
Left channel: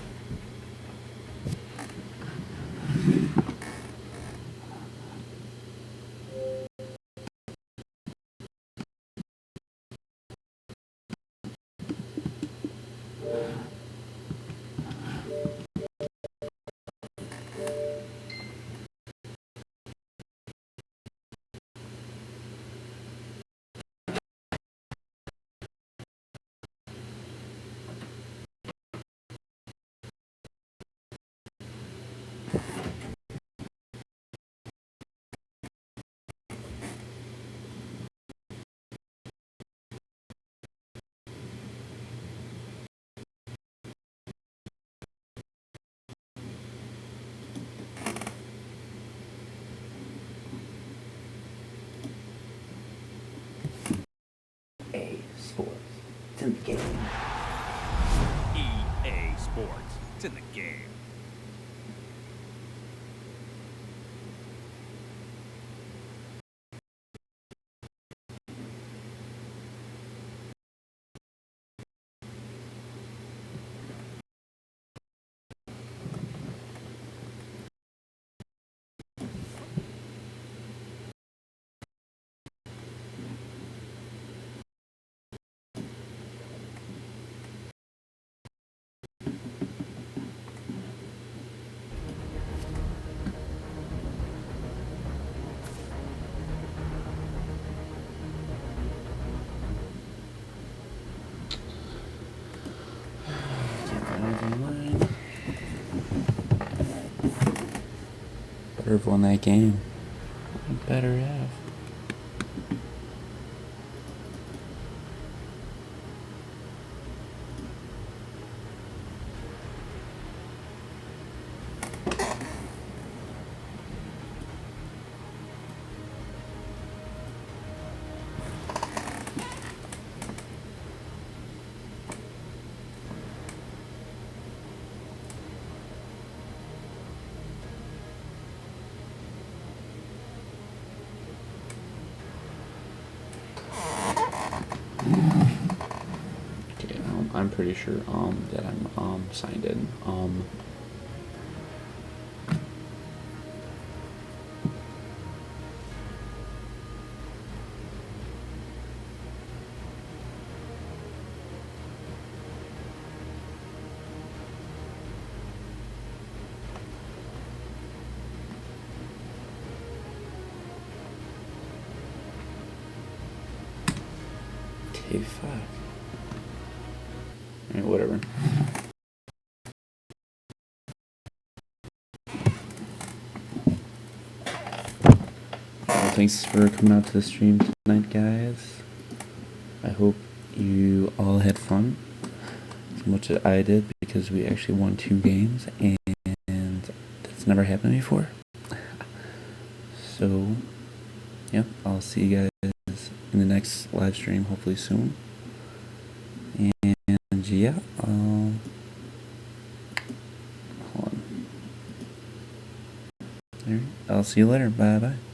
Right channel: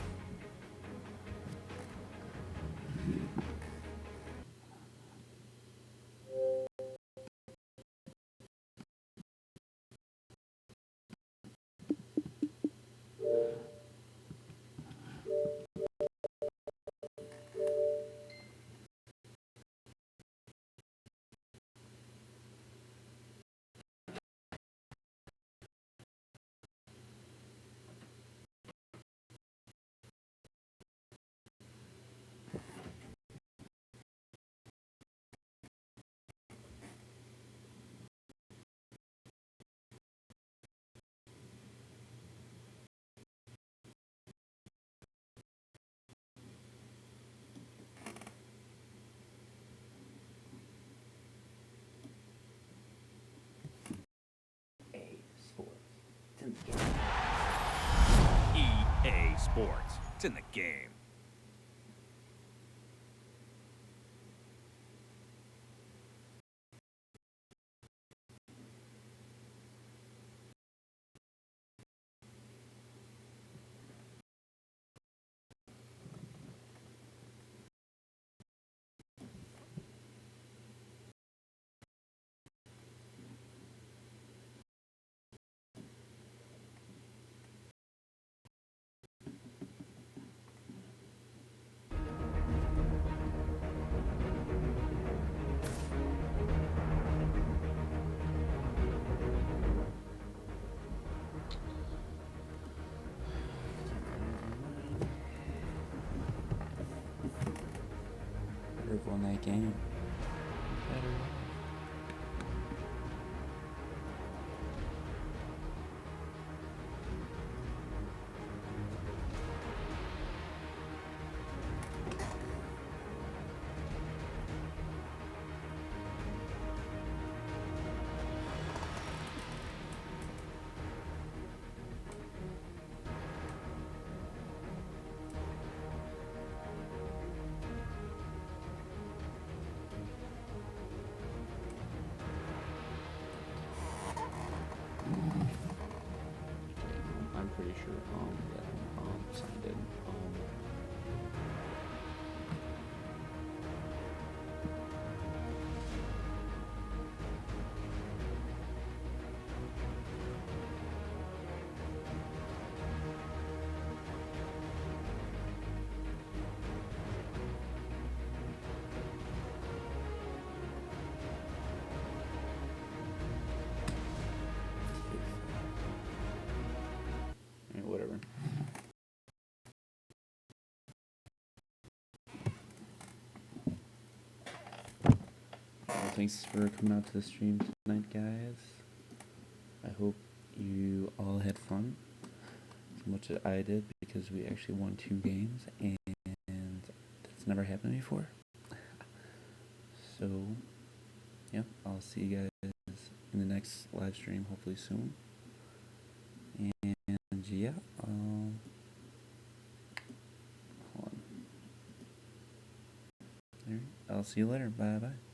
Sports. It's in the game. EA Sports. It's in the game. Better have won that game. Better have. Okay, I'm pretty sure that I'm signed in. Okay, fuck. Alright, whatever. Well, thanks for coming out to the stream tonight, guys. I hope you all had fun as much as I did, because we actually won 2 games, and that's never happened before. So, yeah, I'll see you guys in the next live stream, hopefully soon. And yeah, hold on. Alright, I'll see you later. Bye bye.